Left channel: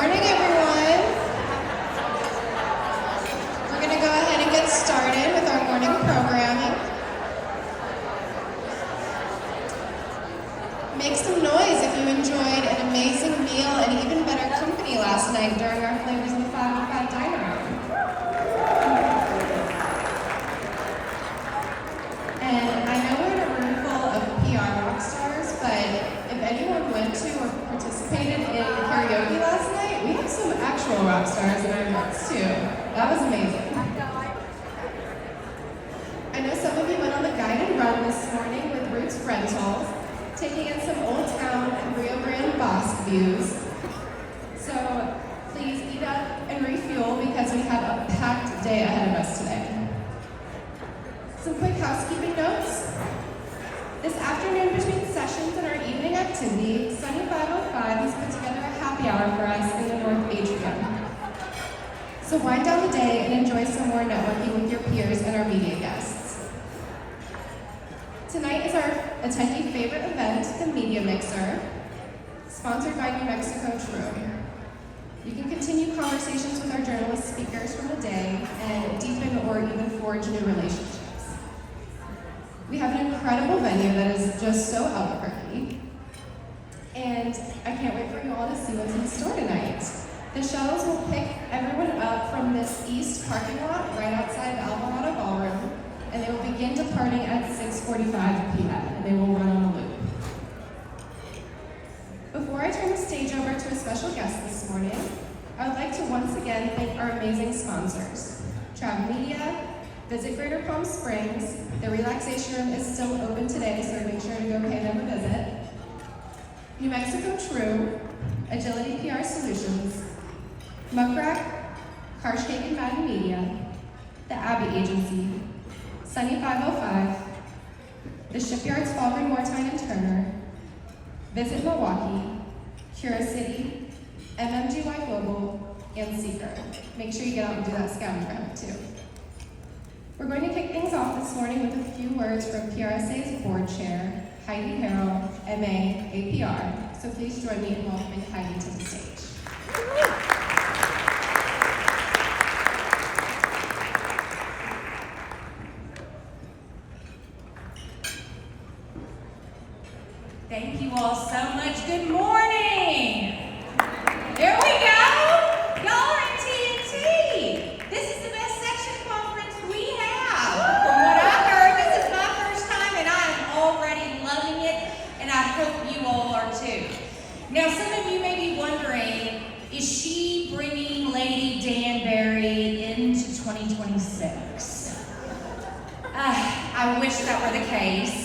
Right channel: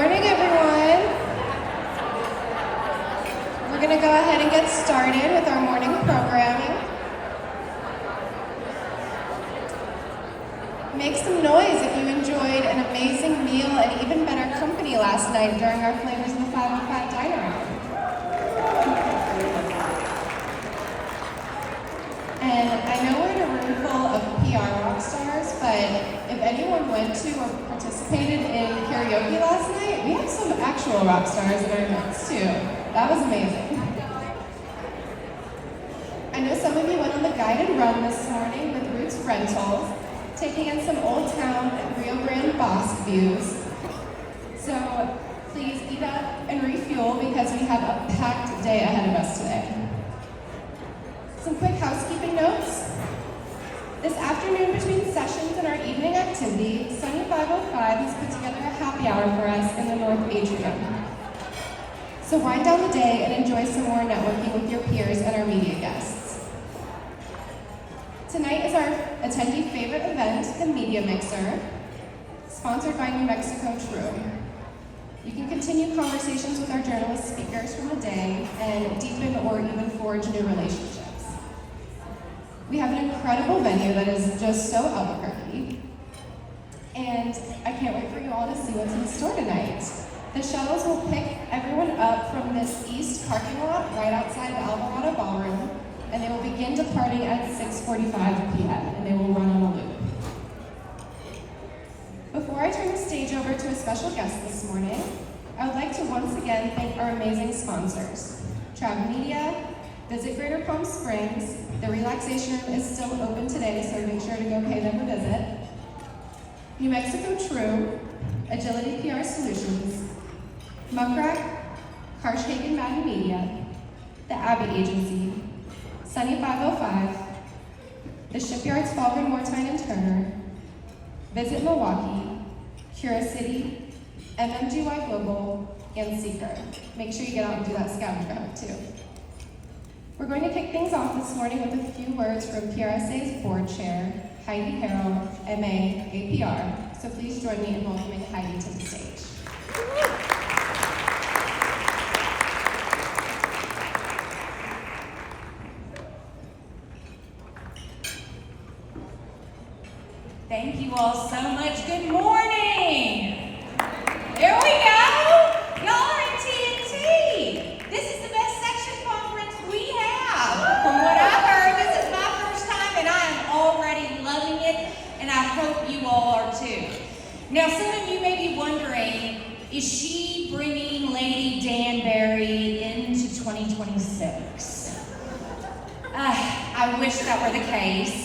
morning, everyone. We're going to go ahead and get started with our morning programming. Make some noise if you enjoyed an amazing meal and even better company last night during our Flavors in the 505 Diner Out. And I know we're in a room full of PR rock stars, but if anyone went to or participated in karaoke last night, we have some actual rock stars in our midst too. That was amazing. I know some of you went on the guided run this morning with Roots Rentals, taking in some Old Town and Rio Grande Bosque views. So please eat up and refuel because we have a packed day ahead of us today. Some quick housekeeping notes. This afternoon between sessions and our evening activity, Sunny 505 has put together a happy hour for us in the North Atrium. So wind down the day and enjoy some more networking with your peers and our media guests. Tonight is our attendee favorite event, the Media Mixer, sponsored by New Mexico True. You can continue conversations with our journalist speakers from the day and deepen or even forge new relationships. We have an incredible venue that is just so Albuquerque, and I can't wait for you all to see what's in store tonight. The shuttles will pick everyone up from this east parking lot right outside Alvarado Ballroom, and they will begin departing at 6:45 p.m., and they will run on a loop. Before I turn the stage over to a special guest this morning, I would like to once again thank our amazing sponsors, Trav Media, Visit Greater Palm Springs. The relaxation room is still open today, so make sure to go pay them a visit. New Mexico True, Agility PR Solutions, Muckrack, Karshcake and Madden Media, the Abbey Agency, Sunny 505, the Shipyards Baldwin Mortine and Turner, Visit Milwaukee, Cura City, MMGY Global, and Seeker. Make sure you get out and do that scouting trip too. We're going to kick things off this morning with a few words from PRSA's board chair, Heidi Harrell, MA, APR. So please join me in welcoming Heidi to the stage. Thank you all so much. Good morning. There we go. Y'all are in TNT. This is the best section conference we have. From what I've heard, this is my first time and I am already loving it, and I hope you all are too. Now, some of you may be wondering, is she bringing Lady Danbury into 2026? I wish that were the case.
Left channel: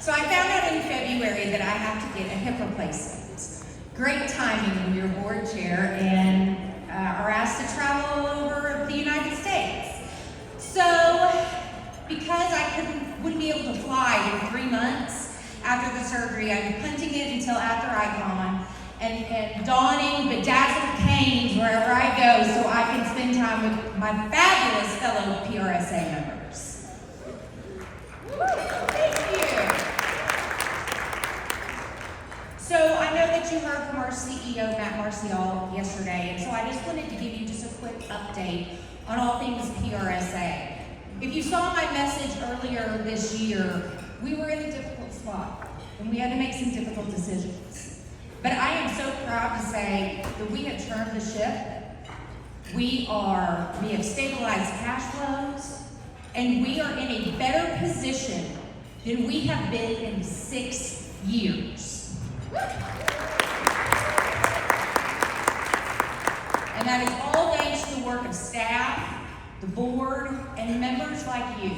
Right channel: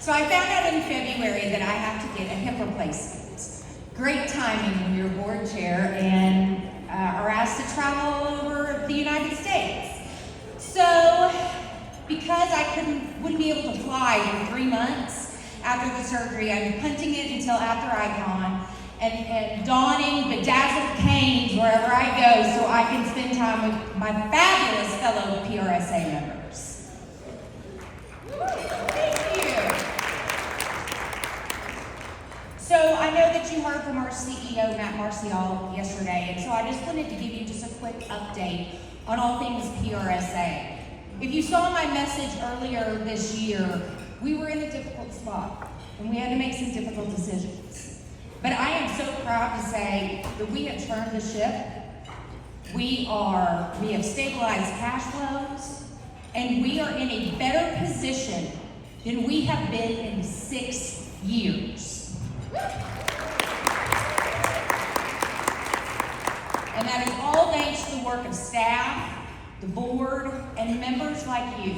So I found out in February that I have to get a hip replacement. Great timing when you're board chair and are asked to travel all over the United States. So because I wouldn't be able to fly in 3 months after the surgery, I've been punting it until after Icon and donning bedazzled canes wherever I go so I can spend time with my fabulous fellow PRSA members. Thank you. So I know that you heard from our CEO, Matt Marcial, yesterday, and so I just wanted to give you just a quick update on all things PRSA. If you saw my message earlier this year, we were in a difficult spot, and we had to make some difficult decisions. But I am so proud to say that we have turned the ship. We have stabilized cash flows, and we are in a better position than we have been in 6 years. And that is all thanks to the work of staff, the board, and members like you.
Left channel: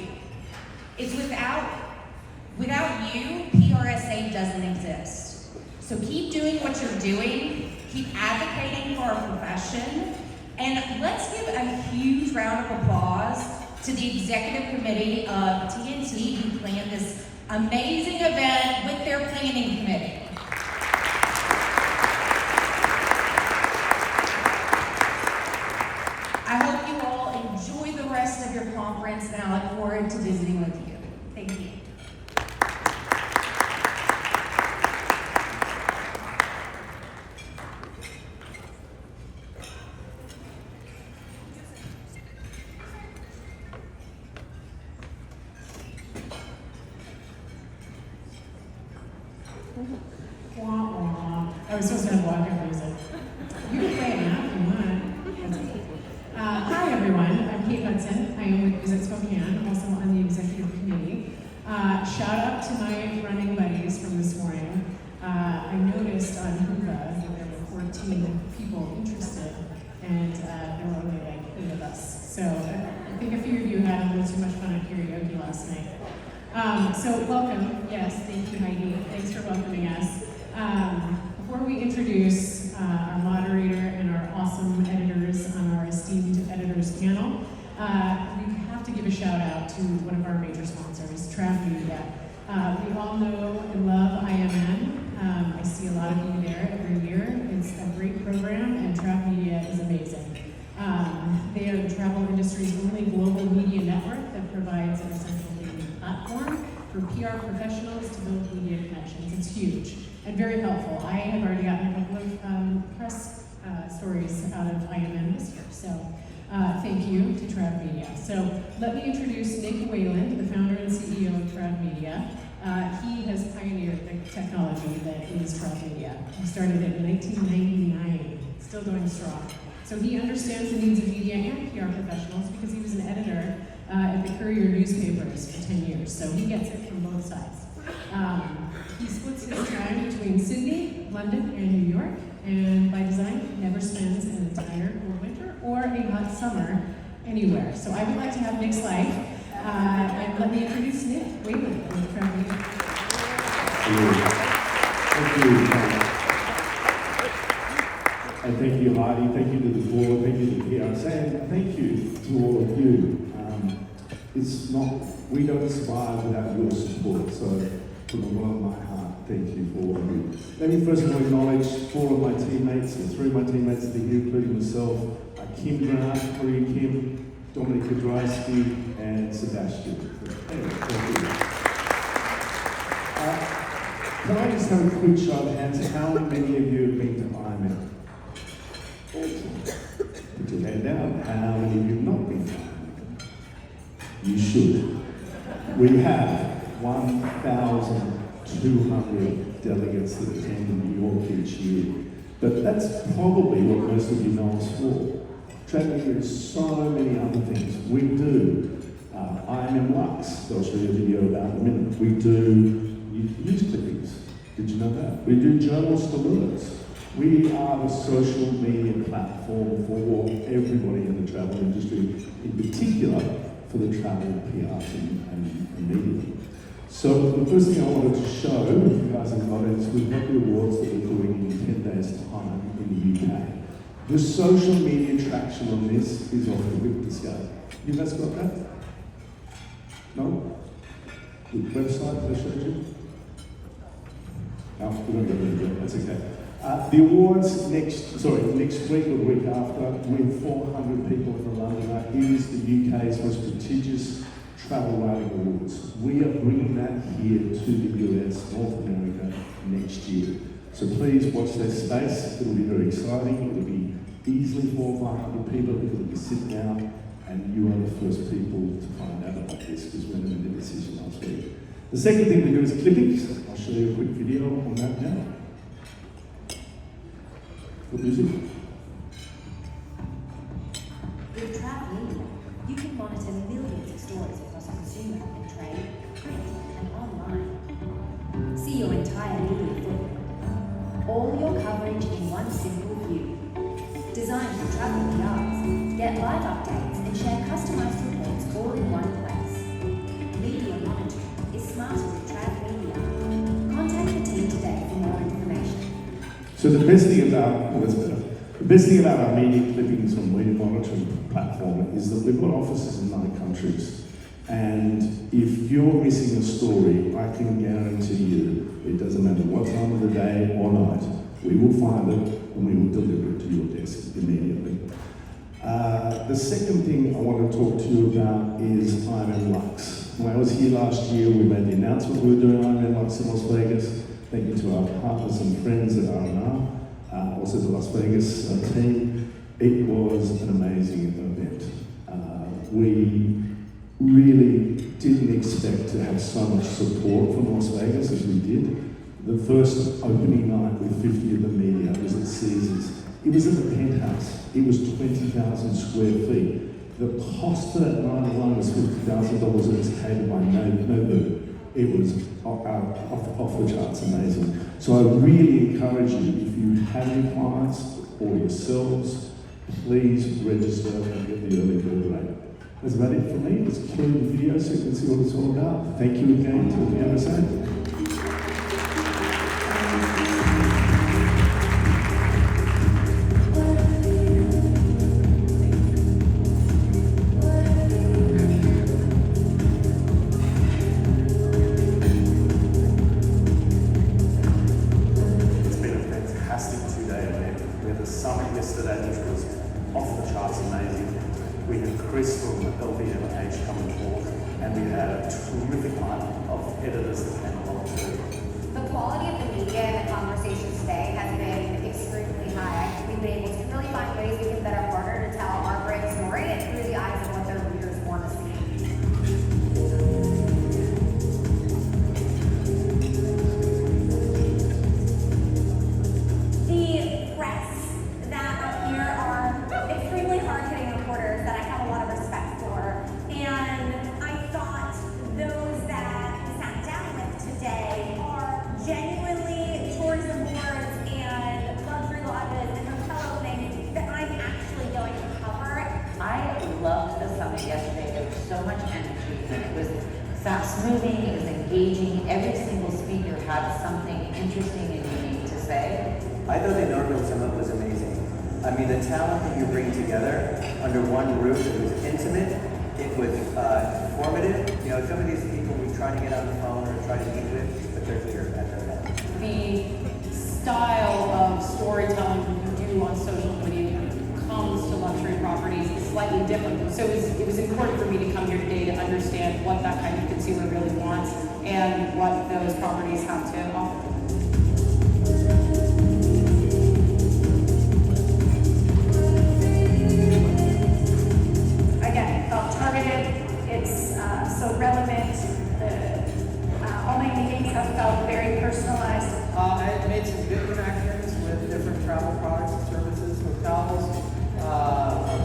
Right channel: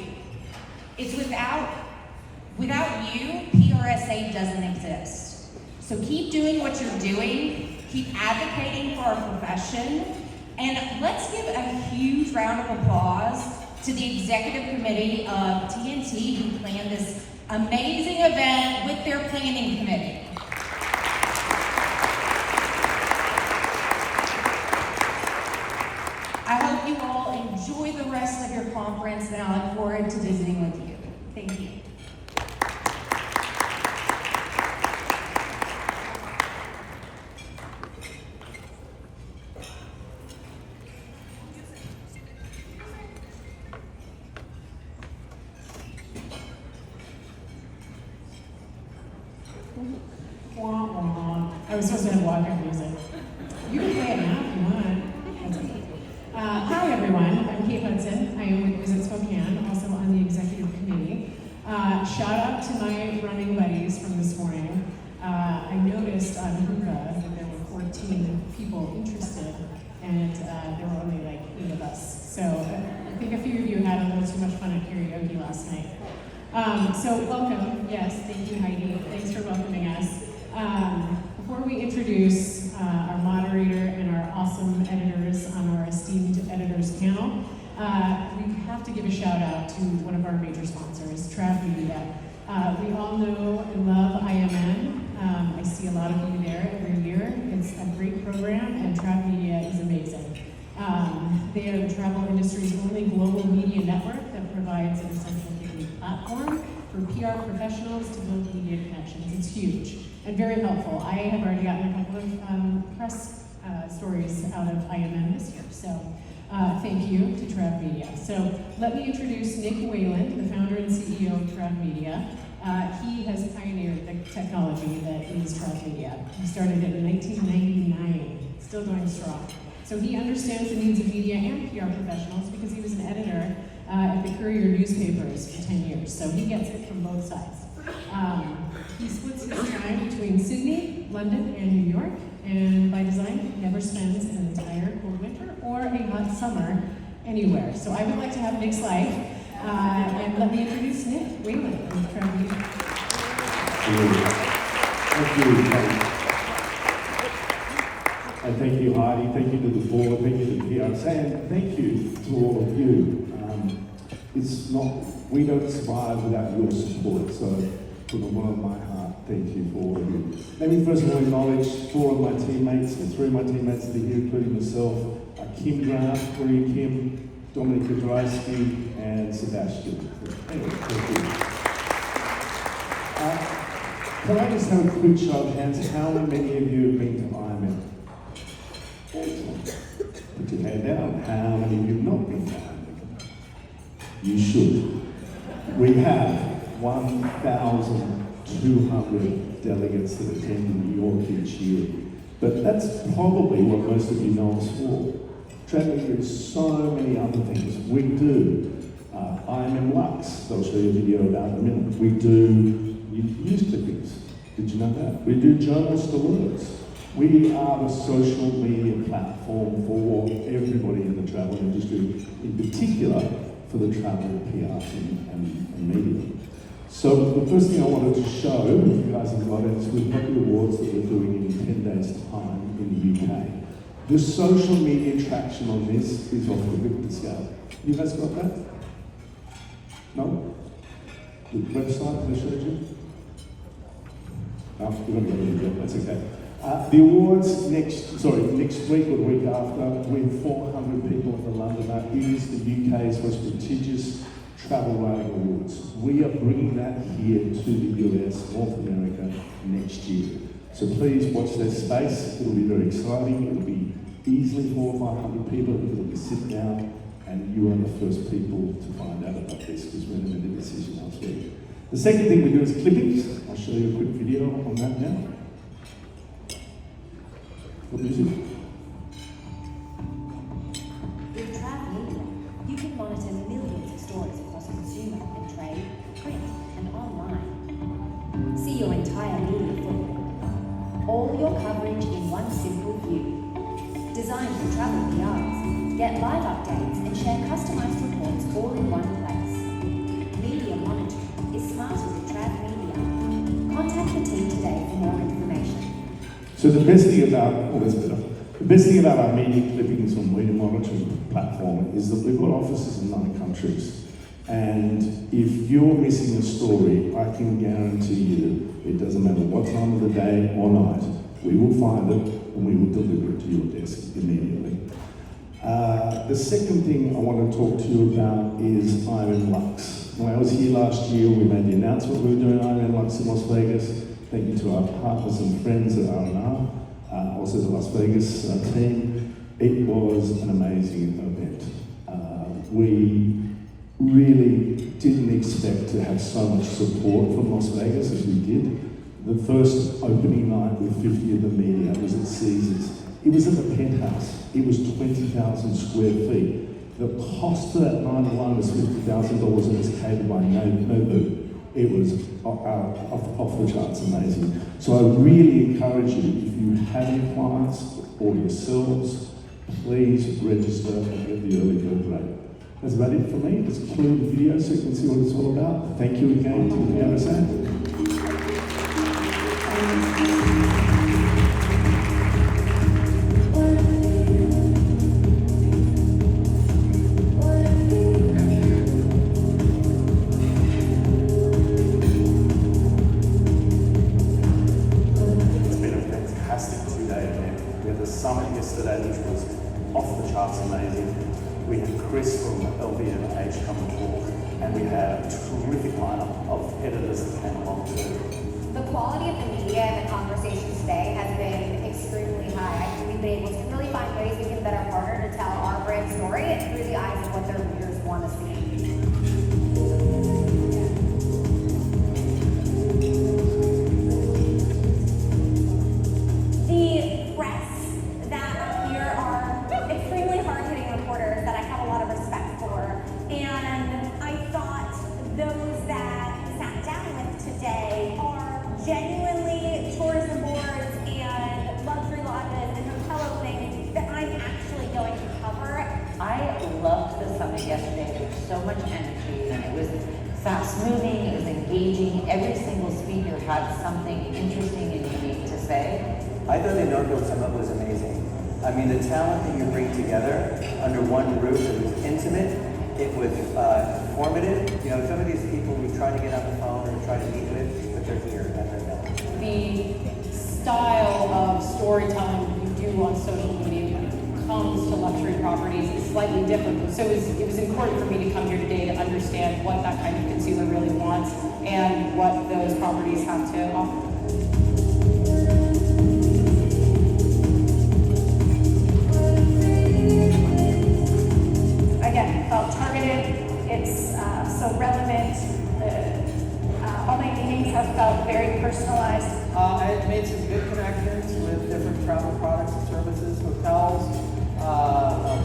It's without you, PRSA doesn't exist. So keep doing what you're doing, keep advocating for our profession, and let's give a huge round of applause to the executive committee of TNT who planned this amazing event with their planning committee. I hope you all enjoy the rest of your conference, and I look forward to visiting with you. Thank you. Wah, wah. I was supposed to have walkout music. You can play it now if you want. That's okay. Hi everyone, I'm Kate Hudson. I own the Visit Spokane. I'm also on the executive committee. Shout out to my running buddies from this morning. I noticed on Hoova that there were 14 people interested, and there were only like 8 of us. So I think a few of you had a little too much fun at karaoke last night. So welcome. Yes, thank you, Heidi. Thanks for welcoming us. Before we introduce our moderator and our awesome editors on our esteemed editors panel, we have to give a shout out to one of our major sponsors, Trav Media. We all know and love IMN. I see a lot of you there every year. It's a great program, and Trav Media is amazing. They are the travel industry's only global media network that provides an essential media platform for PR professionals to build media connections. It's huge and very helpful. I have already gotten a couple of press stories out of IMN this year, so thank you to Trav Media. So let me introduce Nick Wayland, the founder and CEO of Trav Media. He has pioneered the technology that is Trav Media. He started it in 1999, still going strong. So he understands the needs of media and PR professionals because he was an editor at the Courier newspapers for 10 years, so he gets it from both sides. He splits his time between Sydney, London, and New York, and by design, never spends an entire cold winter or a hot summer anywhere. So I would like to have Nick's life, and let me introduce Nick Wayland from Trav Media. Thank you. And thank you, Heidi. Thank you to the board. Thank you to the PRSA. And thank you to all of you. We don't survive without your support. So, from the bottom of my heart, thank you for all of you. Let me first of all acknowledge 4 of my teammates, or 3 of my teammates that are here, including myself, Kim Grant, Korea Kim, Dominic Kudrysky, and Sebastian. Thank you. Can I just have a quick show of hands? How many of you have been to IMN? Put your hand down. How many of you have not been to IMN? You should. We have 1,200 delegates that attend New York each year. But that's probably what most of you know us for. Traveling through so many other things. We do IMN Lux. I'll show you a video about in a minute. We do news clippings. Did you know that? We do journalist alerts. We are a social media platform for everybody in the travel industry, in particular for the travel PR and media. So the first thing I wanted to show, if you guys have got it, is we've got the awards that we're doing in 10 days' time in the UK. The social media traction on this is off the whip scale. You guys got that? No? The website I showed you? No, we're not going to do it, that's okay. The awards next week or the week after, with 400 people in the London, is the UK's most prestigious travel writing awards. We are bringing that here to the US, North America, next year. So please watch this space. It will be very exciting. It will be easily 400 or 500 people. It will be sit down, and you are the first people to find out about this because we're going to make a decision next week. The second thing we do is clippings. I'll show you a quick video on that now. Good music. With Trav Media, you can monitor millions of stories across consumer, trade, print, and online. See your entire media footprint. All your coverage in one simple view. Designed for travel PRs, get live updates and share customized reports all in one place. Media monitoring is smarter with Trav Media. Contact the team today for more information. So the best thing about our media clippings and media monitoring platform is that we've got offices in 9 countries. And if you're missing a story, I can guarantee you, it doesn't matter what time of the day or night, we will find it and we will deliver it to your desk immediately. The second thing I want to talk to you about is IMN Lux. When I was here last year, we made the announcement we were doing IMN Lux in Las Vegas. Thank you to our partners and friends at R&R, also the Las Vegas team. It was an amazing event. We really didn't expect to have so much support from Las Vegas as we did. The first opening night with 50 of the media was at Caesars. It was at the Penthouse. It was 20,000 square feet. The cost for that night alone was $50,000 and it's catered by nobody. It was off the charts amazing. So I really encourage you, if you have your clients or yourselves, please register and get the early bird rate. That's about it for me. Let's cue the video so you can see what it's all about. Thank you again to the PRSA. Every single speaker had something interesting and unique to say. I thought the inaugural summit was amazing. I mean, the talent that you bring together under one roof, it was intimate, it was informative. You know, some of these people we try to get on the phone or try to meet with, but they're here and they're there. The style of storytelling you do on social media when it comes to luxury properties is slightly different. So it was important for me to come here today to understand what that kind of consumer really wants and what those properties have to offer. Again, felt targeted. It's so relevant. The online meetings have felt very personalized. I had made some good connections with different travel products and services, hotels,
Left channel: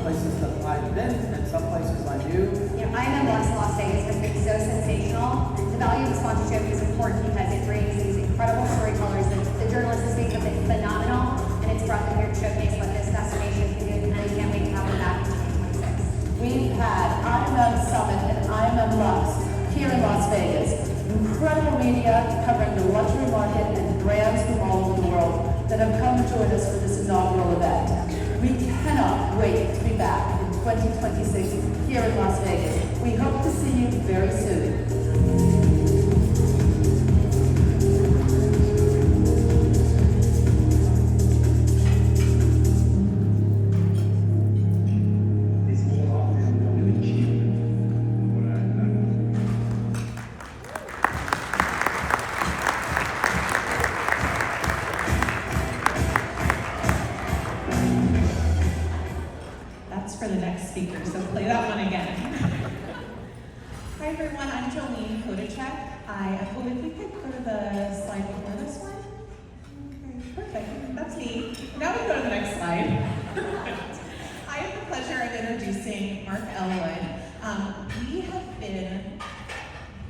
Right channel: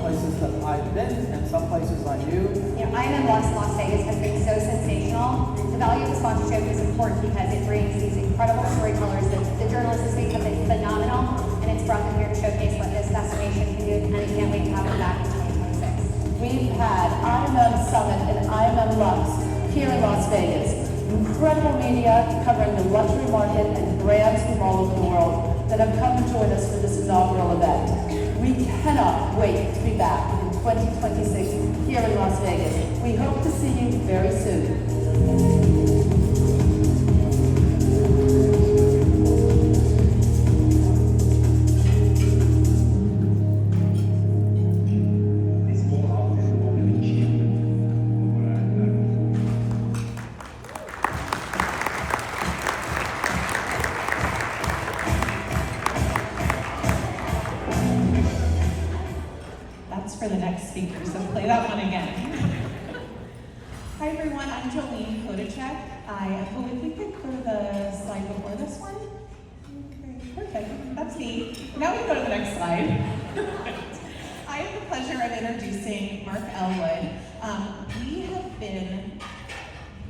places that I've been, and some places I knew. You know, IMM Las Vegas has been so sensational. The value of the sponsorship is important because it brings these incredible storytellers. The journalists this week have been phenomenal, and it's brought them here to showcase what this destination can do, and I can't wait to have them back in 2026. We've had IMM Summit and IMM Lux here in Las Vegas. Incredible media covering the luxury market and brands from all over the world that have come to join us for this inaugural event. We cannot wait to be back in 2026 here in Las Vegas. We hope to see you very soon. That's for the next speaker, so play that one again. Hi everyone, I'm Jolene Kodachek. I hope if we could go to the slide before this one. Okay, perfect, that's me. Now we go to the next slide. I have the pleasure of introducing Mark Elwood. We have been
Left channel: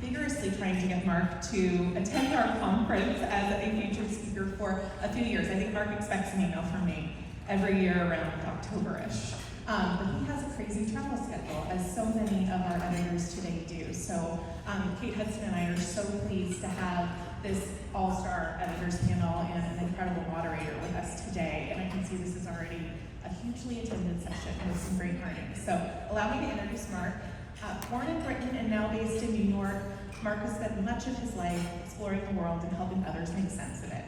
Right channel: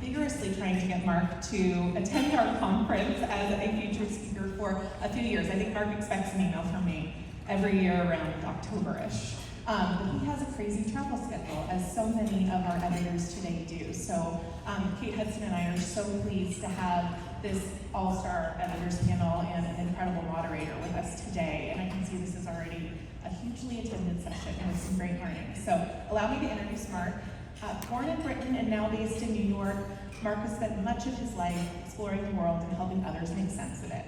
vigorously trying to get Mark to attend our conference as a featured speaker for a few years. I think Mark expects an email from me every year around October-ish. He has a crazy travel schedule, as so many of our editors today do. So Kate Hudson and I are so pleased to have this all-star editors panel and an incredible moderator with us today. And I can see this is already a hugely attended session with some great learning. So allow me to introduce Mark. Born in Britain and now based in New York, Mark has spent much of his life exploring the world and helping others make sense of it.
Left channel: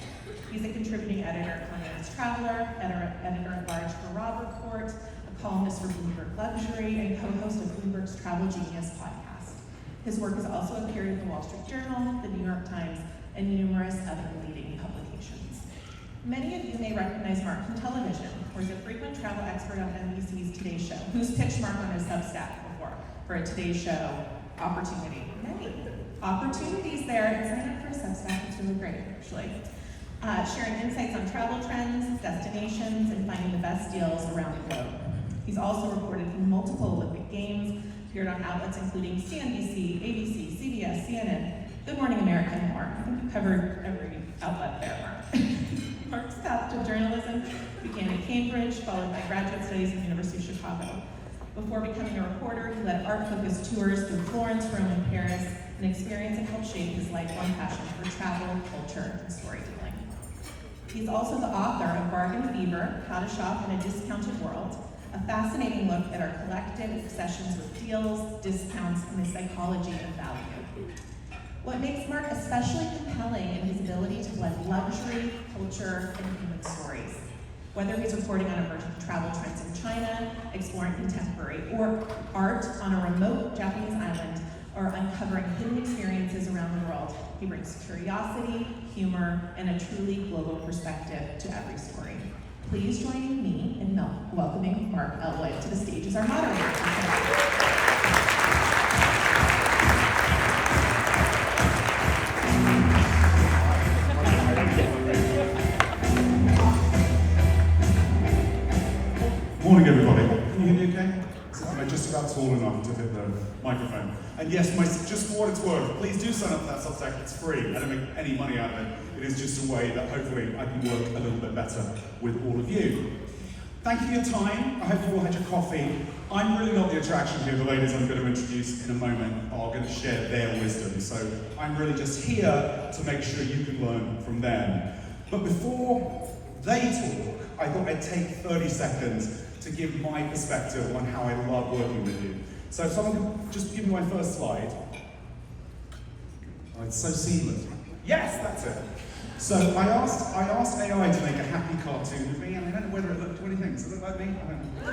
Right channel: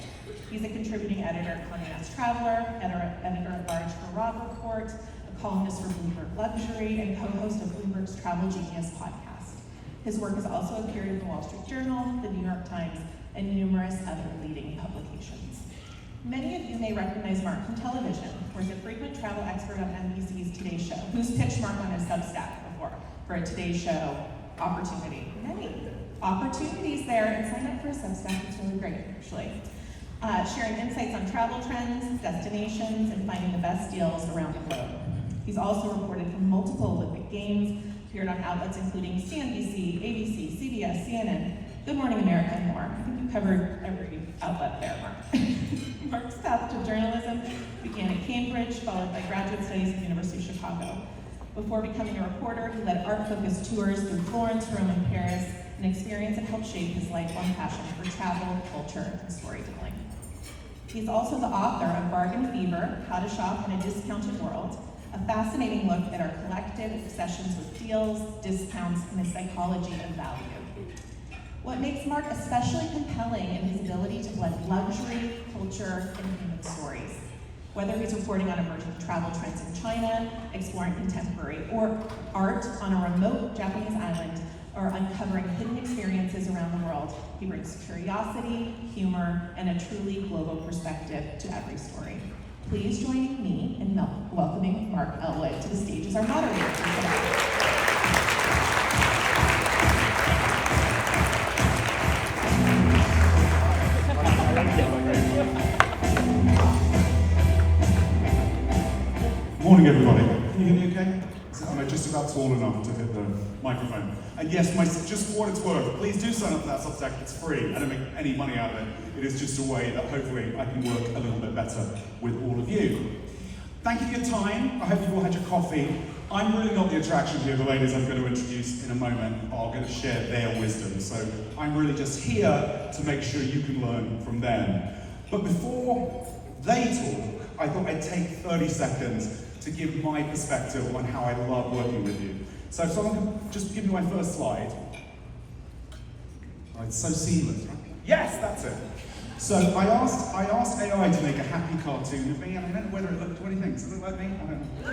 He's a contributing editor at Condé Nast Traveler, editor-at-large for Robb Report, a columnist for Bloomberg Luxury, and co-host of Bloomberg's Travel Genius podcast. His work has also appeared in the Wall Street Journal, the New York Times, and numerous other leading publications. Many of you may recognize Mark from television, where he's a frequent travel expert on NBC's Today Show. Who's pitched Mark on his Substack before for a Today Show opportunity? Many opportunities there, and sign up for a Substack. It's really great, actually. sharing insights on travel trends, destinations, and finding the best deals around the globe. He's also reported from multiple Olympic Games, appeared on outlets including CNBC, ABC, CBS, CNN, Good Morning America, and more. I think you covered every outlet there, Mark. Mark's path to journalism began at Cambridge, followed by graduate studies at the University of Chicago. Before becoming a reporter, he led art-focused tours through Florence, Rome, and Paris, an experience that helped shape his lifelong passion for travel, culture, and storytelling. He's also the author of Bargain Fever, How to Shop in a Discounted World, a fascinating look at our collective obsessions with deals, discounts, and the psychology of value. What makes Mark especially compelling in his ability to blend luxury, culture, and human stories. Whether he's reporting on emerging travel trends in China, exploring contemporary art on a remote Japanese island, or uncovering hidden experiences around the world, he brings curiosity, humor, and a truly global perspective to every story. Please join me in welcoming Mark Elwood to the stage as our moderator. Morning, everybody. Can you hear me okay? Am I just about tall enough to hit the microphone? And yes, just for what it's worth, please do sign up for that Substack. It's free. I don't make any money out of it. It is just a way that hopefully I can work a little bit better with all of you. Thank you for your time. I hope you all had your coffee. I'm really not the attraction here. The ladies I'm going to introduce in a moment are going to share their wisdom. So I'm really just here to make sure you can learn from them. But before they talk, I thought I'd take 30 seconds to give my perspective on how I love working with you. So if someone can just give me my first slide. Oh, it's so seamless. Yes, that's it. So I asked AI to make a happy cartoon of me, and I don't know whether it looked, what do you think? Does it look like me? I don't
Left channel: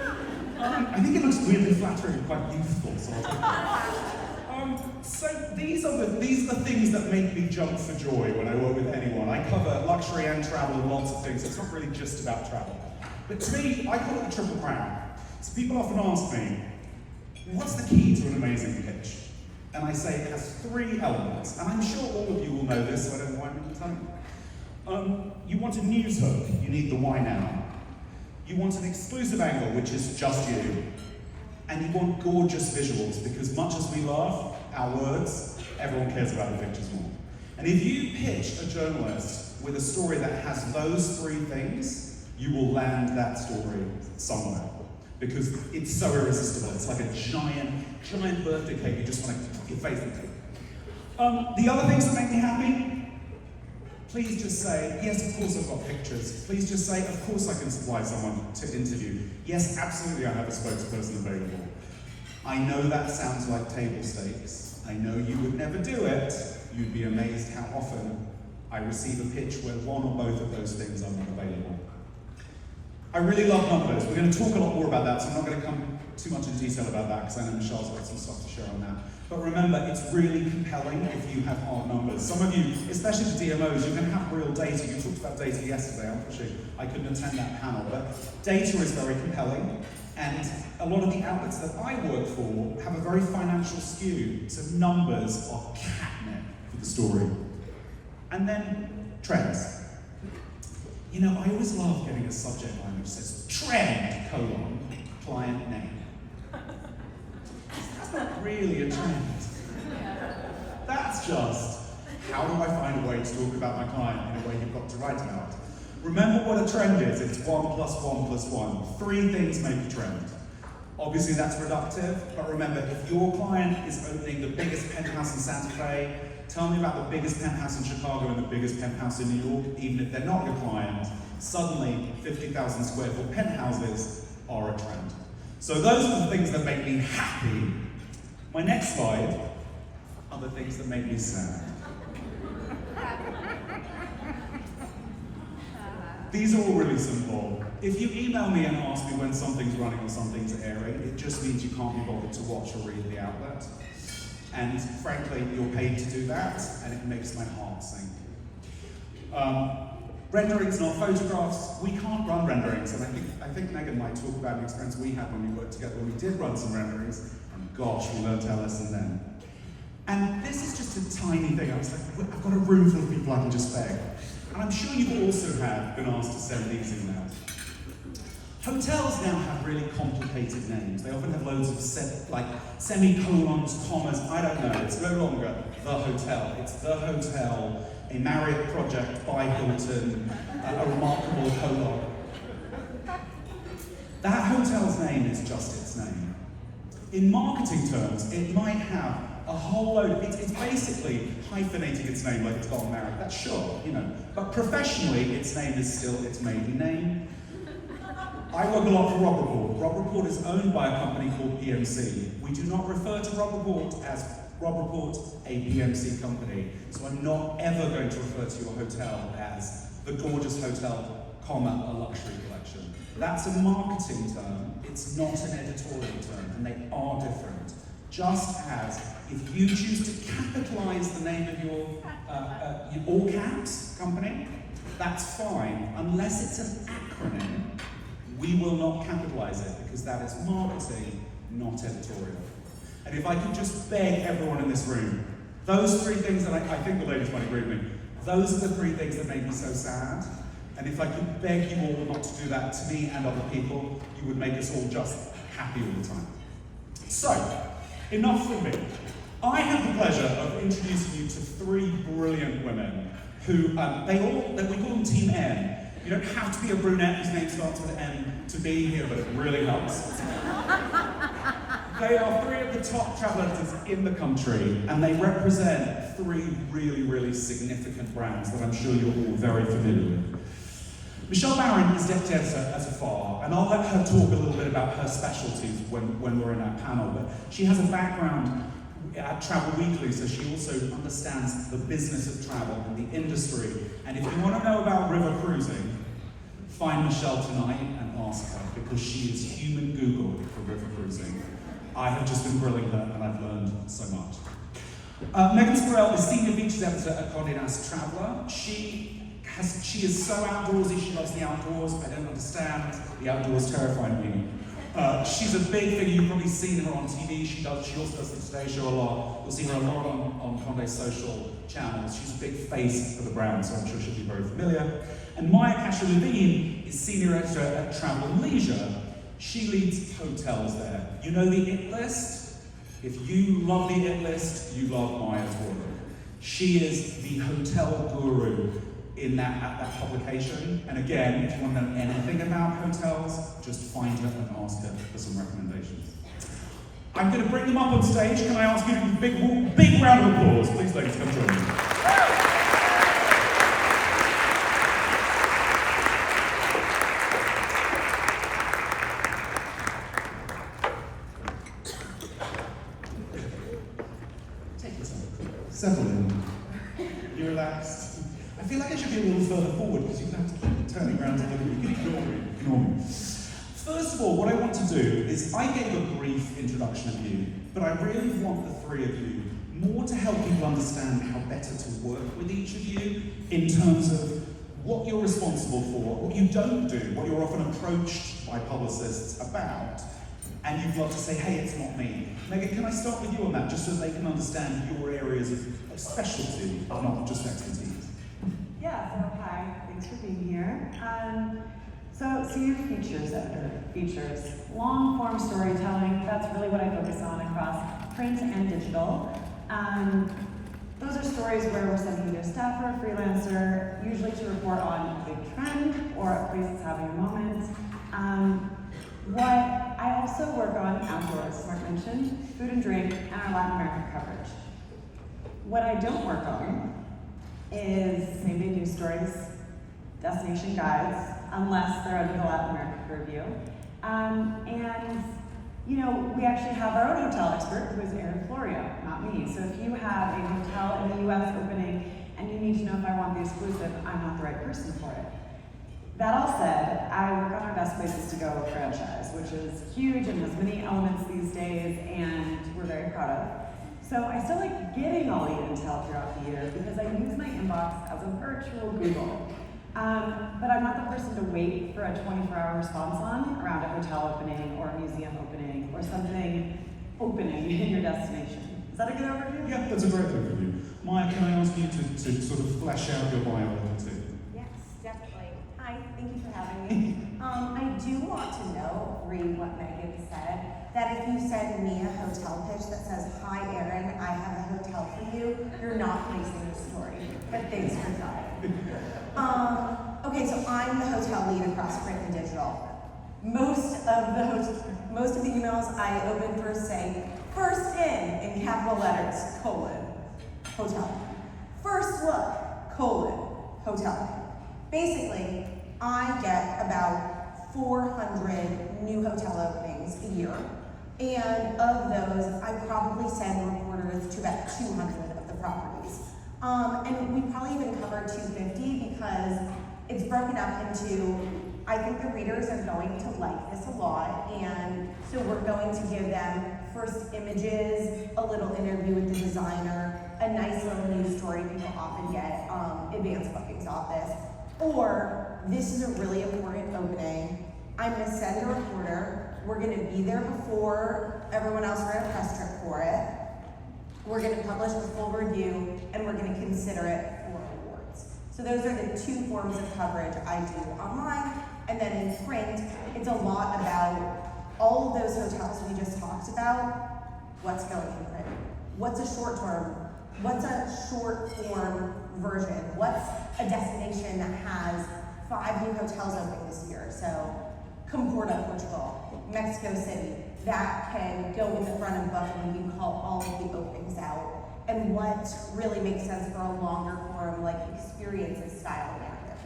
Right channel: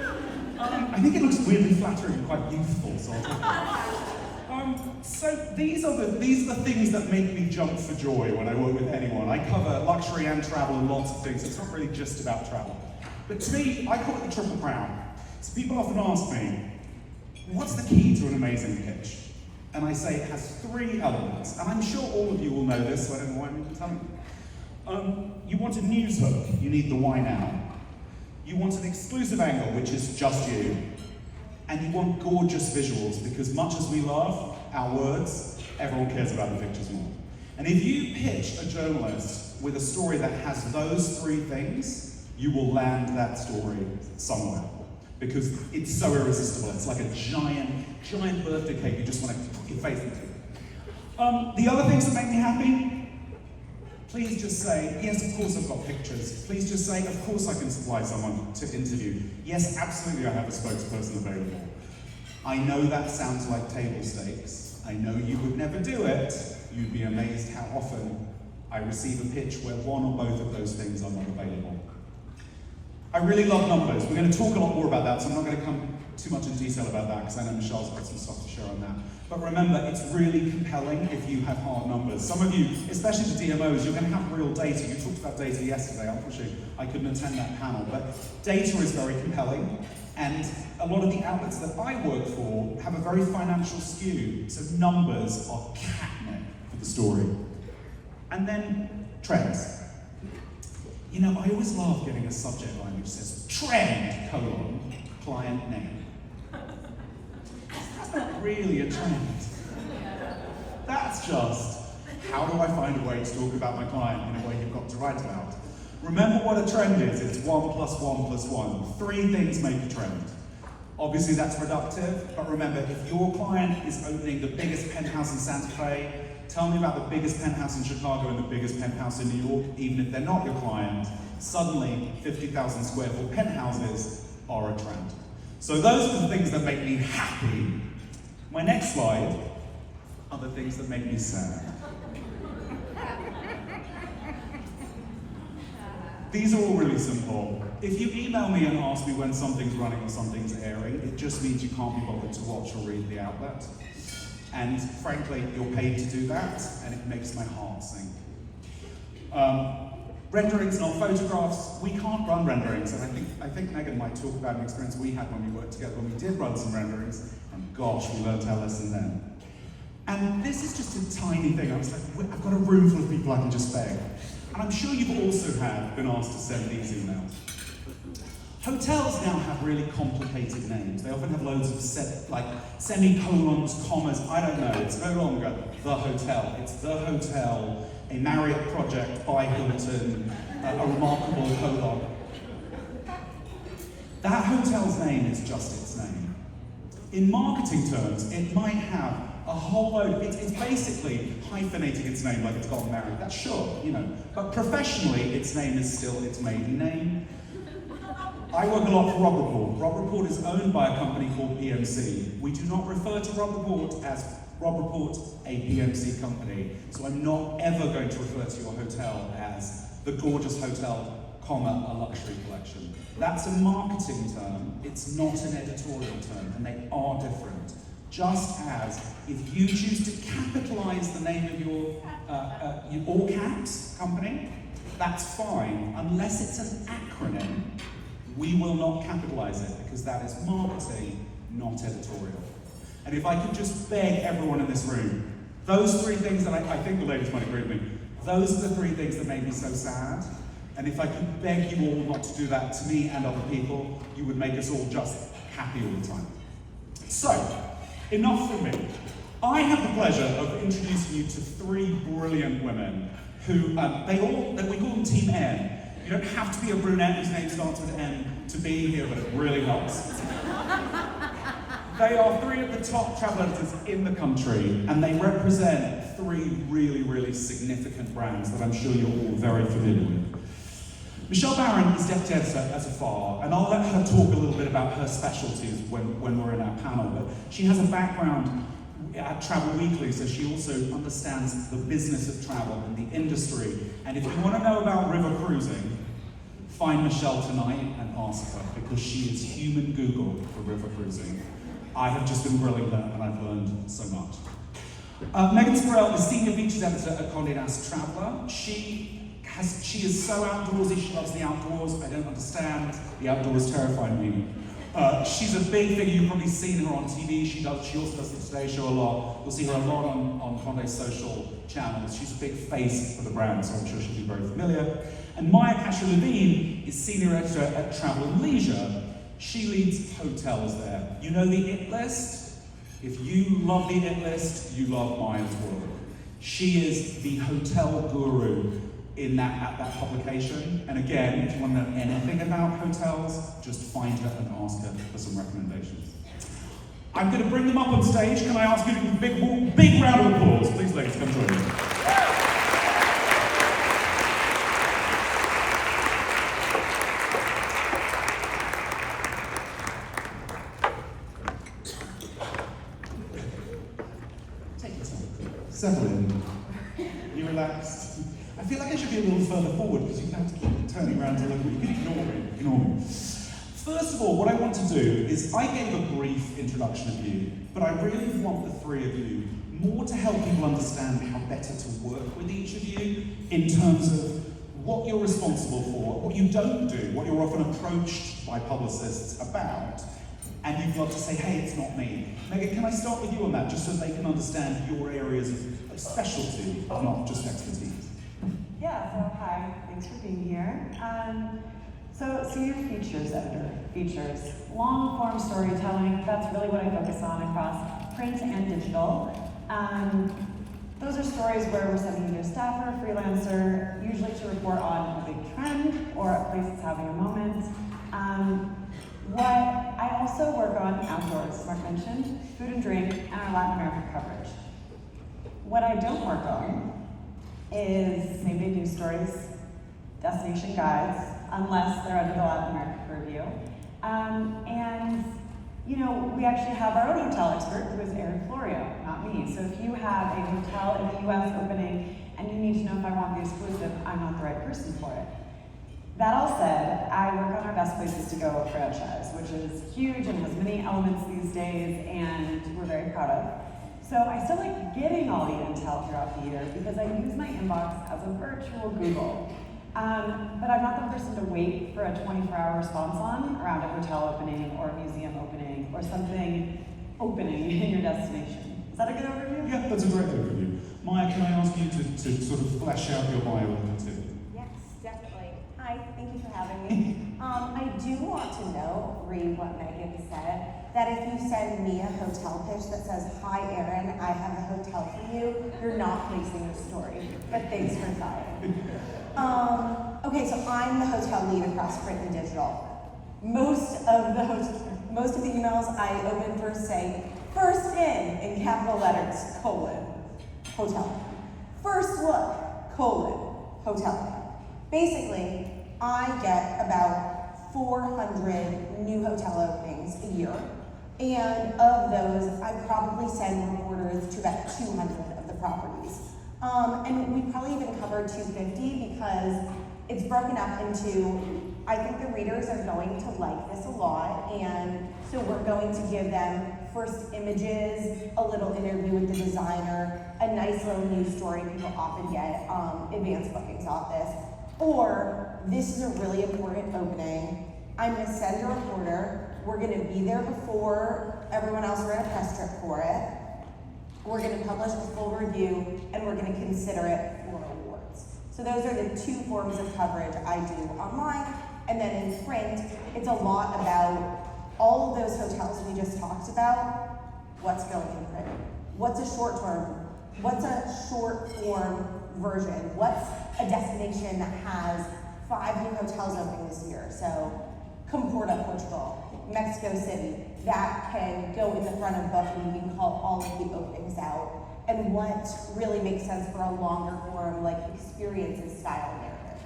know. I think it looks weirdly flattering and quite youthful, sort of. So these are the things that make me jump for joy when I work with anyone. I cover luxury and travel and lots of things. It's not really just about travel. But to me, I call it the triple crown. So people often ask me, what's the key to an amazing pitch? And I say it has 3 elements. And I'm sure all of you will know this, so I don't know why I'm telling you. You want a news hook, you need the why now. You want an exclusive angle, which is just you. And you want gorgeous visuals, because much as we love our words, everyone cares about the pictures more. And if you pitch a journalist with a story that has those 3 things, you will land that story somewhere. Because it's so irresistible. It's like a giant birthday cake you just want to put your face into. The other things that make me happy, please just say, yes, of course I've got pictures. Please just say, of course I can supply someone to interview. Yes, absolutely I have a spokesperson available. I know that sounds like table stakes. I know you would never do it. You'd be amazed how often I receive a pitch where one or both of those things are not available. I really love numbers. We're going to talk a lot more about that, so I'm not going to come too much into detail about that, because I know Michelle's got some stuff to share on that. But remember, it's really compelling if you have hard numbers. Some of you, especially the DMOs, you're going to have real data. You talked about data yesterday. Unfortunately, I couldn't attend that panel. But data is very compelling, and a lot of the outlets that I work for have a very financial skew, so numbers are catnip for the story. And then trends. You know, I always love getting a subject line which says trend, client name. That's not really a trend. That's just, how do I find a way to talk about my client in a way you've got to write about? Remember what a trend is. It's 1 + 1 + 1. 3 things make a trend. Obviously that's productive, but remember, if your client is opening the biggest penthouse in Santa Fe, tell me about the biggest penthouse in Chicago and the biggest penthouse in New York, even if they're not your client. Suddenly, 50,000 square foot penthouses are a trend. So those are the things that make me happy. My next slide are the things that make me sad. These are all really simple. If you email me and ask me when something's running or something's airing, it just means you can't be bothered to watch or read the outlet. And frankly, you're paid to do that, and it makes my heart sink. Renderings and our photographs, we can't run renderings, and I think Megan might talk about an experience we had when we worked together, when we did run some renderings, and gosh, we learned our lesson then. And this is just a tiny thing. I was like, I've got a room full of people I can just beg. And I'm sure you also have been asked to send these emails. Hotels now have really complicated names. They often have loads of semicolons, commas, I don't know. It's no longer the hotel. It's the hotel, a Marriott project by Hilton, a remarkable colon. That hotel's name is just its name. In marketing terms, it might have a whole load, it's basically hyphenating its name like it's gotten married. That's sure, you know. But professionally, its name is still its maiden name. I work a lot for Rob Report. Rob Report is owned by a company called PMC. We do not refer to Rob Report as Rob Report, a PMC company. So I'm not ever going to refer to your hotel as the gorgeous hotel, comma, a luxury collection. That's a marketing term. It's not an editorial term, and they are different. Just as if you choose to capitalize the name of your all caps company, that's fine, unless it's an acronym. We will not capitalize it because that is marketing, not editorial. And if I could just beg everyone in this room, those three things that I think the ladies might agree with me, those are the three things that made me so sad. And if I could beg you all not to do that to me and other people, you would make us all just happy all the time. So, enough from me. I have the pleasure of introducing you to three brilliant women who, we call them Team N. You don't have to be a brunette whose name starts with N to be here, but it really helps. They are three of the top travel editors in the country, and they represent three really, really significant brands that I'm sure you're all very familiar with. Michelle Barron is deputy editor at Afar, and I'll let her talk a little bit about her specialties when we're in our panel, but she has a background at Travel Weekly, so she also understands the business of travel and the industry. And if you want to know about river cruising, find Michelle tonight and ask her, because she is human Google for river cruising. I have just been grilling her and I've learned so much. Megan Sparrell is senior features editor at Condé Nast Traveller. She is so outdoorsy, she loves the outdoors. I don't understand, the outdoors terrify me. She's a big figure, you've probably seen her on TV. She also does the Today Show a lot. You'll see her a lot on Condé's social channels. She's a big face for the brand, so I'm sure she'll be very familiar. And Maya Kasher-Levine is senior editor at Travel and Leisure. She leads hotels there. You know the IT list? If you love the IT list, you love Maya's work. She is the hotel guru at that publication. And again, if you want to know anything about hotels, just find her and ask her for some recommendations. I'm going to bring them up on stage. Can I ask you to give a big round of applause? Please, ladies, come join me. Settle in. You relaxed? I feel like I should be a little further forward because you have to keep turning around to look at me. You can ignore me. First of all, what I want to do is, I gave a brief introduction of you, but I really want the three of you more to help people understand how better to work with each of you in terms of what you're responsible for, what you don't do, what you're often approached by publicists about, and you'd love to say, hey, it's not me. Megan, can I start with you on that, just so they can understand your areas of specialty, not just expertise? Yeah, so hi, thanks for being here. So senior features editor, features, long form storytelling, that's really what I focus on across print and digital. Those are stories where we're sending either a staffer, a freelancer, usually to report on a big trend or a place that's having a moment. I also work on outdoors, Mark mentioned, food and drink, and our Latin American coverage. What I don't work on is same-day news stories, destination guides, unless they're under the Latin American purview. And, you know, we actually have our own hotel expert, who is Erin Florio, not me. So if you have a hotel in the US opening and you need to know if I want the exclusive, I'm not the right person for it. That all said, I work on our Best Places to Go franchise, which is huge and has many elements these days, and we're very proud of. So I still like getting all the intel throughout the year because I use my inbox as a virtual Google. But I'm not the person to wait for a 24-hour response on around a hotel opening or a museum opening or something opening in your destination. Is that a good overview? Yeah, that's a great overview. Maya, can I ask you to sort of flesh out your bio a little too? definitely. Hi, thank you for having me. I do want to know, what Megan said, that if you send me a hotel pitch that says, "Hi Erin, I have a hotel for you," you're not placing the story. But thanks for coming. Okay, so I'm the hotel lead across print and digital. Most of the emails I open first say, "First in capital letters, hotel. First look, hotel." Basically, I get about 400 new hotel openings a year. And of those, I probably send reporters to about 200 of the properties. And we probably even cover 250 because it's broken up into, I think the readers are going to like this a lot, and so we're going to give them first images, a little interview with the designer, a nice little news story. People often get advance bookings off this. Or, this is a really important opening. I'm gonna send a reporter. We're gonna be there before everyone else. We're gonna press trip for it. We're gonna publish a full review, and we're gonna consider it for awards. So those are the two forms of coverage I do online. And then in print, it's a lot about all of those hotels we just talked about. What's going in print? What's a short term? What's a short form version? What's a destination that has 5 new hotels opening this year? So, Comporta, Portugal, Mexico City, that can go in the front of book and we can call all of the openings out. And what really makes sense for a longer form, like experiences style narrative.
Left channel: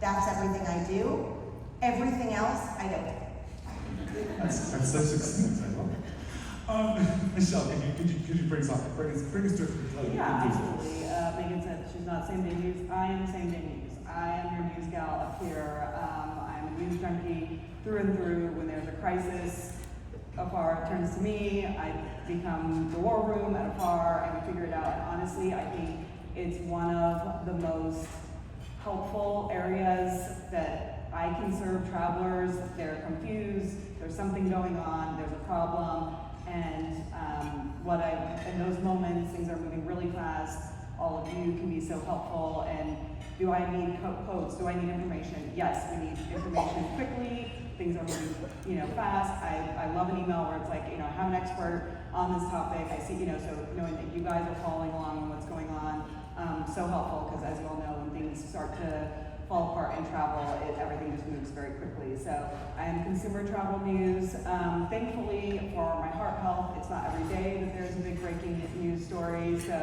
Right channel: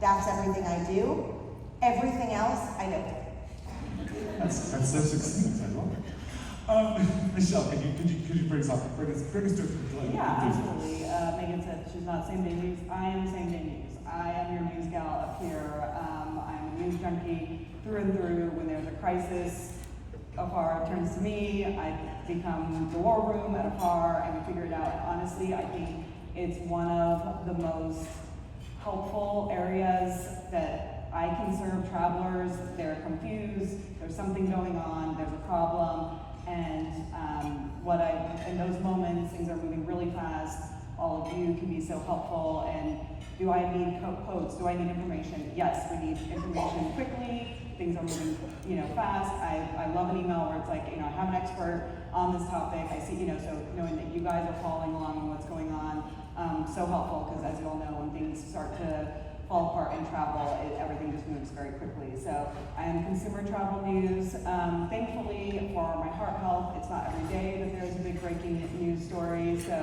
That's everything I do. Everything else, I don't. That's so succinct. Michelle, could you bring us to a conclusion? Yeah, absolutely. Megan said she's not same day news. I am same day news. I am your news gal up here. I'm a news junkie through and through. When there's a crisis, afar turns to me. I become the war room at afar and we figure it out. And honestly, I think it's one of the most helpful areas that I can serve travelers. They're confused. There's something going on. There's a problem. And in those moments, things are moving really fast. All of you can be so helpful. And do I need quotes? Do I need information? Yes, we need information quickly. Things are moving, fast. I love an email where it's like, I have an expert on this topic. I see, so knowing that you guys are following along on what's going on, so helpful because as you all know, when things start to fall apart in travel, everything just moves very quickly. So I am consumer travel news. Thankfully for my heart health, it's not every day that there's a big breaking news story. So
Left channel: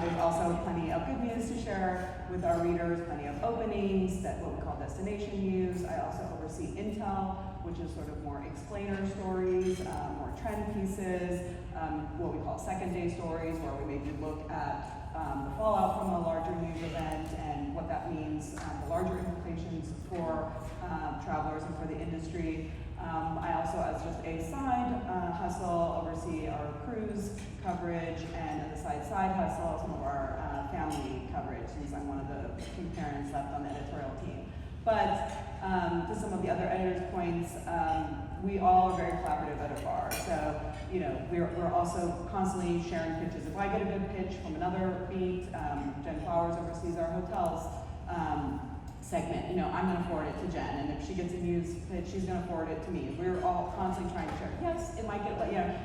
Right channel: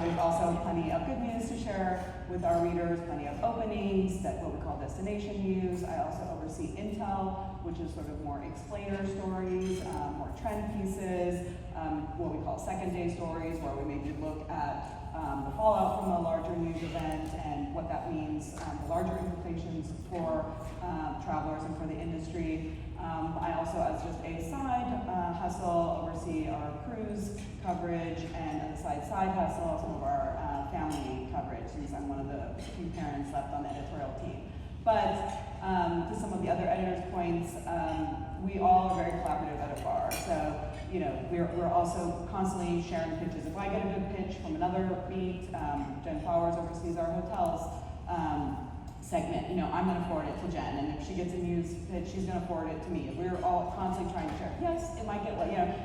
there's also plenty of good news to share with our readers, plenty of openings, that what we call destination news. I also oversee Intel, which is sort of more explainer stories, more trend pieces, what we call second day stories, where we maybe look at the fallout from a larger news event and what that means, the larger implications for travelers and for the industry. I also, as just a side hustle, oversee our cruise coverage and as a side hustle, some of our family coverage, since I'm one of the few parents left on the editorial team. But to some of the other editors' points, we all are very collaborative at AFAR. So, we're also constantly sharing pitches. If I get a good pitch from another beat, Jen Flowers oversees our hotels segment, I'm going to forward it to Jen. And if she gets a news pitch, she's going to forward it to me. We're all constantly trying to share. Yes, it might get,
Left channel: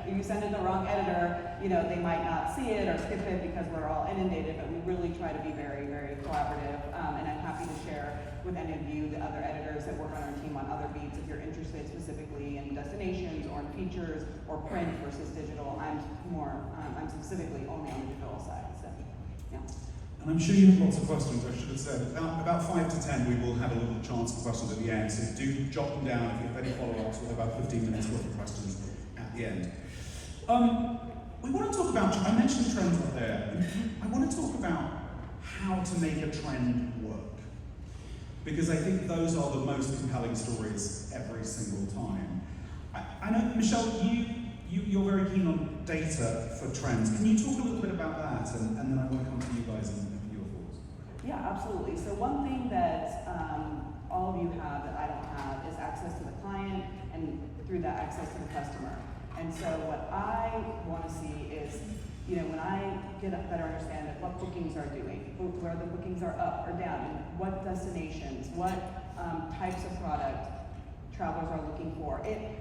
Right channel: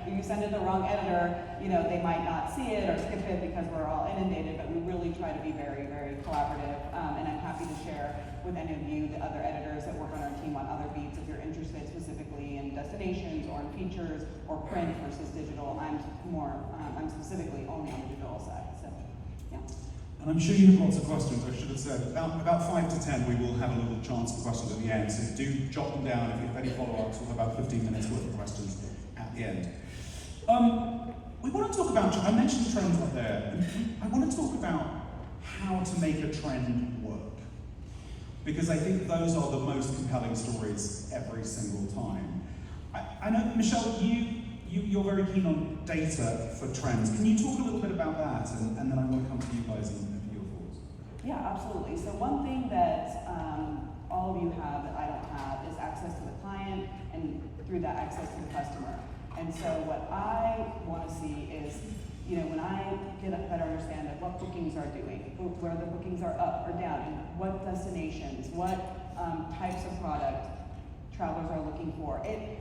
if you send it to the wrong editor, they might not see it or skip it because we're all inundated, but we really try to be very, very collaborative. And I'm happy to share with any of you, the other editors that work on our team on other beats, if you're interested specifically in destinations or in features or print versus digital. I'm specifically only on the digital side. So, yeah. And I'm sure you have lots of questions. I should have said about 5 to 10 we will have a little chance for questions at the end, so do jot them down if you have any follow-ups. We'll have about 15 minutes worth of questions at the end. We want to talk about, I mentioned trends up there. I want to talk about how to make a trend work, because I think those are the most compelling stories every single time. I know, Michelle, you're very keen on data for trends. Can you talk a little bit about that, and then I want to come to you guys and your thoughts? Yeah, absolutely. So one thing that all of you have that I don't have is access to the client, and through that access to the customer. And so what I want to see is You know, when I get a better understanding of what bookings are doing, where the bookings are up or down, what destinations, what types of product travelers are looking for.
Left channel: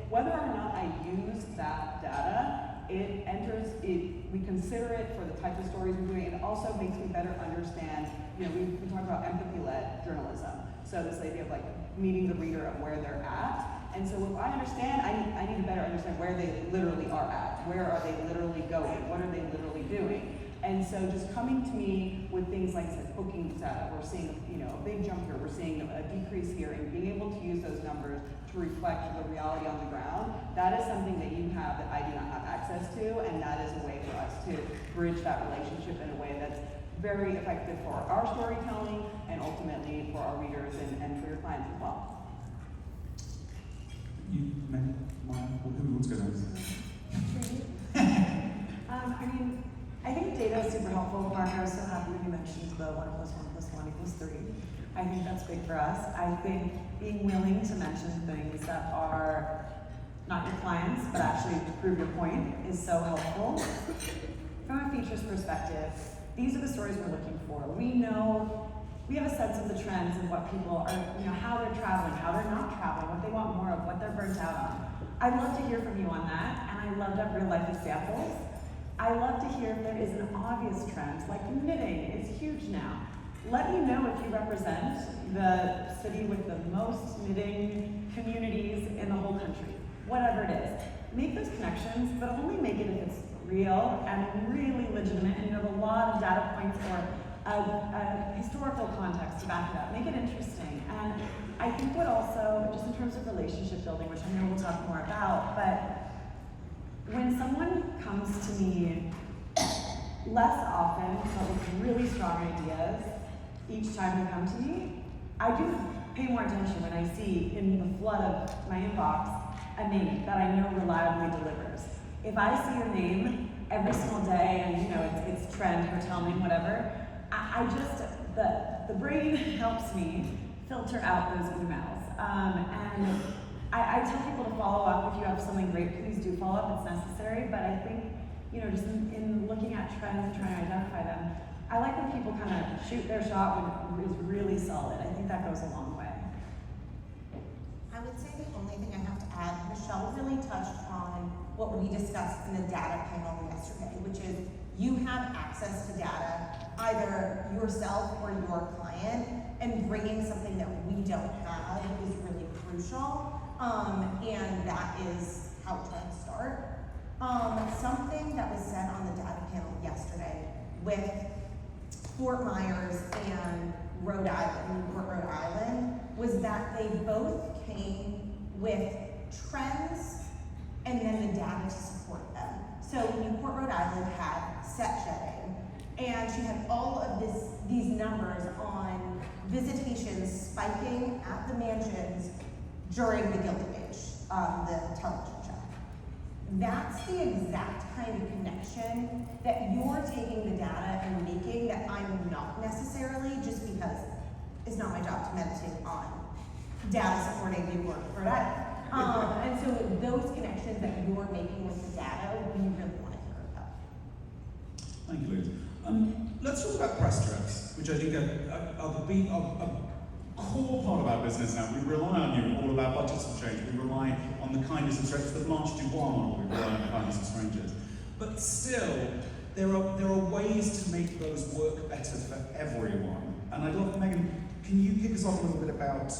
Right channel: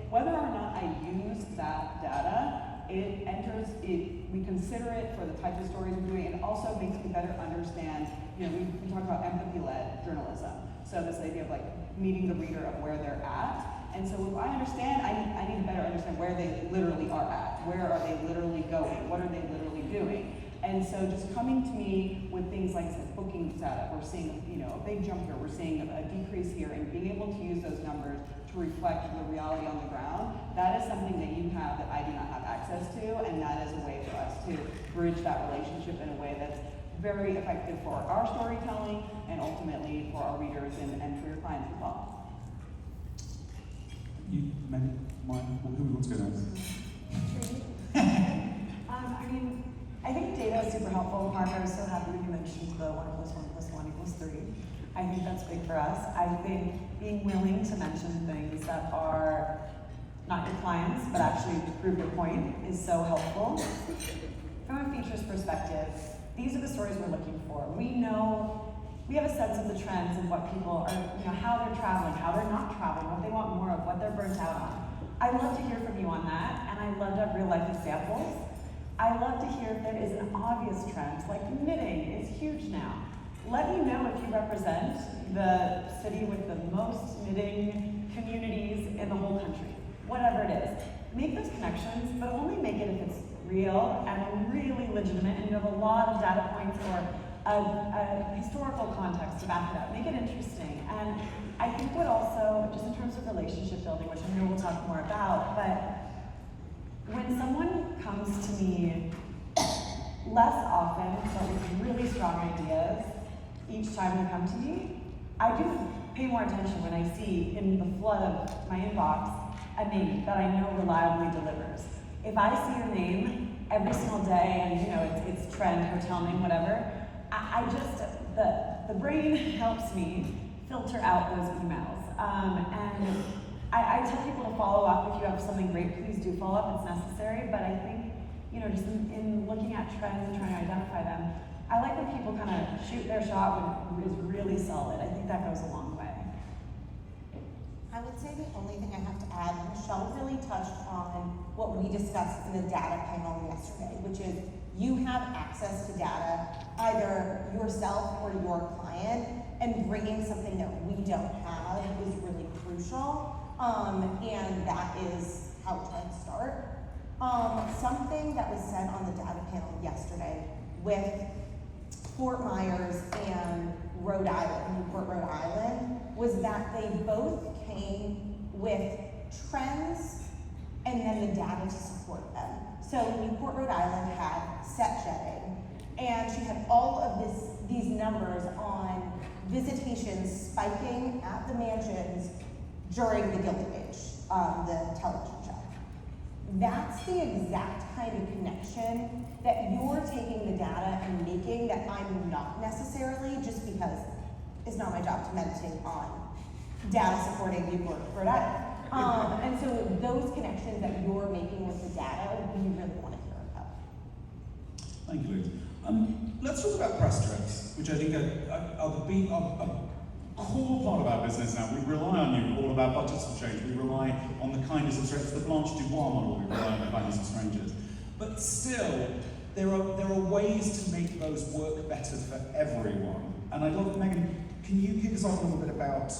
Whether or not I use that data, we consider it for the types of stories we're doing. It also makes me better understand, you know, we talk about empathy-led journalism. So this idea of like meeting the reader of where they're at. And so if I understand, I need to better understand where they literally are at. Where are they literally going? What are they literally doing? And so just coming to me with things like booking data, we're seeing, you know, a big jump here, we're seeing a decrease here, and being able to use those numbers to reflect the reality on the ground, that is something that you have that I do not have access to, and that is a way for us to bridge that relationship in a way that's very effective for our storytelling and ultimately for our readers and for your clients as well. You, who wants to go next? I mean, I think data is super helpful. Mark, I was so happy that you mentioned the 1 + 1 + 1 = 3. I think that's big for us. I think being willing to mention things that are not your clients, but actually to prove your point is so helpful. From a features perspective, these are the stories we're looking for. We know, we have a sense of the trends and what people are, you know, how they're traveling, how they're not traveling, what they want more of, what they're burnt out on. I'd love to hear from you on that, and I'd love to have real life examples. I love to hear if there is an obvious trend, like knitting is huge now. Let me know if you represent the city with the most knitting communities in the whole country, whatever it is. Make those connections, but only make it if it's real and really legitimate and you have a lot of data points or a historical context to back it up. Make it interesting. And I think what also, just in terms of relationship building, which I know we'll talk more about, but when someone comes to me less often, but with really strong ideas, each time they come to me, I do pay more attention when I see in the flood of my inbox a name that I know reliably delivers. If I see your name every single day and you know it's trend, hotel name, whatever, I just, the brain helps me filter out those emails. And I tell people to follow up. If you have something great, please do follow up, it's necessary. But I think, you know, just in looking at trends and trying to identify them, I like when people kind of shoot their shot when it's really solid. I think that goes a long way. I would say the only thing I have to add, Michelle really touched on what we discussed in the data panel yesterday, which is you have access to data, either yourself or your client, and bringing something that we don't have is really crucial, and that is how we're trying to start. Something that was said on the data panel yesterday with Fort Myers and Rhode Island, Newport, Rhode Island, was that they both came with trends and then the data to support them. So Newport, Rhode Island had set jetting, and she had all of these numbers on visitations spiking at the mansions during the Gilded Age, the television show. That's the exact kind of connection that you're taking the data and making that I'm not necessarily, just because it's not my job to meditate on data supporting Newport, Rhode Island. And so those connections that you're making with the data, we really want to hear about. Thank you, Liz. Let's talk about press trips, which I think are a core part of our business now. We rely on you. All of our budgets have changed. We rely on the kindness of strangers. The Blanche Dubois model, we rely on the kindness of strangers. But still, there are ways to make those work better for everyone. And I'd love, Megan, can you kick us off a little bit about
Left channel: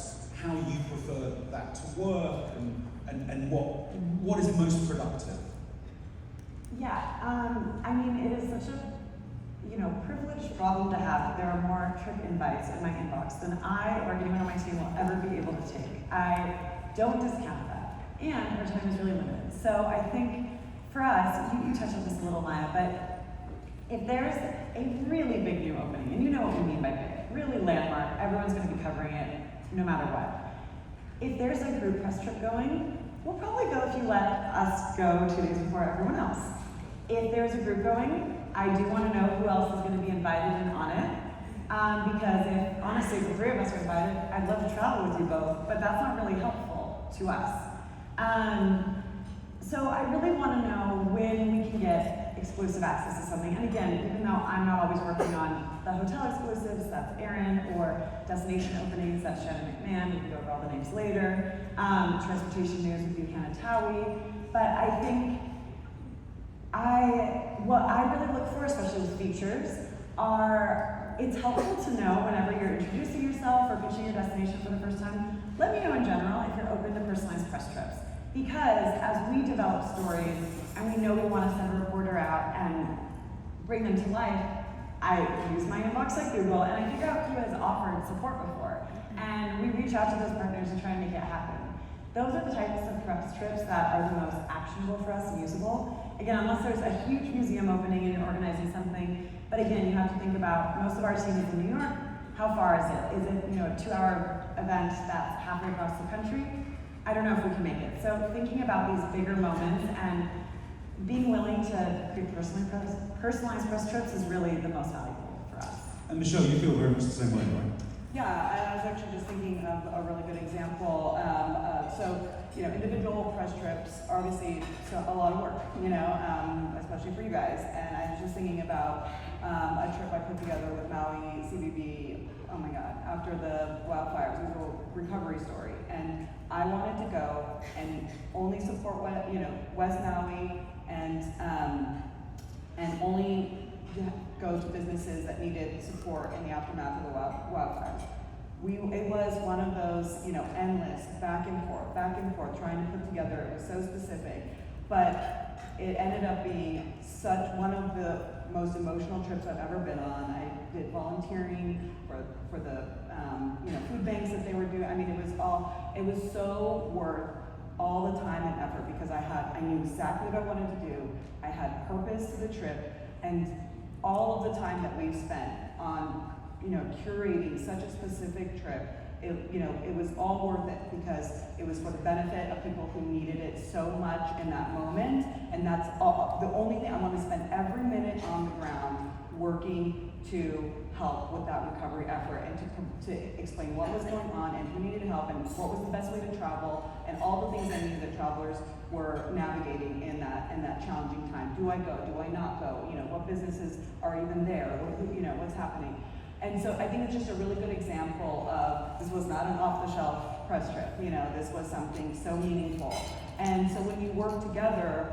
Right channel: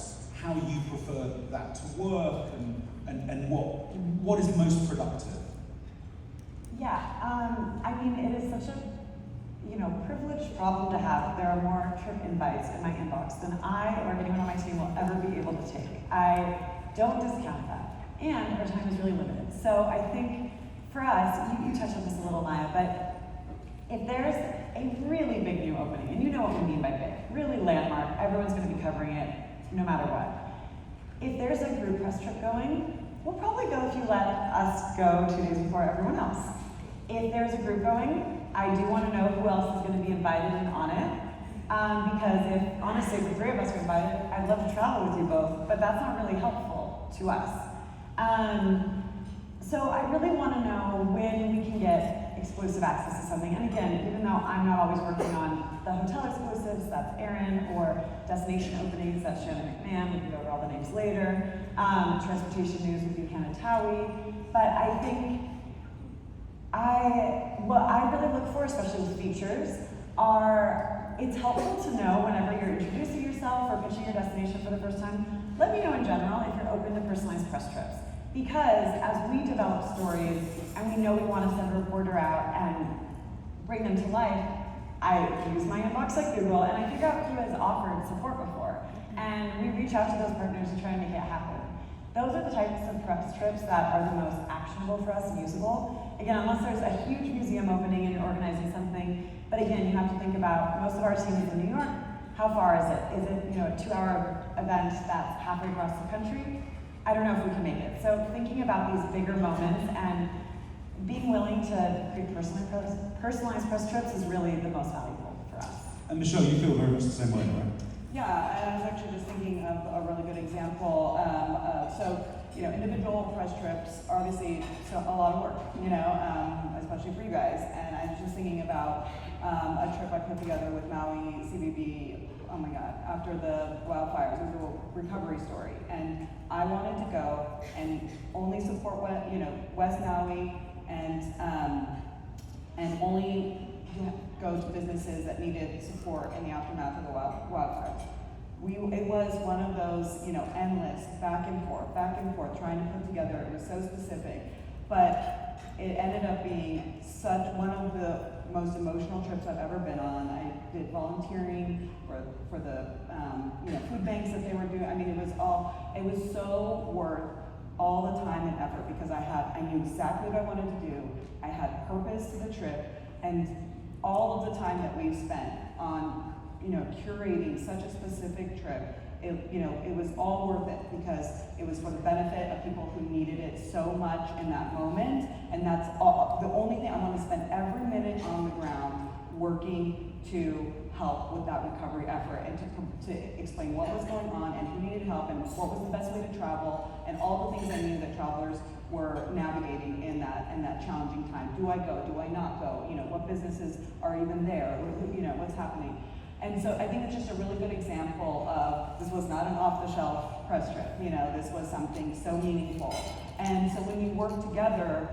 how you prefer that to work and what is most productive? Yeah, I mean, it is such a privileged problem to have. There are more trip invites in my inbox than I or anyone on my team will ever be able to take. I don't discount that. And our time is really limited. So I think for us, you touched on this a little, Maya, but if there's a really big new opening, and you know what we mean by big, really landmark, everyone's going to be covering it no matter what. If there's a group press trip going, we'll probably go if you let us go 2 days before everyone else. If there's a group going, I do want to know who else is going to be invited and on it. Because if, honestly, if the 3 of us are invited, I'd love to travel with you both, but that's not really helpful to us. So I really want to know when we can get exclusive access to something. And again, even though I'm not always working on the hotel exclusives, that's Erin, or destination openings, that's Shannon McMahon, we can go over all the names later. Transportation news would be Hannah Towie. But I think what I really look for, especially with features, it's helpful to know whenever you're introducing yourself or pitching your destination for the first time, let me know in general if you're open to personalized press trips. Because as we develop stories and we know we want to send a reporter out and bring them to life, I use my inbox like Google and I figure out who has offered support before. And we reach out to those partners and try and make it happen. Those are the types of press trips that are the most actionable for us and usable. Again, unless there's a huge museum opening and you're organizing something, but again, you have to think about, most of our team is in New York. How far is it? Is it, a 2-hour event that's halfway across the country? I don't know if we can make it. So thinking about these bigger moments and being willing to create personalized press trips is really the most valuable for us. And Michelle, you feel very much the same way, right? Yeah, and I was actually just thinking of a really good example. Individual press trips are obviously a lot of work, especially for you guys. And I was just thinking about a trip I put together with Maui CBB, oh my God, after the wildfires. It was a recovery story. And I wanted to go and only support West Maui and only go to businesses that needed support in the aftermath of the wildfires. It was one of those, endless back and forth, trying to put together. It was so specific, but it ended up being one of the most emotional trips I've ever been on. I did volunteering for the food banks that they were doing. I mean, it was so worth all the time and effort because I knew exactly what I wanted to do. I had purpose to the trip, and all of the time that we've spent on curating such a specific trip, it was all worth it because it was for the benefit of people who needed it so much in that moment. And that's all. The only thing I want to spend every minute on the ground working to help with that recovery effort and to explain what was going on and who needed help and what was the best way to travel and all the things I knew that travelers were navigating in that challenging time. Do I go? Do I not go? What businesses are even there? What's happening? And so I think it's just a really good example of this was not an off-the-shelf press trip. This was something so meaningful. And so when you work together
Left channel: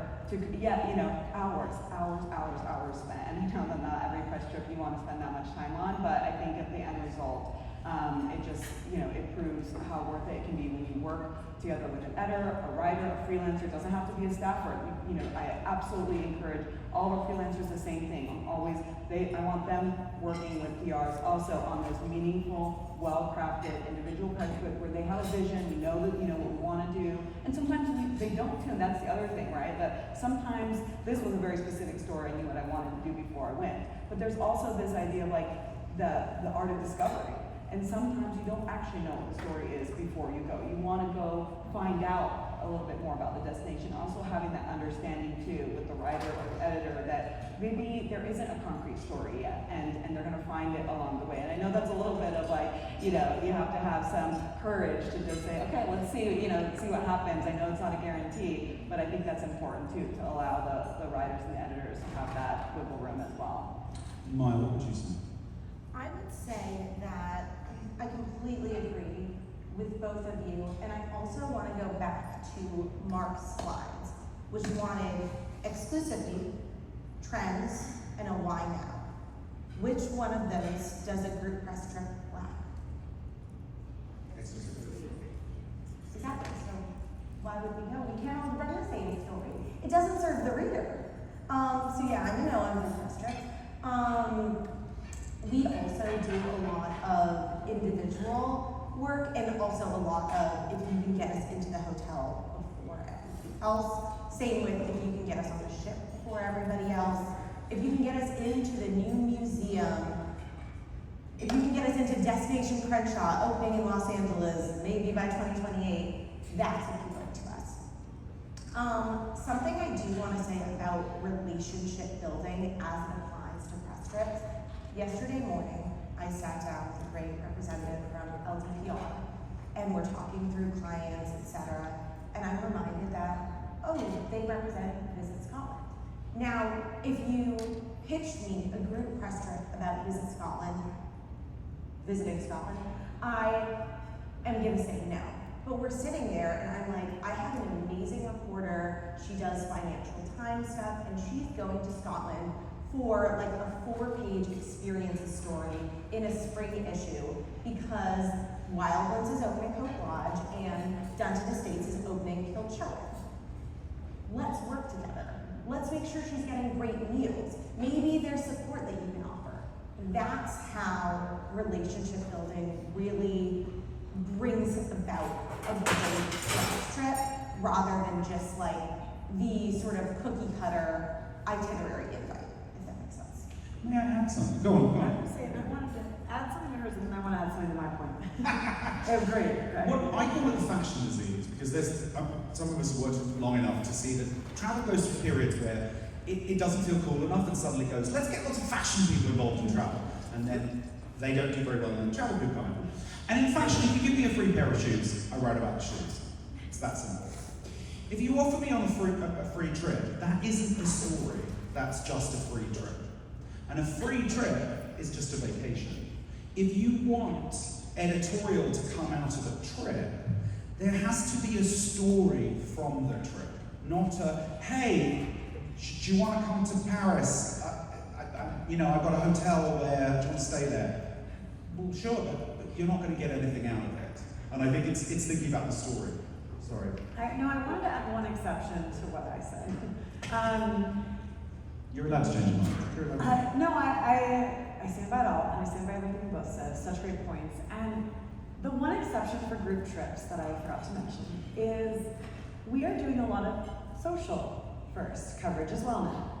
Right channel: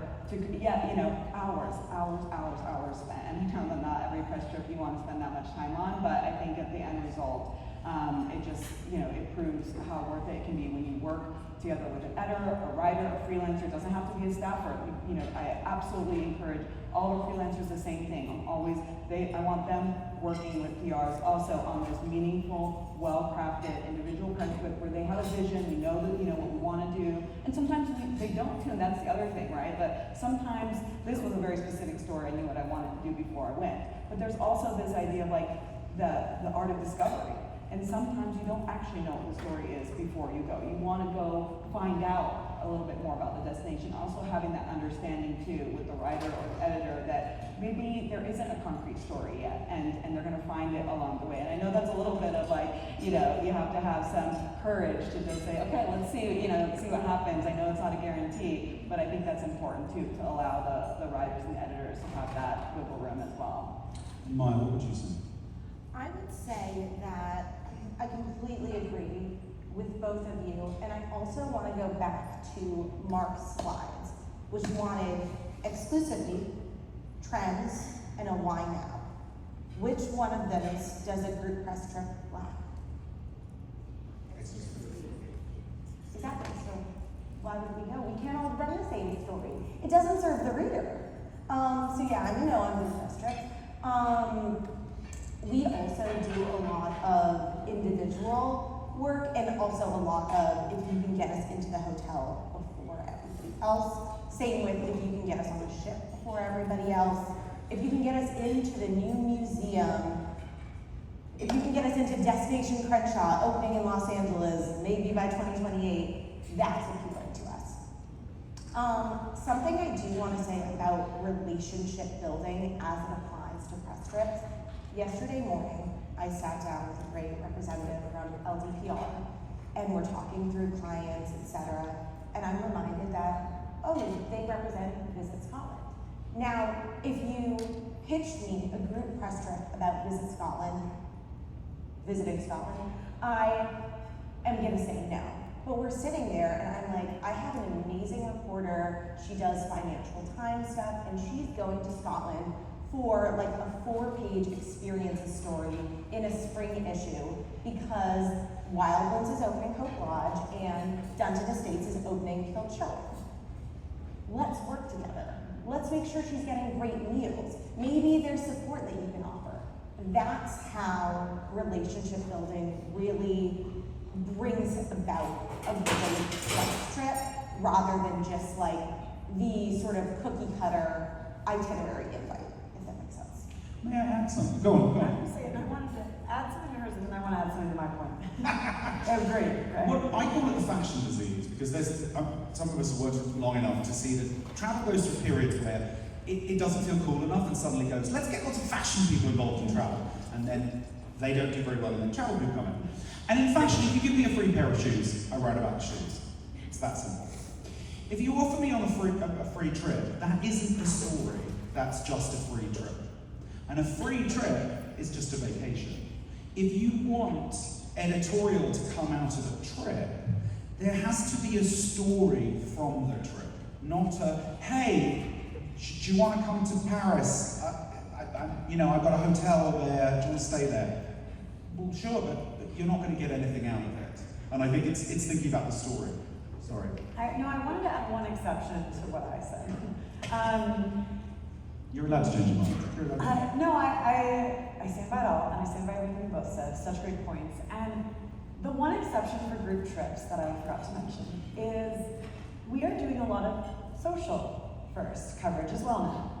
hours spent. And I know that not every press trip you want to spend that much time on, but I think at the end result, it proves how worth it can be when you work together with an editor, a writer, a freelancer. It doesn't have to be a staffer. I absolutely encourage all our freelancers the same thing. I want them working with PRs also on those meaningful, well-crafted individual press trips where they have a vision, we know that what we want to do, and sometimes they don't, and that's the other thing, right? That sometimes this was a very specific story, I knew what I wanted to do before I went. But there's also this idea of the art of discovery. And sometimes you don't actually know what the story is before you go. You want to go find out a little bit more about the destination. Also having that understanding too with the writer or editor that maybe there isn't a concrete story yet and they're going to find it along the way. And I know that's a little bit of you have to have some courage to just say, okay, let's see, see what happens. I know it's not a guarantee, but I think that's important too, to allow the writers and editors to have that wiggle room as well. Maya, what would you say? I would say that I completely agree with both of you, and I also want to go back to Mark's slides, which wanted exclusively trends and a why now. Which one of those does a group press trip lack? Exactly. So why would we know? We can't all run the same story. It doesn't serve the reader. I'm a press trip. We also do a lot of individual work and also a lot of if you can get us into the hotel before everybody else. Same with if you can get us on the ship before everybody else. If you can get us into the new museum. If you can get us into Destination Crenshaw opening in Los Angeles, maybe by 2028, that's important to us. Something I do want to say about relationship building as it applies to press trips. Yesterday morning, I sat down with a great representative around LDPR, and we're talking through clients, etc. And I'm reminded that, they represent Visit Scotland. Now, if you pitched me a group press trip about visiting Scotland, I am gonna say no. But we're sitting there and I'm like, I have an amazing reporter, she does Financial Times stuff, and she's going to Scotland for like a 4-page experiences story in a spring issue because Wildlands is opening Hope Lodge and Dunton Estates is opening Kilchillen. Let's work together. Let's make sure she's getting great meals. Maybe there's support that you can offer. That's how relationship building really brings about a great press trip rather than just like the sort of cookie cutter itinerary invite, if that makes sense. May I add something? Go on. I wanted to add something to hers and then I want to add something to my point. It was great, right? Well, I call it a fashion disease because there's some of us have worked long enough to see that travel goes through periods where it doesn't feel cool enough and suddenly goes, let's get lots of fashion people involved in travel. And then they don't do very well and then travel people come in. And in fashion, if you give me a free pair of shoes, I write about the shoes. It's that simple. If you offer me on a free trip, that isn't the story, that's just a free trip. And a free trip is just a vacation. If you want editorial to come out of a trip, there has to be a story from the trip, not a, hey, do you want to come to Paris? I've got a hotel there, do you want to stay there? Well, sure, but you're not going to get anything out of it. And I think it's thinking about the story. Sorry. I wanted to add one exception to what I said. You're allowed to change your mind. No, I stand by it all, and I stand by everything we both said. Such great points. And the one exception for group trips that I forgot to mention is we are doing a lot of social first coverage as well now.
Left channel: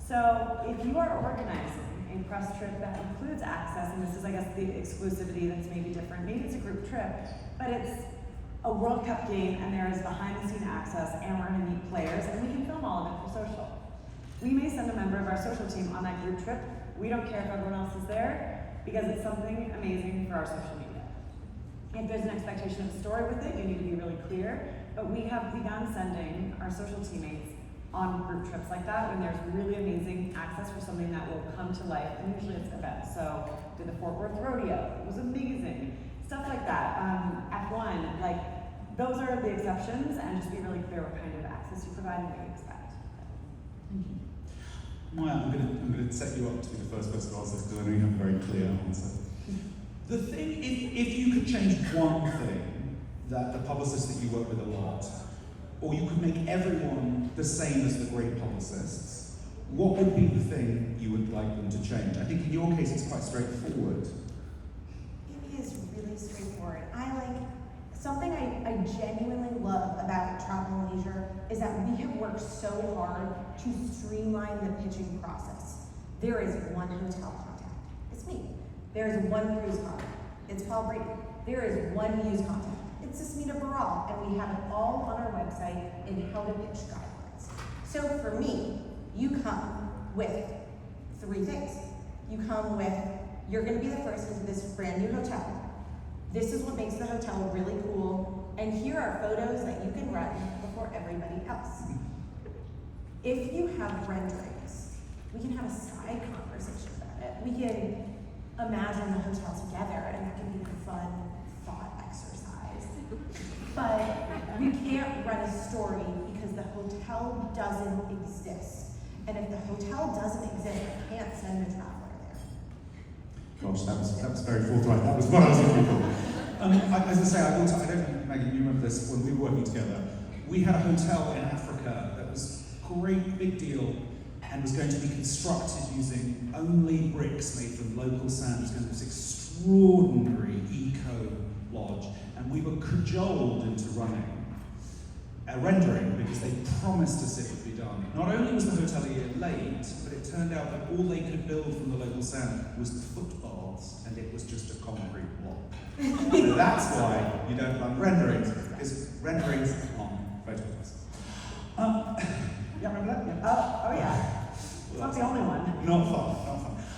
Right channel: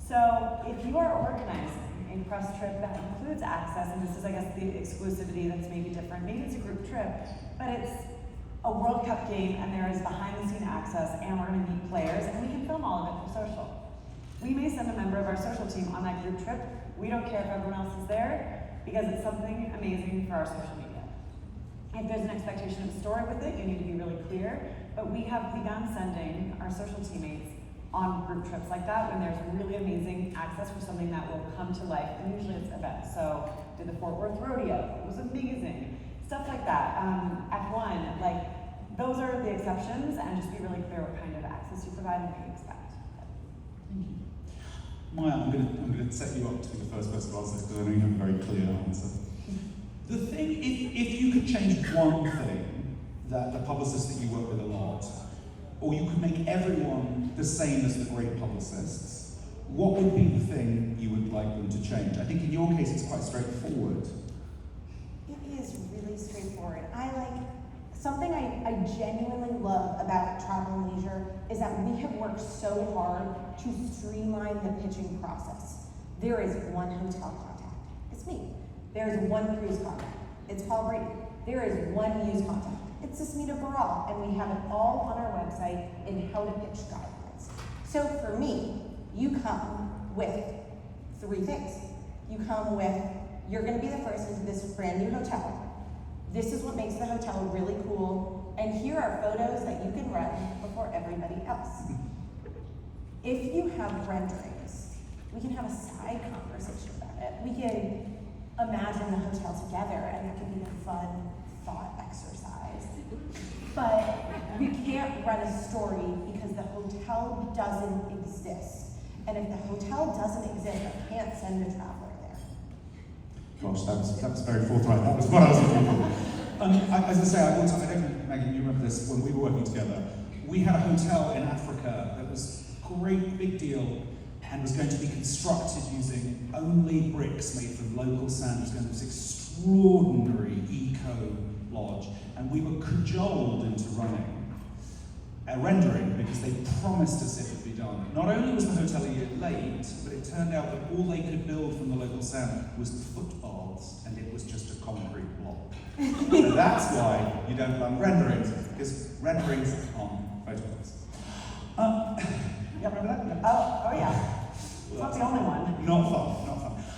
So if you are organizing a press trip that includes access, and this is, I guess, the exclusivity that's maybe different, maybe it's a group trip, but it's a World Cup game and there is behind-the-scene access and we're going to meet players and we can film all of it for social. We may send a member of our social team on that group trip. We don't care if everyone else is there because it's something amazing for our social media. If there's an expectation of story with it, you need to be really clear, but we have begun sending our social teammates on group trips like that when there's really amazing access for something that will come to life, and usually it's events. So, did the Fort Worth Rodeo, it was amazing. Stuff like that, F1, like, those are the exceptions, and just be really clear what kind of access you provide and what you expect. Thank you. Maya, I'm going to set you up to be the first person to answer because I know you have a very clear answer. The thing, if you could change one thing that the publicists that you work with a lot, or you could make everyone the same as the great publicists, what would be the thing you would like them to change? I think in your case it's quite straightforward. It is really straightforward. Something I genuinely love about travel and leisure is that we have worked so hard to streamline the pitching process. There is one hotel contact, it's me. There is one cruise contact, it's Paul Brady. There is one news contact, it's Susmita Baral, and we have it all on our website in how to pitch documents. So for me, you come with 3 things. You come with, you're gonna be the first into this brand new hotel. This is what makes the hotel really cool, and here are photos that you can run before everybody else. If you have renderings, we can have a side conversation about it. We can imagine the hotel together, and that can be a fun thought exercise. But we can't run a story because the hotel doesn't exist. And if the hotel doesn't exist, I can't send a traveler there. Gosh, that was very forthright. That was what I was looking for. As I say, I don't know, Megan, you remember this when we were working together. We had a hotel in Africa that was a great big deal and was going to be constructed using only bricks made from local sand. It was going to be this extraordinary eco-lodge. And we were cajoled into running a rendering because they promised us it would be done. Not only was the hotelier late, but it turned out that all they could build from the local sand was the footbaths, and it was just a concrete block. So that's why you don't run renderings, because renderings on photographs. Yeah, remember that? Oh yeah. It's not the only one. Not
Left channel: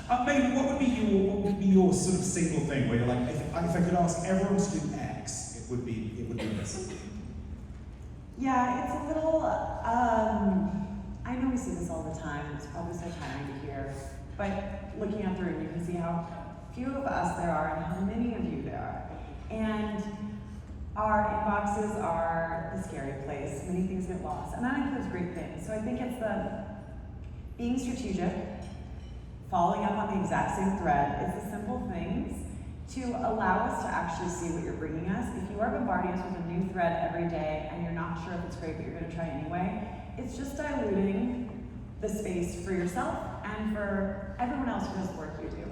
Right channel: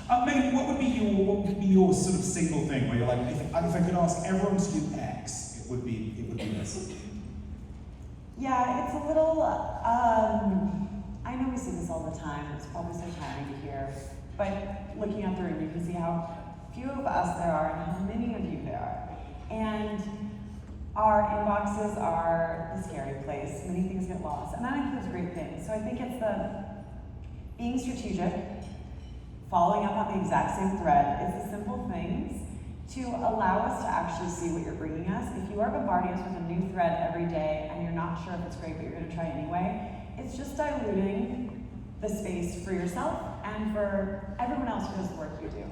fun. Megan, what would be your sort of single thing where you're like, if I could ask everyone to do X, it would be this? Yeah, it's a little, I I know we see this all the time, it's probably so tiring to hear, but looking out the room, you can see how few of us there are and how many of you there are. And our inboxes are the scary place. Many things get lost, and that includes great things. So I think it's the being strategic, following up on the exact same thread. It's the simple things to allow us to actually see what you're bringing us. If you are bombarding us with a new thread every day and you're not sure if it's great, but you're going to try anyway, it's just diluting the space for yourself and for everyone else who does the work you do.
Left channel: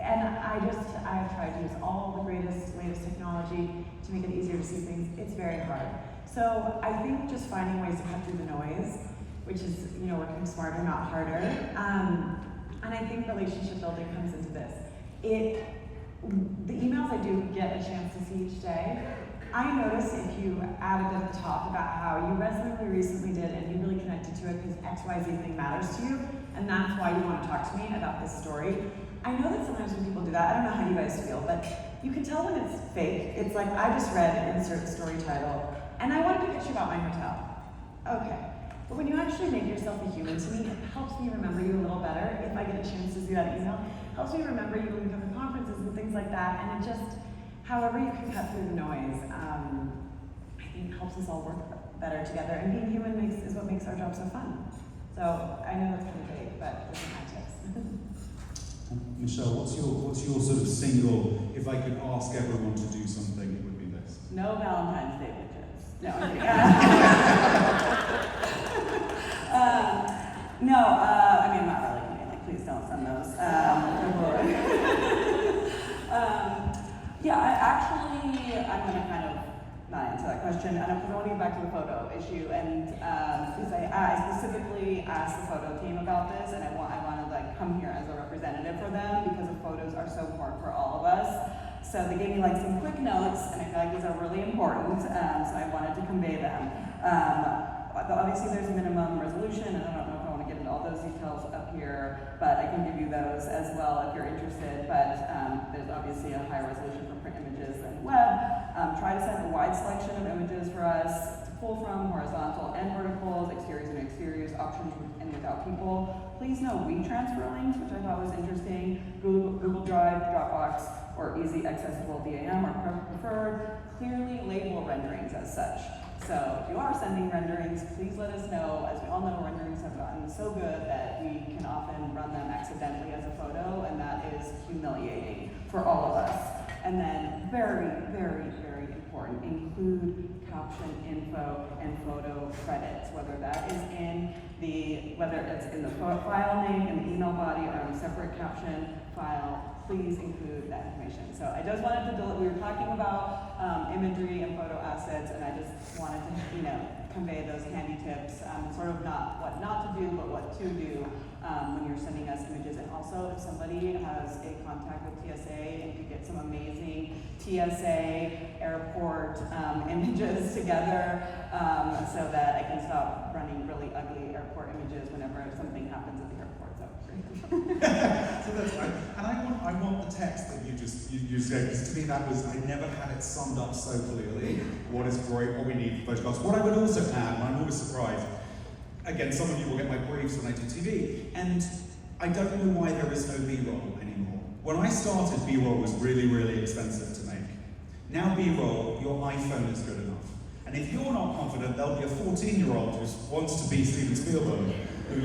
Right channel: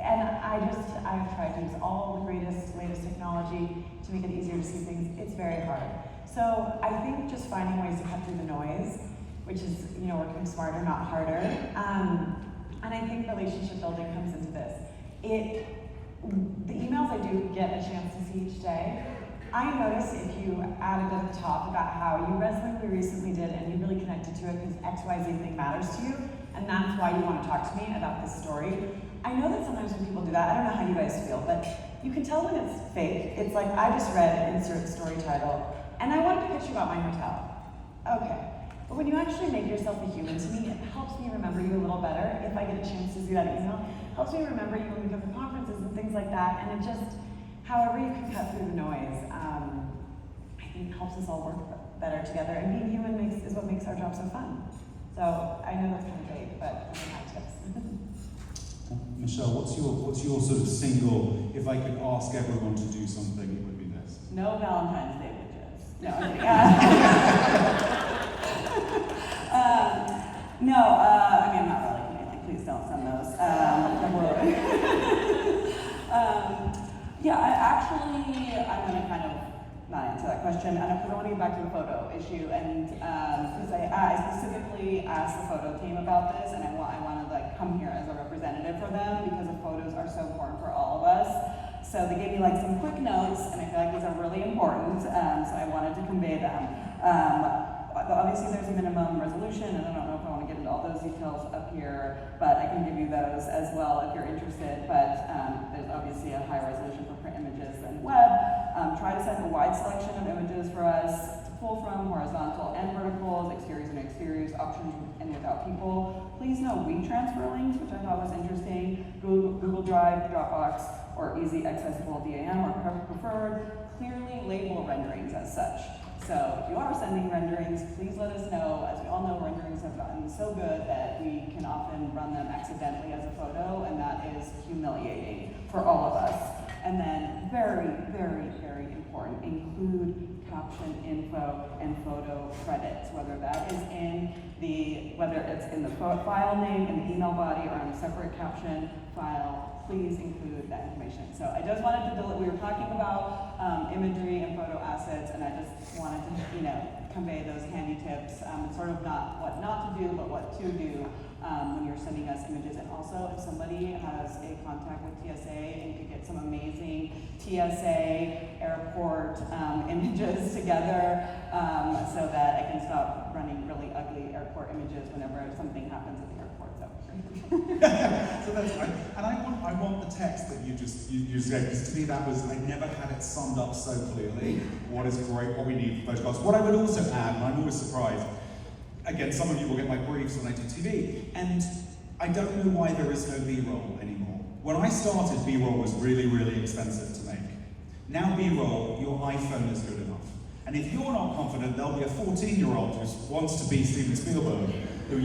I've tried to use all the latest technology to make it easier to see things. It's very hard. So I think just finding ways to cut through the noise, which is, working smarter, not harder. And I think relationship building comes into this. The emails I do get a chance to see each day, I notice if you added at the top about how you read something we recently did and you really connected to it because XYZ thing matters to you, and that's why you want to talk to me about this story. I know that sometimes when people do that, I don't know how you guys feel, but you can tell when it's fake. It's like, I just read insert story title, and I wanted to pitch you about my hotel. Okay. But when you actually make yourself a human, to me, it helps me remember you a little better if I get a chance to see that email. It helps me remember you when we come to conferences and things like that, and it just, however you can cut through the noise, I think helps us all work better together. And being human is what makes our job so fun. So I know that's kind of big, but those are my tips. Michelle, what's your sort of single, if I could ask everyone to do something, it would be this? No Valentine's Day widgets. No, I'm kidding. I'm not really anything. Please don't send those. I'm going to kind of not answer that question. I want to get back to the photo issue, and because I specifically asked the photo team about this, and I want to come here as a representative for them because the photos are so important for all of us. So they gave me some quick notes, and I feel like these are really important, so I wanted to convey them. Obviously there's a minimum resolution, and I don't know if I want to get into all those details up here, but I can give you those as well if you're interested. But there's obviously a higher resolution for print images than web. Try to set a wide selection of images for us to pull from, horizontal and verticals, exteriors and exteriors, options with and without people. Please no WeTransfer links, which I thought was interesting. Google Drive, Dropbox, or easy accessible DAM are preferred. Clearly label renderings as such. So if you are sending renderings, please let us know. As we all know, renderings have gotten so good that we can often run them accidentally as a photo, and that is humiliating for all of us. And then very, very, very important, include caption info and photo credits, whether it's in the file name, in the email body, or in a separate caption file. Please include that information. So I just wanted to we were talking about imagery and photo assets, and I just wanted to convey those handy tips, sort of not what not to do, but what to do when you're sending us images. And also, if somebody has a contact with TSA, and you could get some amazing TSA airport images together, so that I can stop running really ugly airport images whenever something happens at the airport. So that's right. And I want the text that you said, because to me that was, I never had it summed up so clearly. What is great, what we need for photographs. What I would also add, and I'm always surprised, again, some of you will get my briefs when I do TV, and I don't know why there is no B-roll anymore. When I started, B-roll was really, really expensive to make. Now B-roll, your iPhone is good enough. And if you're not confident, there'll be a 14-year-old who wants to be Steven Spielberg, who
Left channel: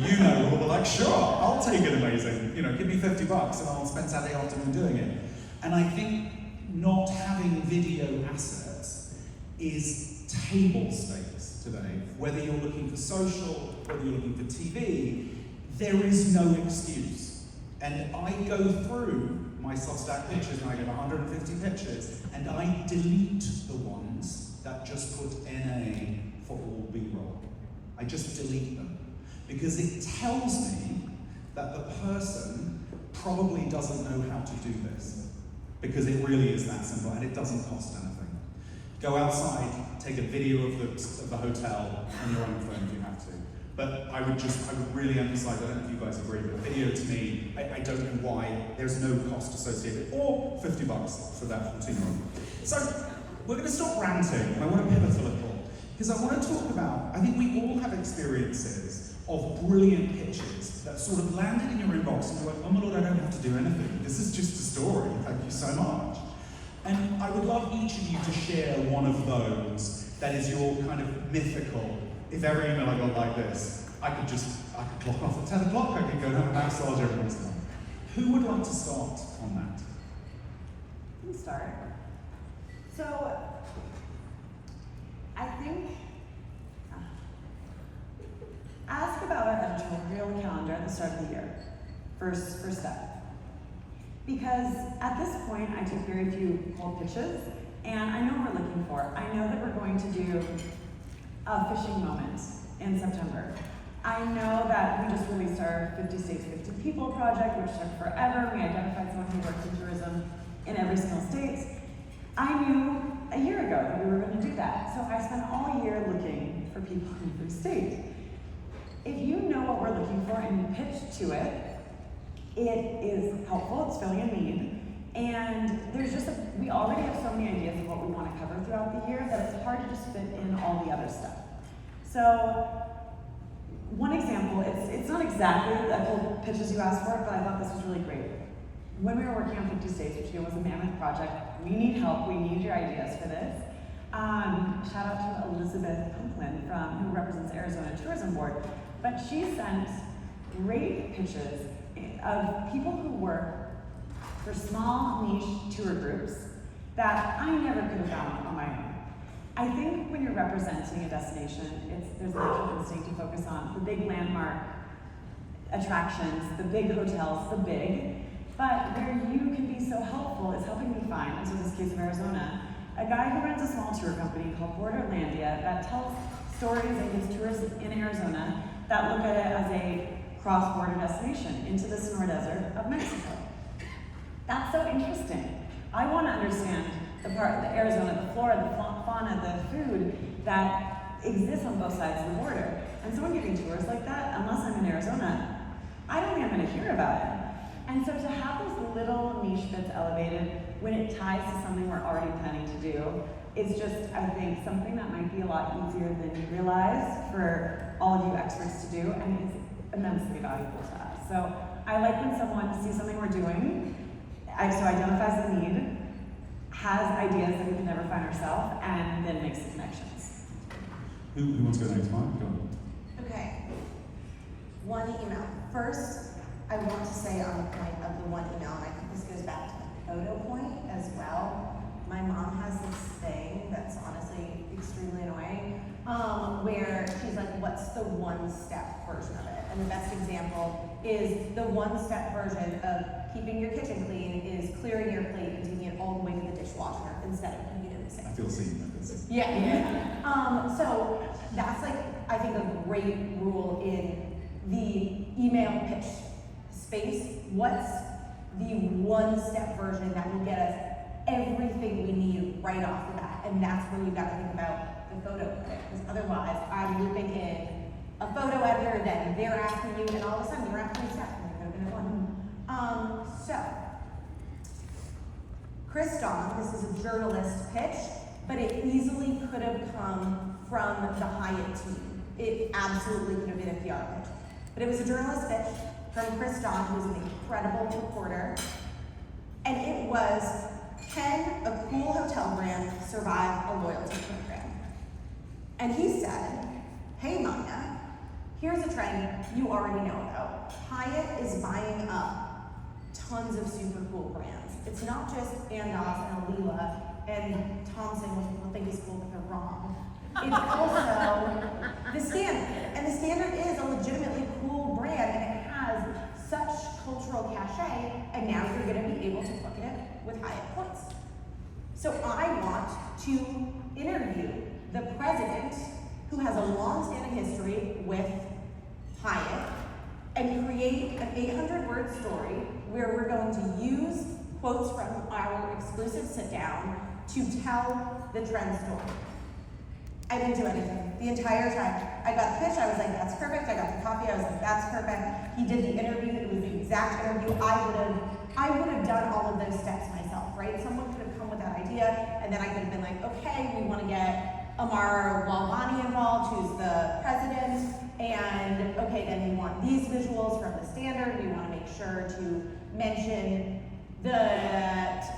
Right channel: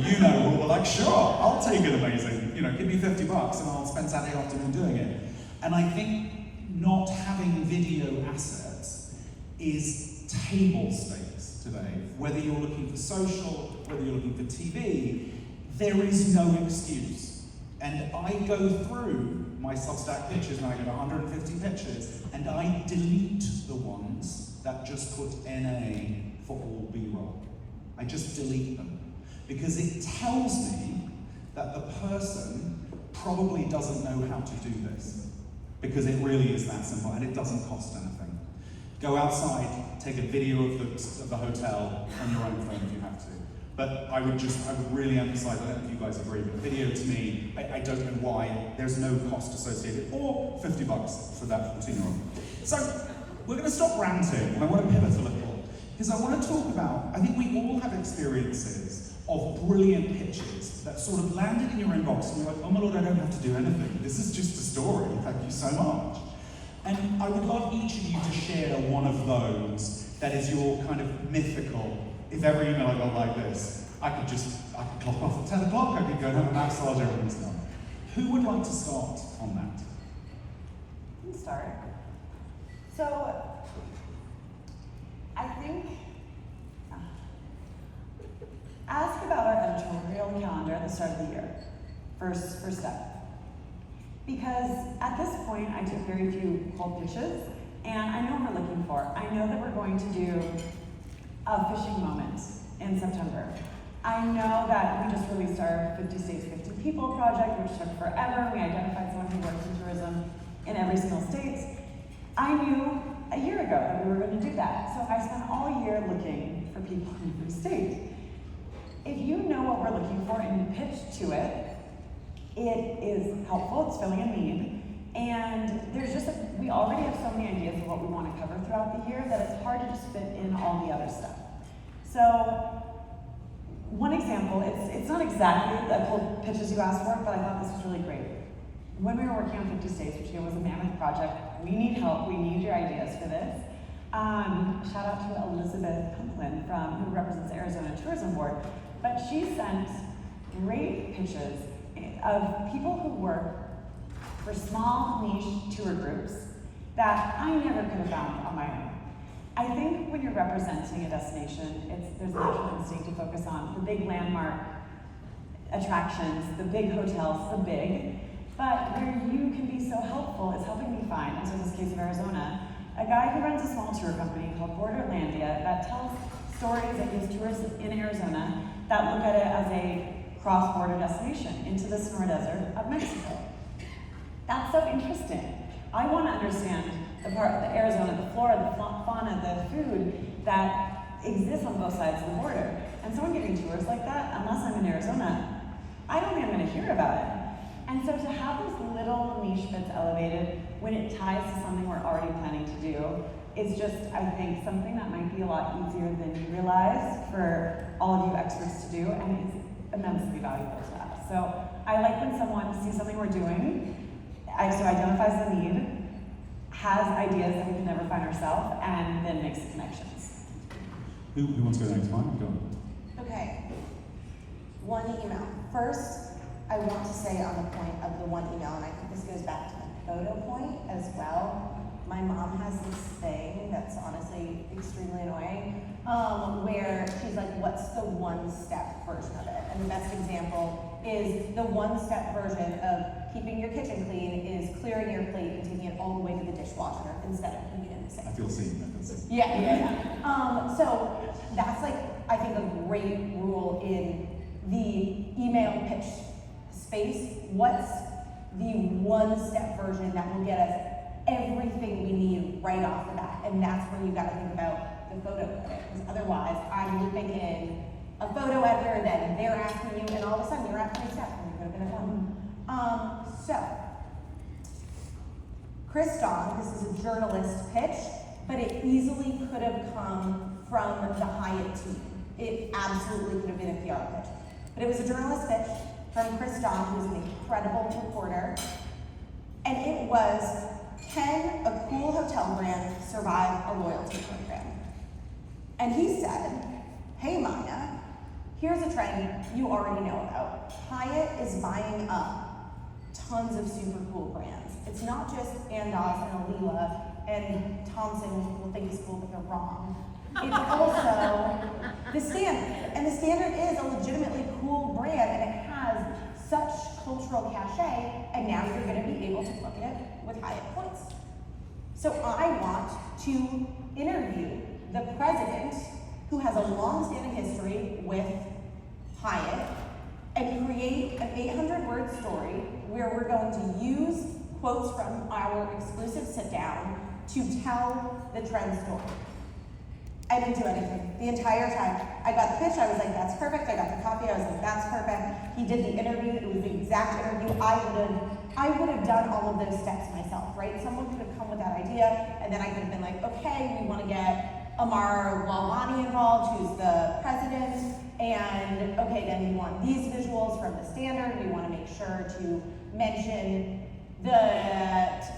will be like, sure, I'll take it amazing. Give me $50 and I'll spend Saturday afternoon doing it. And I think not having video assets is table stakes today. Whether you're looking for social, whether you're looking for TV, there is no excuse. And I go through my Substack pictures, and I get 150 pictures, and I delete the ones that just put NA for all B-roll. I just delete them. Because it tells me that the person probably doesn't know how to do this. Because it really is that simple, and it doesn't cost anything. Go outside, take a video of the hotel on your own phone if you have to. But I would really emphasize, I don't know if you guys agree, but video to me, I don't know why, there's no cost associated, or $50 for that 14-year-old. So, we're going to stop ranting, and I want to pivot a little, because I want to talk about, I think we all have experiences of brilliant pitches that sort of landed in your inbox and you're like, oh my Lord, I don't have to do anything. This is just a story. Thank you so much. And I would love each of you to share one of those that is your kind of mythical. If every email I got like this, I could clock off at 10 o'clock, I could go and have a massage everyone's time. Who would like to start on that? You can start. So, I think, ask about our editorial calendar at the start of the year. First step. Because at this point, I took very few cold pitches, and I know what we're looking for. I know that we're going to do a fishing moment in September. I know that we just released our 50 States, 50 People project, which took forever. We identified someone who works in tourism in every single state. I knew a year ago that we were going to do that, so I spent all year looking for people in every state. If you know what we're looking for and you pitch to it, it is helpful, it's filling a need, and we already have so many ideas of what we want to cover throughout the year that it's hard to just fit in all the other stuff. So, one example, it's not exactly the cold pitches you asked for, but I thought this was really great. When we were working on 50 States, which was a mammoth project, we need help, we need your ideas for this. Shout out to Elizabeth Pumplin who represents Arizona Tourism Board, but she sent great pitches of people who work for small niche tour groups that I never could have found on my own. I think when you're representing a destination, there's a natural instinct to focus on the big landmark attractions, the big hotels, the big, but where you can be so helpful is helping me find, so in this case of Arizona, a guy who runs a small tour company called Borderlandia that tells stories and gives tours in Arizona that look at it as a cross-border destination into the Sonora Desert of Mexico. That's so interesting. I want to understand the Arizona, the flora, the fauna, the food that exists on both sides of the border. And someone giving tours like that, unless I'm in Arizona, I don't think I'm going to hear about it. And so to have those little niche bits elevated when it ties to something we're already planning to do is just, I think, something that might be a lot easier than you realize for all of you experts to do, and it's immensely valuable to us. So I like when someone sees something we're doing, so identifies the need, has ideas that we can never find ourselves, and then makes the connections. Who wants to go next? Mark, go. Okay. One email. First, I want to say on the point of the one email, and I think this goes back to the photo point as well. My mom has this thing that's honestly extremely annoying, where she's like, what's the one-step version of it? And the best example is the one-step version of keeping your kitchen clean is clearing your plate and taking it all the way to the dishwasher instead of putting it in the sink. I feel seen. Yeah. So that's like, I think, a great rule in the email pitch space. What's the one-step version that will get us everything we need right off the bat? And that's where you've got to think about the photo, because otherwise I'm looping in a photo editor, then they're asking you, and all of a sudden you're at 20 steps, and you're going to fun. So, Chris Don, this is a journalist pitch, but it easily could have come from the Hyatt team. It absolutely could have been a PR pitch. But it was a journalist pitch from Chris Don, who's an incredible reporter. And it was, can a cool hotel brand survive a loyalty program? And he said, hey Maya, here's a trend you already know about. Hyatt is buying up tons of super cool brands. It's not just Andaz and Alila and Thompson, which people think is cool but they're wrong. It's also the Standard. And the Standard is a legitimately cool brand, and it has such cultural cachet, and now you're going to be able to book it with Hyatt points. So I want to interview the president, who has a long-standing history with Hyatt, and create an 800-word story where we're going to use quotes from our exclusive sit-down to tell the trend story. I didn't do anything the entire time. I got the pitch, I was like, that's perfect. I got the coffee, I was like, that's perfect. He did the interview, it was the exact interview. I would have done all of those steps myself, right? Someone could have come with that idea, and then I could have been like, okay, we want to get Amara Lalwani involved, who's the president, And okay, then you want these visuals from the standard. You want to make sure to mention that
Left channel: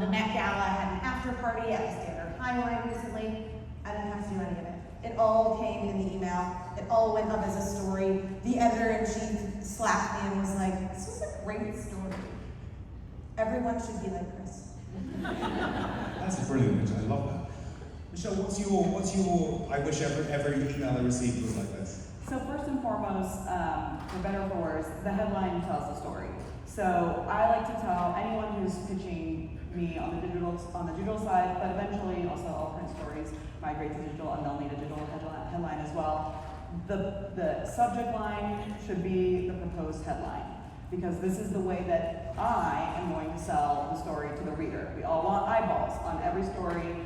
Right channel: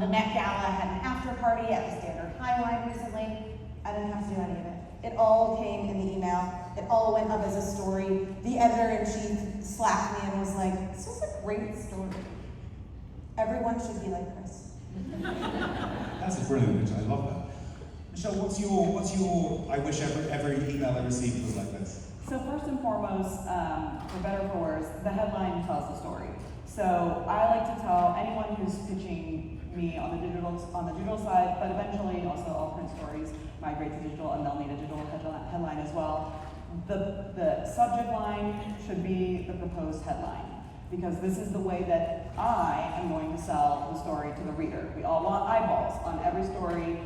the Met Gala had an after party at the Standard Highline recently. I didn't have to do any of it. It all came in the email. It all went up as a story. The editor-in-chief slapped me and was like, "This was a great story. Everyone should be like Chris." That's a brilliant image. I love that. Michelle, what's your? I wish every email I received was like this. So first and foremost, for better or for worse, the headline tells the story. So I like to tell anyone who's pitching me on the digital side, but eventually also all print stories migrate to digital, and they'll need a digital headline as well. The subject line should be the proposed headline, because this is the way that I am going to sell the story to the reader. We all want eyeballs on every story,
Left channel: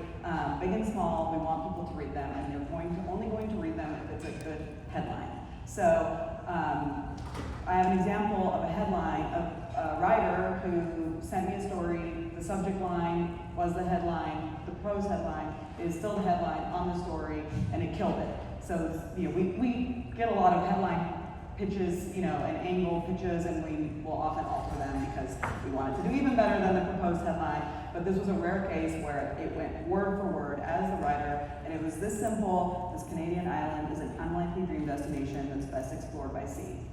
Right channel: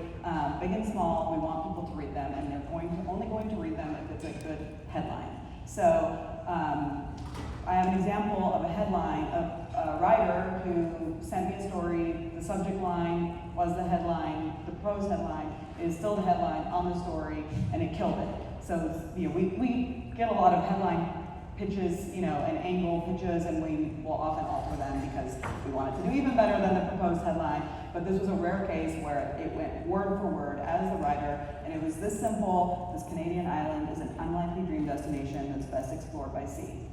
big and small. We want people to read them, and they're only going to read them if it's a good headline. So I have an example of a headline of a writer who sent me a story. The subject line was the headline. The prose headline is still the headline on the story, and it killed it. So we get a lot of headline pitches, and angle pitches, and we will often alter them because we want it to do even better than the proposed headline. But this was a rare case where it went word for word as the writer, and it was this simple: this Canadian island is an unlikely dream destination that's best explored by sea.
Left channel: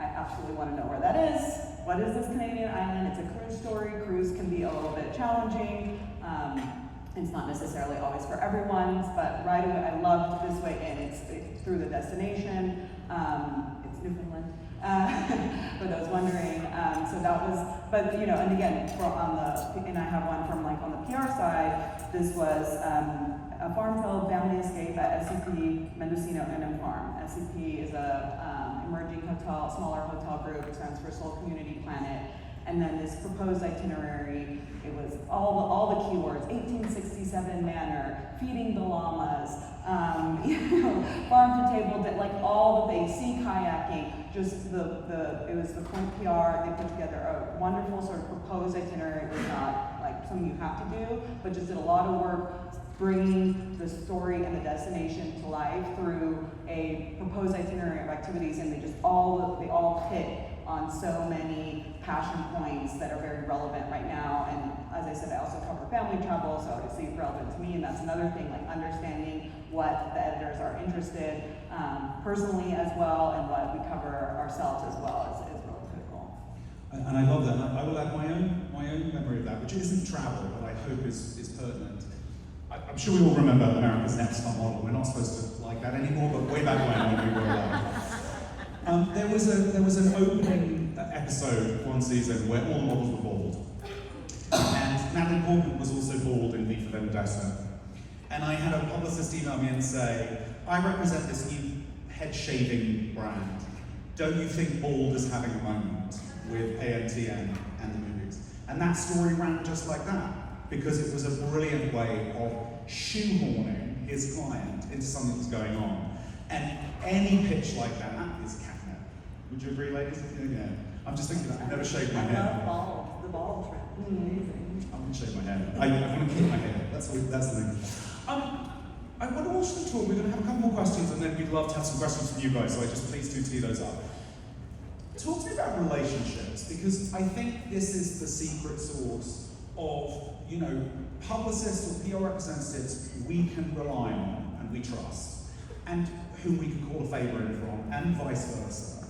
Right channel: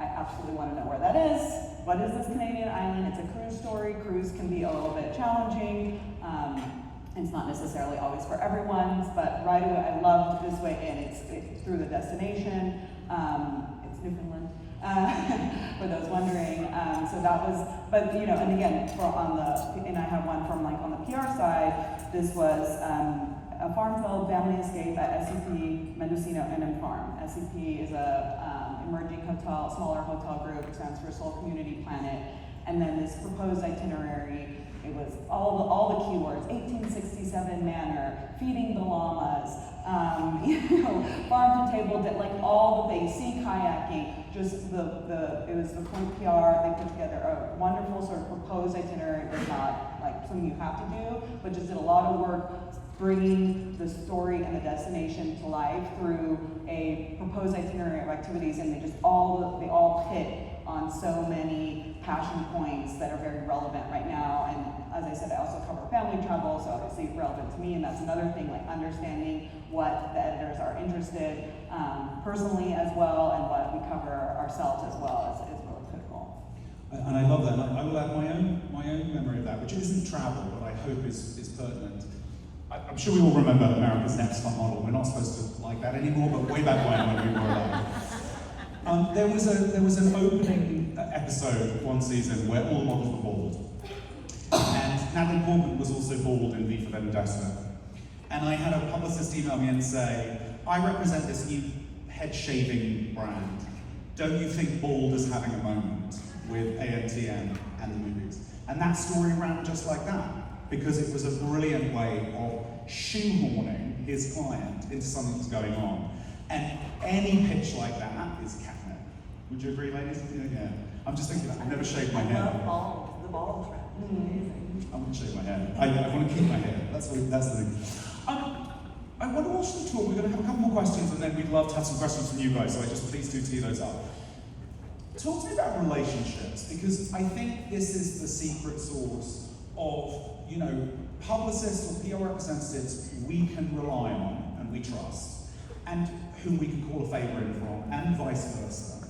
I absolutely want to know where that is. What is this Canadian island? It's a cruise story. Cruise can be a little bit challenging. It's not necessarily always for everyone, but right away I loved this way in. It's through the destination. It's Newfoundland, for those wondering. So that was, but and again, and I have one from on the PR side. This was a farm-filled family escape at SCP Mendocino Indian Farm. SCP is a emerging smaller hotel group. It stands for Soul Community Planet. And then this proposed itinerary, it was all the keywords: 1867 manor, feeding the llamas, farm to table, all the things, sea kayaking. Just it was the PR. They put together a wonderful sort of proposed itinerary. It was not something you have to do, but just did a lot of work bringing the story and the destination to life through a proposed itinerary of activities, and they all hit on so many passion points that are very relevant right now. And as I said, I also cover family travel, so obviously it's relevant to me, and that's another thing, understanding what the editors are interested personally as well, and what we cover ourselves as well is really critical. And I love that. I will add my own memory of that, which isn't travel, but I hope is pertinent. I'm sure we all remember America's Next Top Model. We're not supposed to like that anymore, but way back when we were alive. There was an opening episode of one season where all the models were bald. And Natalie Portman was also bald in V for Vendetta. And I had a publicist email me and say, "I represent this new head shaving brand. Don't you think bald is having a moment with ANTN and the movies?" And that story ran just like that, because it was a brilliant way of shoehorning his client into something that's going on. And any pitch like that is catnip. Would you agree, ladies? Yeah. I'm just thinking, I've never shaved my hair. The bald trend is amazing. I'm gonna shave my hair. I want to keep my hair. That's the thing. I want to watch the talk. We're going to have a couple more questions, and then we'd love to have some questions from you guys. So please do tee those up. Talk to me about relationships, because I think this is the secret sauce of publicists or PR representatives we can rely on and we trust, and whom we can call a favour in from, and vice versa.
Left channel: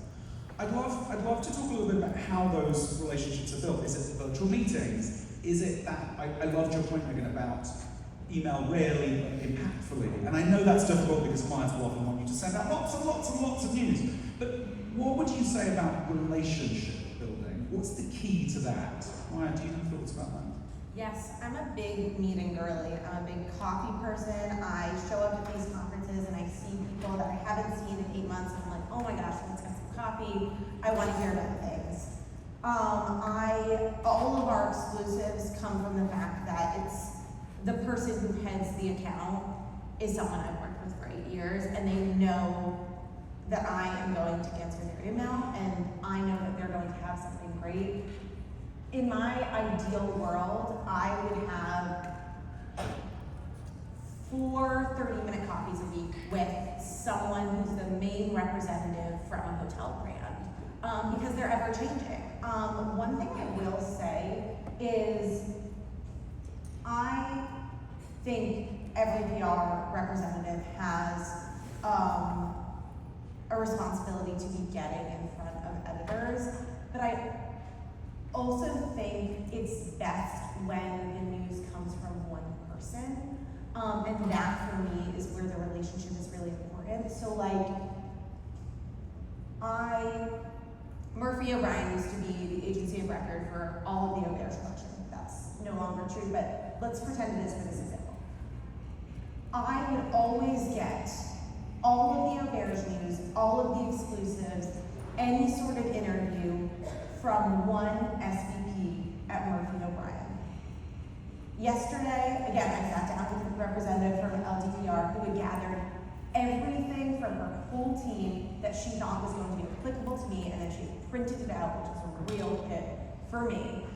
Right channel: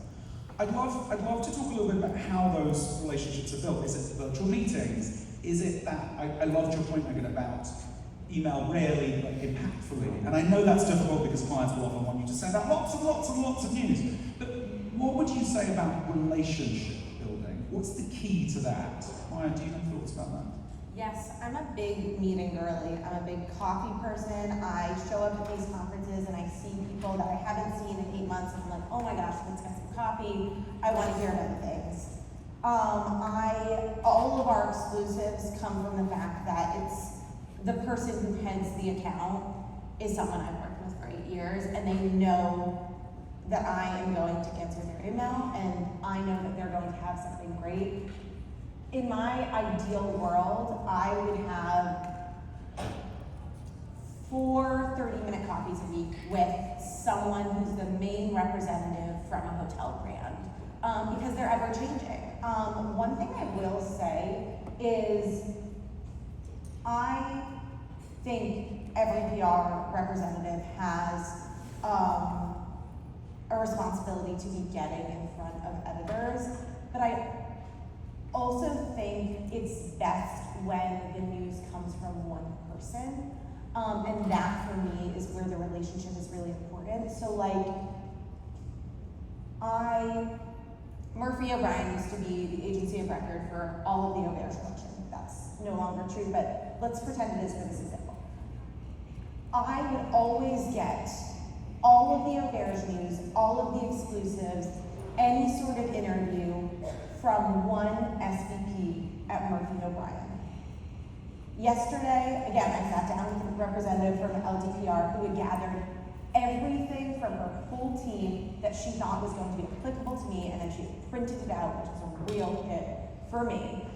I'd love to talk a little bit about how those relationships are built. Is it virtual meetings? Is it that, I loved your point, Megan, about email rarely but impactfully. And I know that's difficult because clients will often want you to send out lots and lots and lots of news. But what would you say about relationship building? What's the key to that? Maya, do you have thoughts about that? Yes, I'm a big meeting girly. I'm a big coffee person. I show up at these conferences and I see people that I haven't seen in 8 months. And I'm like, oh my gosh, let's get some coffee. I want to hear about things. All of our exclusives come from the fact that it's the person who heads the account is someone I've worked with for 8 years, and they know that I am going to answer their email, and I know that they're going to have something great. In my ideal world, I would have 4 30-minute coffees a week with someone who's the main representative from a hotel brand, because they're ever changing. One thing I will say is, I think every PR representative has a responsibility to be getting in front of editors, but I also think it's best when the news comes from one person, and that for me is where the relationship is really important. So like, Murphy O'Brien used to be the agency of record for all of the Auberge collection. That's no longer true, but let's pretend it is for this example. I would always get all of the Auberge news, all of the exclusives, any sort of interview from one SVP at Murphy O'Brien. Yesterday, again, I sat down with a representative from LDPR who had gathered everything from her whole team that she thought was going to be applicable to me, and then she printed it out, which was a real hit for me.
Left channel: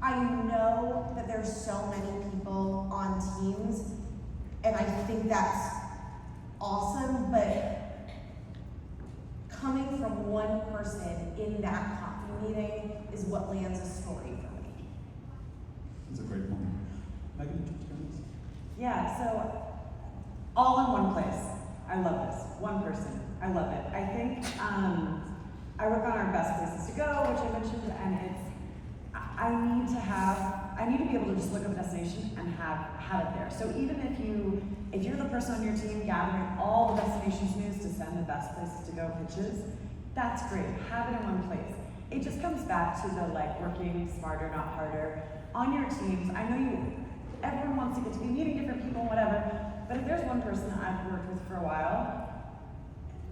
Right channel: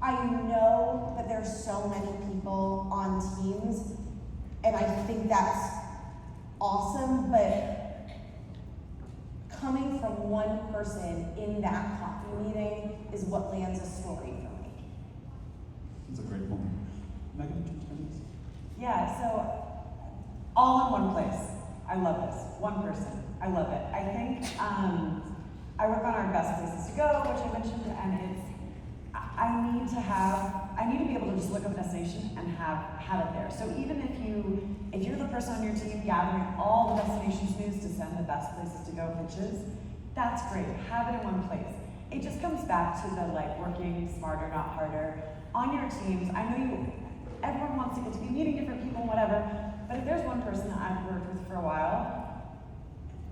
I know that there's so many people on teams, and I think that's awesome, but coming from one person in that coffee meeting is what lands a story for me. That's a great point. Megan? Yeah, so all in one place. I love this. One person. I love it. I think I work on our best places to go, which you mentioned, and it's I need to be able to just look up a destination and have it there. So even if you're the person on your team gathering all the destinations news to send the best places to go pitches, that's great. Have it in one place. It just comes back to the like working smarter, not harder on your teams. I know everyone wants to get to be meeting different people, whatever. But if there's one person that I've worked with for a while,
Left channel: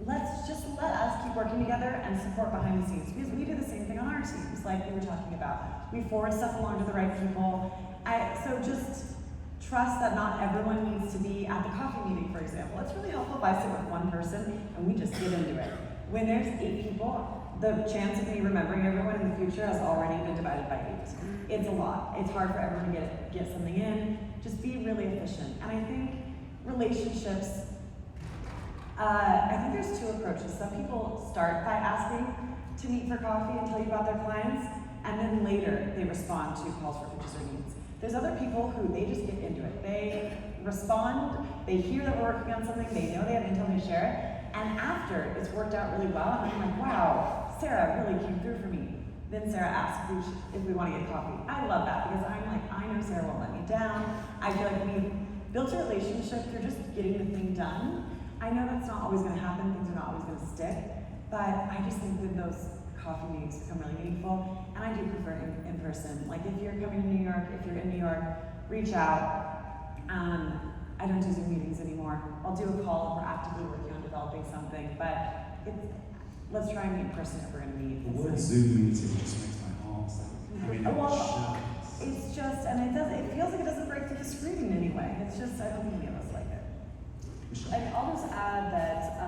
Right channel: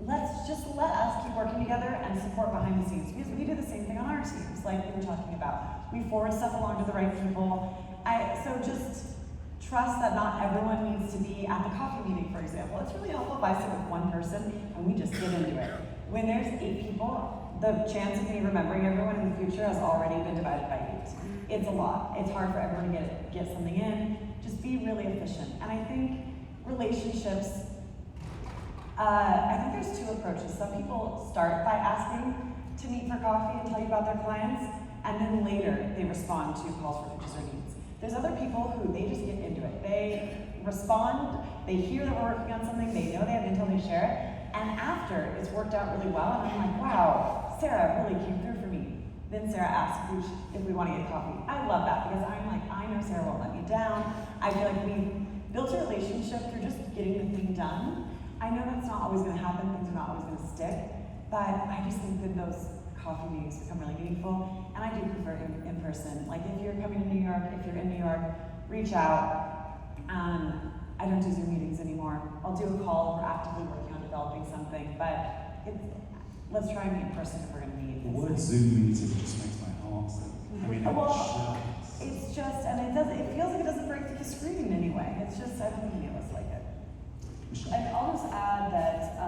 let us keep working together and support behind the scenes, because we do the same thing on our teams, like we were talking about. We forward stuff along to the right people. So just trust that not everyone needs to be at the coffee meeting, for example. It's really helpful if I sit with one person and we just get into it. When there's 8 people, the chance of me remembering everyone in the future has already been divided by 8. It's a lot. It's hard for everyone to get something in. Just be really efficient. And I think relationships, I think there's 2 approaches. Some people start by asking to meet for coffee and tell you about their clients, and then later they respond to calls for pitches or needs. There's other people who they just get into it. They respond, they hear that we're working on something, they know they have intel, they share it, and after it's worked out really well, and I'm like, wow, Sarah really came through for me. Then Sarah asks if we want to get coffee. I love that, because I'm like, I know Sarah won't let me down. I feel like we've built a relationship through just getting the thing done. I know that's not always going to happen, things are not always going to stick, but I just think that those coffee meetings become really meaningful, and I do prefer in person. Like if you're coming to New York, if you're in New York, reach out. I don't do Zoom meetings anymore. I'll do a call if we're actively working on developing something, but let's try and meet in person if we're going to meet. The word Zoom meeting just makes my heart sing. I mean, it's just, and it feels like it doesn't break through the screen in any way. It's just, I don't think any of us like it. And I'll just add that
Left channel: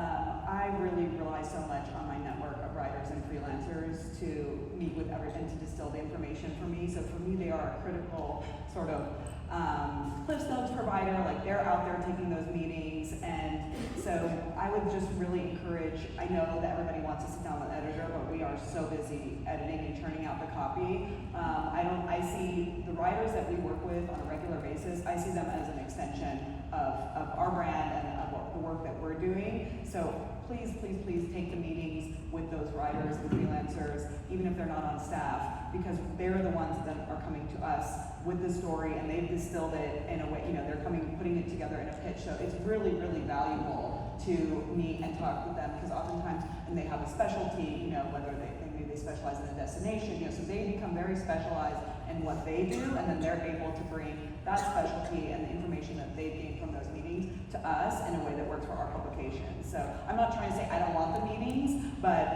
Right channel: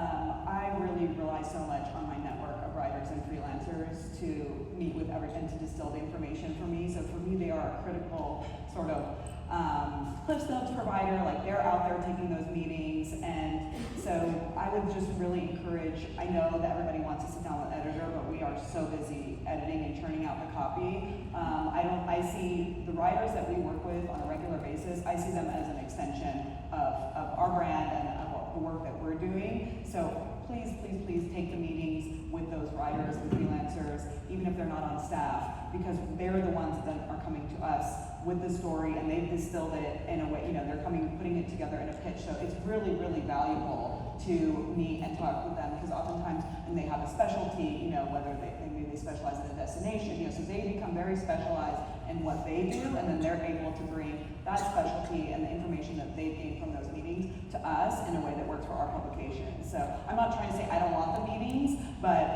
I really rely so much on my network of writers and freelancers to meet with everyone to distill the information for me. So for me, they are a critical sort of Cliff Notes provider. Like they're out there taking those meetings, and so I would just really encourage. I know that everybody wants to sit down with an editor, but we are so busy editing and churning out the copy. I see the writers that we work with on a regular basis. I see them as an extension of our brand and of the work that we're doing. So please take the meetings with those writers and freelancers, even if they're not on staff, because they're the ones that are coming to us with the story, and they've distilled it in a way, they're putting it together in a pitch. So it's really, really valuable to meet and talk with them, because oftentimes when they have a specialty, whether maybe they specialize in a destination, so they become very specialized in what they do, and then they're able to bring that specialty and the information that they've gained from those meetings to us in a way that works for our publication. So I'm not trying to say I don't want the meetings, but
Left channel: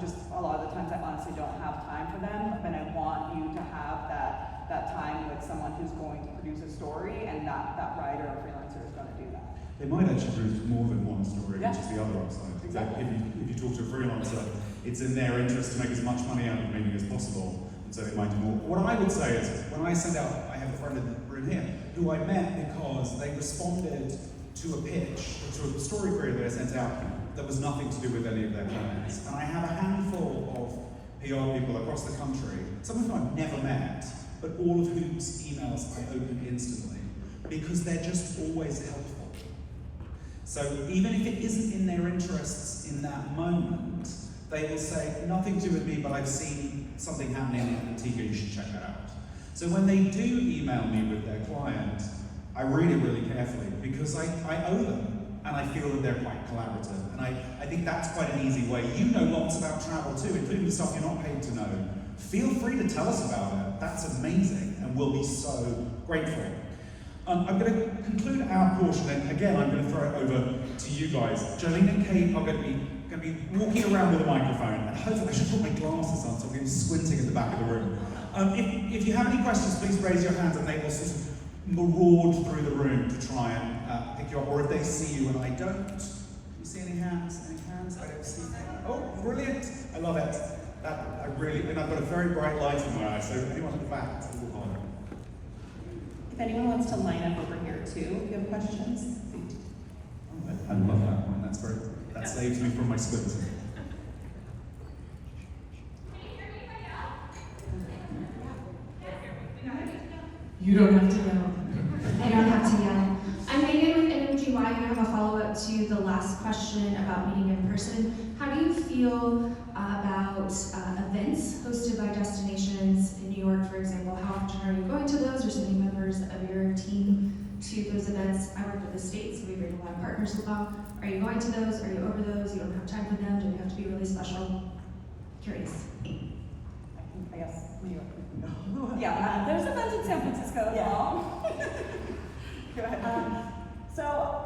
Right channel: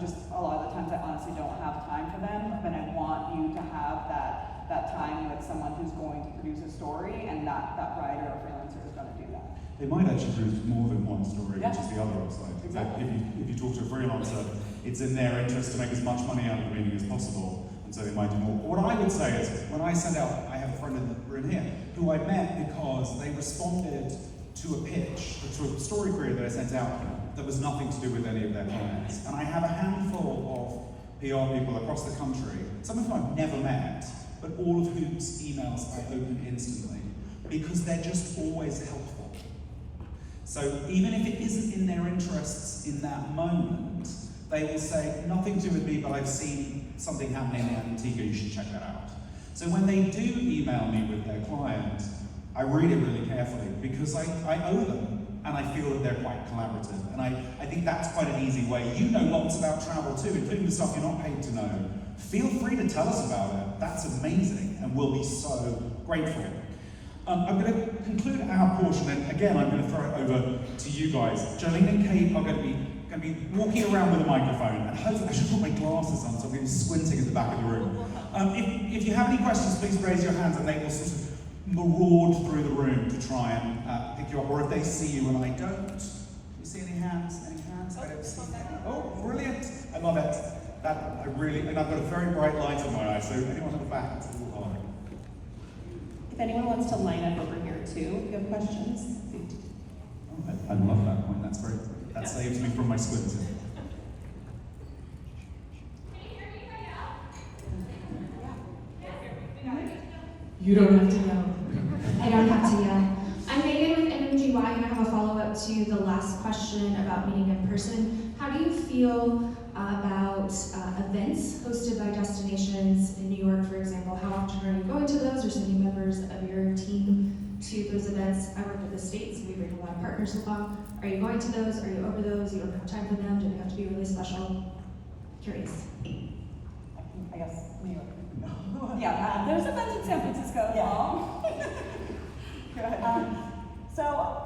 just a lot of the times I honestly don't have time for them, but I want you to have that time with someone who's going to produce a story, and that writer or freelancer is going to do that. They might actually produce more than one story, Yeah. which is the other upside. Exactly. If you talk to a freelancer, it's in their interest to make as much money out of reading as possible, and so they might do more. What I would say is, when I send out, I have a friend in the room here who I met because they responded to a pitch, to a story career that I sent out that was nothing to do with any of their clients. And I have a handful of PR people across the country, some of whom I've never met, but all of whose emails I open instantly, because they're just always helpful. So even if it isn't in their interests in that moment, they will say, nothing to do with me, but I've seen something happening in Antigua, you should check that out. So when they do email me with their client, I read it really carefully because I owe them and I feel that they're quite collaborative. And I think that's quite an easy way. You know lots about travel too, including the stuff you're not paid to know. Feel free to tell us about it. That's amazing and we'll be so grateful. I'm going to conclude our portion, and again, I'm going to throw it over to you guys. Jolene and Kate are going to be walking around with a microphone, and hopefully I should put my glasses on, so I'm going to be squinting at the back of the room. If you have any questions, please raise your hands, and they will sort of maraud through the room to try and pick you up, or if they see you and I don't. Do you see any hands? Any hands? I don't see any. Oh, brilliant! I love it. And I've got a very bright light in my eyes, so anyone at the back, it's a little harder. If anyone wants to line up over here too, if you have questions. I love that one. That's great. That saves me from my squinting. You don't have to yell. I don't have to yell. I'm Megan with NMGY, and I have a follow-up to the last question about meeting in person. How do you feel about events hosted by destinations in New York, for example? How often are you going to those, or sending members of your team to those events? I work with the state, so we bring a lot of partners along. Are you going to those? Are you over those? You don't have time for them? Do they have to be really special? Curious. I guess New York. Yeah, there's events in San Francisco. Yeah. Go ahead. So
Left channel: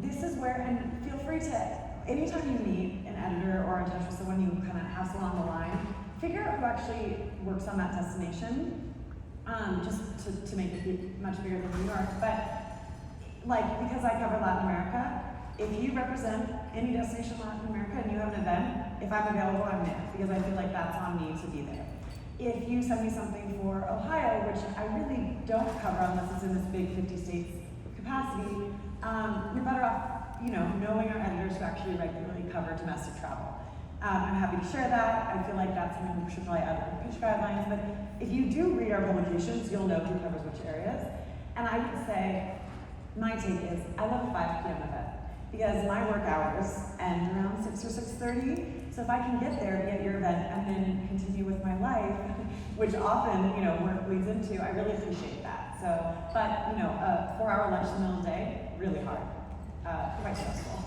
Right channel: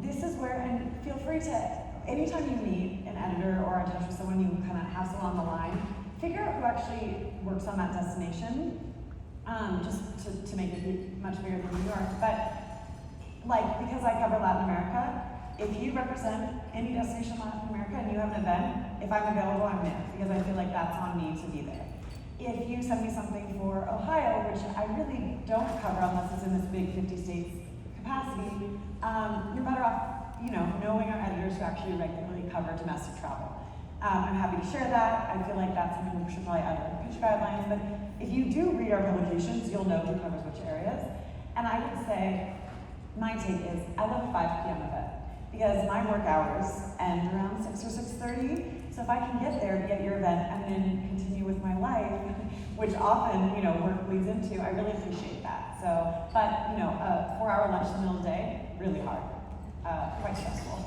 this is where, and feel free to, anytime you meet an editor or a judge or someone, you kind of have someone on the line, figure out who actually works on that destination, just to make it much bigger than New York. But like, because I cover Latin America, if you represent any destination in Latin America and you have an event, if I'm available, I'm there, because I feel like that's on me to be there. If you send me something for Ohio, which I really don't cover unless it's in this big 50 states capacity, you're better off, knowing our editors who actually regularly cover domestic travel. I'm happy to share that. I feel like that's something we should probably add in the pitch guidelines, but if you do read our publications, you'll know who covers which areas. And I would say, my take is, I love a 5 p.m. event, because my work hours end around 6 or 6:30, so if I can get there, get your event, and then continue with my life, which often, work leads into, I really appreciate that. So, but, 4-hour lunch in the middle of the day, really hard, quite stressful.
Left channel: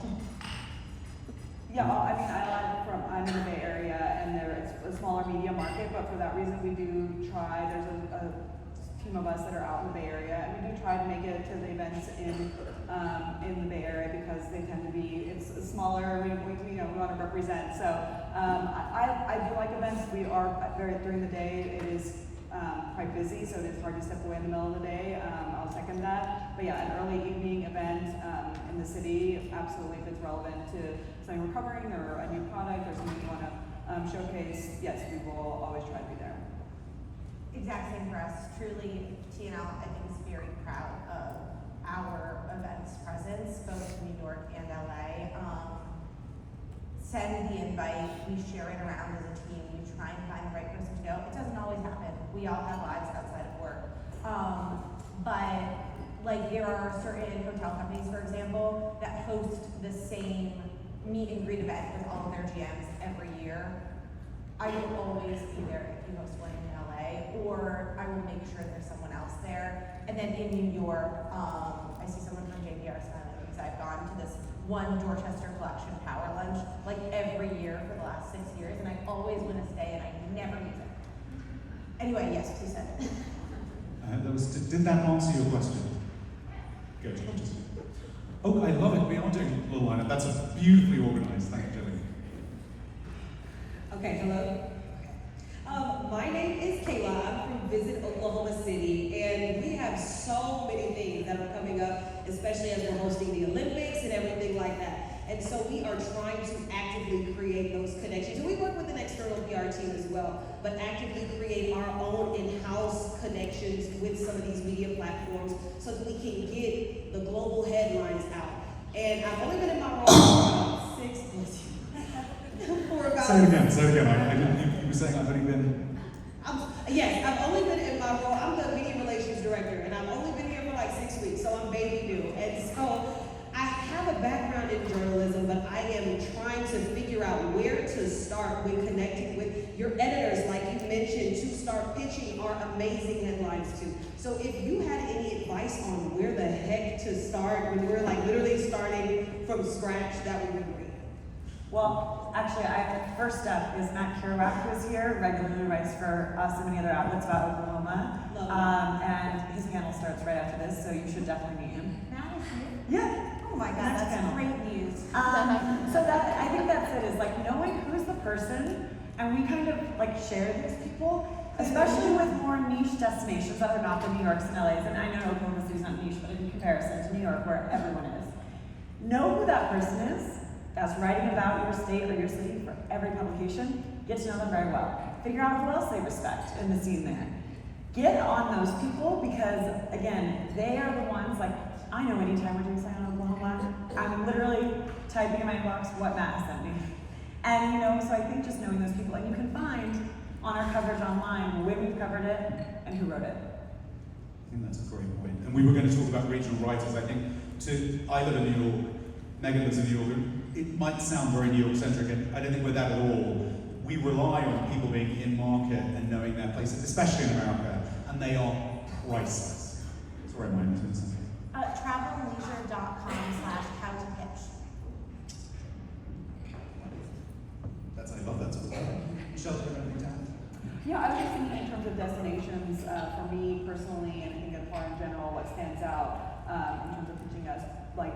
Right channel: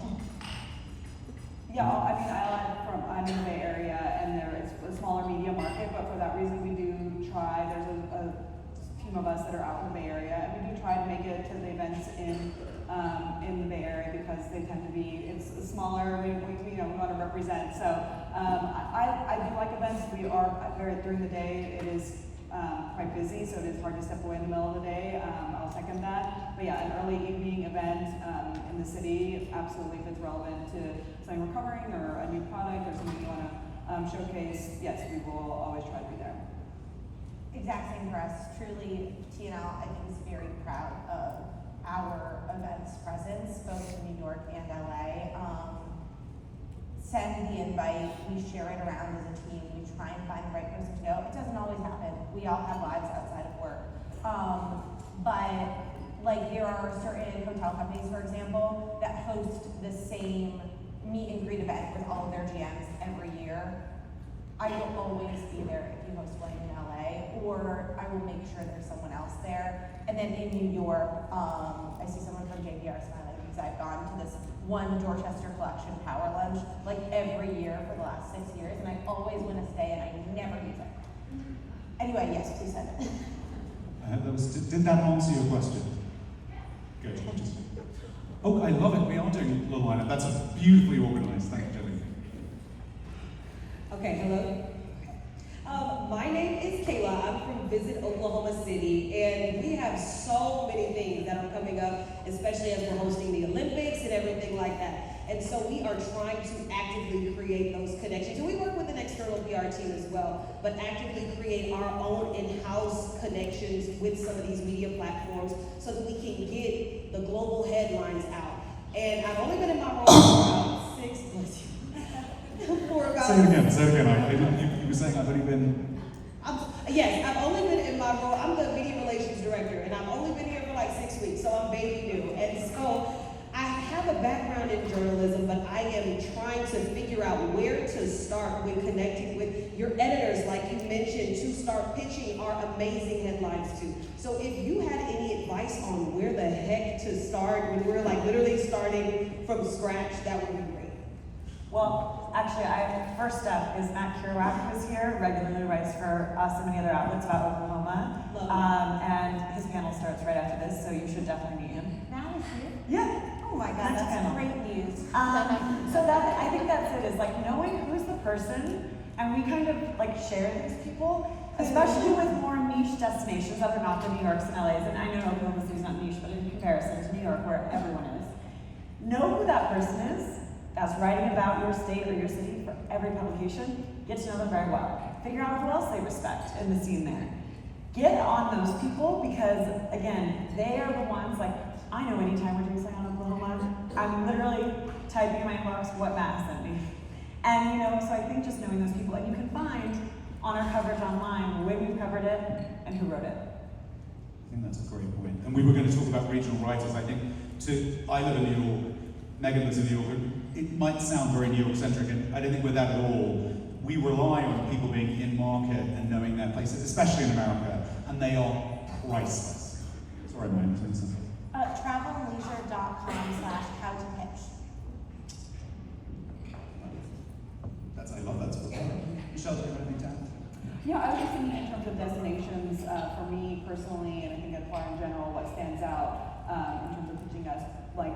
Yeah, I'm in the Bay Area, and it's a smaller media market, but for that reason, we do try, there's a team of us that are out in the Bay Area, and we do try to make it to the events in the Bay Area, because they tend to be, it's smaller, we want to represent. So I do like events. We are during the day, it is quite busy, so it is hard to step away in the middle of the day. I'll second that. But yeah, an early evening event in the city, absolutely, if it's relevant to something we're covering or a new product or something you want to showcase, yes, we will always try to be there. Exact same for us. Truly, TNL, I think, is very proud of our events presence, both in New York and LA. Send the invite, we share it around as a team, we try and find the right person to go. It doesn't always happen. We all have lives outside of work. But like, there are certain hotel companies, for example, that host the same meet and greet event with all of their GMs every year. I will always be there if you host one in LA, or I will make sure there's someone else there. And then in New York, I see someone from JPRSA because I've gone to this one Dorchester Collection Power Lunch like every year for the last 6 years, and I always want to stay, and I never use it. Anyway, yes, please send it. Did that answer your question? Good. Oh, I love it. We are doing a little lineup. That's beautifully organized. Thank you, Jenny. Okay, hello. My name is Kayla. I'm from Visit Oklahoma City, and we have so many things that are coming up, especially as we're hosting the Olympics and everything like that. And so we are trying to actively create those connections. And we work with an external PR team as well, but actively create our own in-house connections with some of these media platforms so that we can get the global headlines out. is Matt Kerouac, who's here, regularly writes for us and many other outlets about Oklahoma. And his panel starts right after this, so you should definitely meet him. Matt is here? Yeah. Oh my God, Next that's panel. great news. So that, I think that's it, is like knowing who's the person, and we kind of like share these people, especially with more niche destinations that are not the New Yorks and LAs, and I know Oklahoma City's not niche, but in comparison to New York, where everyone is. Know who that person is, as writing about your state or your city for every publication, get to know them very well. Figure out who else they respect in the scene there. Get on those people, because again, they are the ones, like, I know anytime we're doing something on Oklahoma, I'm literally typing in my inbox what Matt has sent me. And you know, so I think just knowing those people, and you can find on our coverage online the way we've covered it and who wrote it. I think that's a great point. And we were going to talk about regional writers. I think I live in New York, Megan lives in New York, and it might sound very New York centric, and I don't think we're that at all. We rely on people being in market and knowing their places, especially in America, and they are priceless. Sorry, my name is Travelleisure.com/how-to-pitch. I love that sort of thing. Michelle, do you have anything to add? You know, I was just thinking in terms of destinations, for me personally, and I think at FAR in general, what stands out in terms of pitching us, like,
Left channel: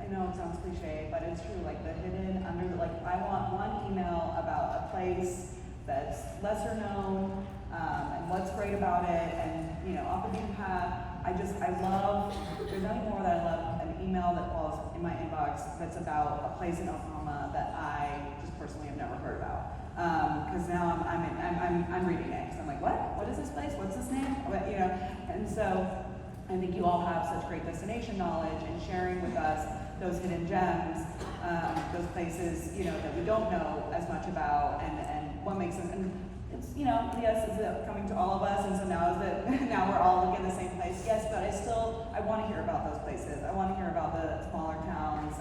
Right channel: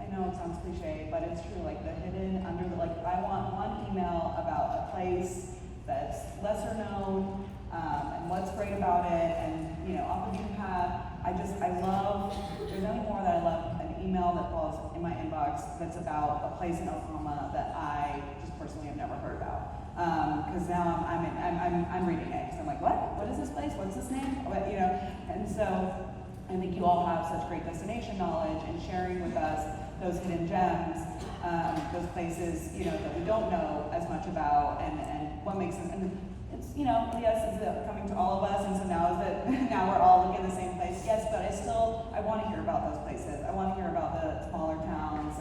I know it sounds cliche, but it's true, like the hidden under the, like, I want one email about a place that's lesser known, and what's great about it, and, you know, off the beaten path. I love, there's nothing more that I love an email that falls in my inbox that's about a place in Oklahoma that I just personally have never heard about. Because now I'm reading it, because I'm like, what is this place? What's this name? What, you know? And so I think you all have such great destination knowledge and sharing with us those hidden gems, those places, you know, that we don't know as much about, and what makes them. And it's, you know, yes, is it coming to all of us, and so now is it now we're all looking at the same place? Yes, but I want to hear about those places. I want to hear about the smaller towns,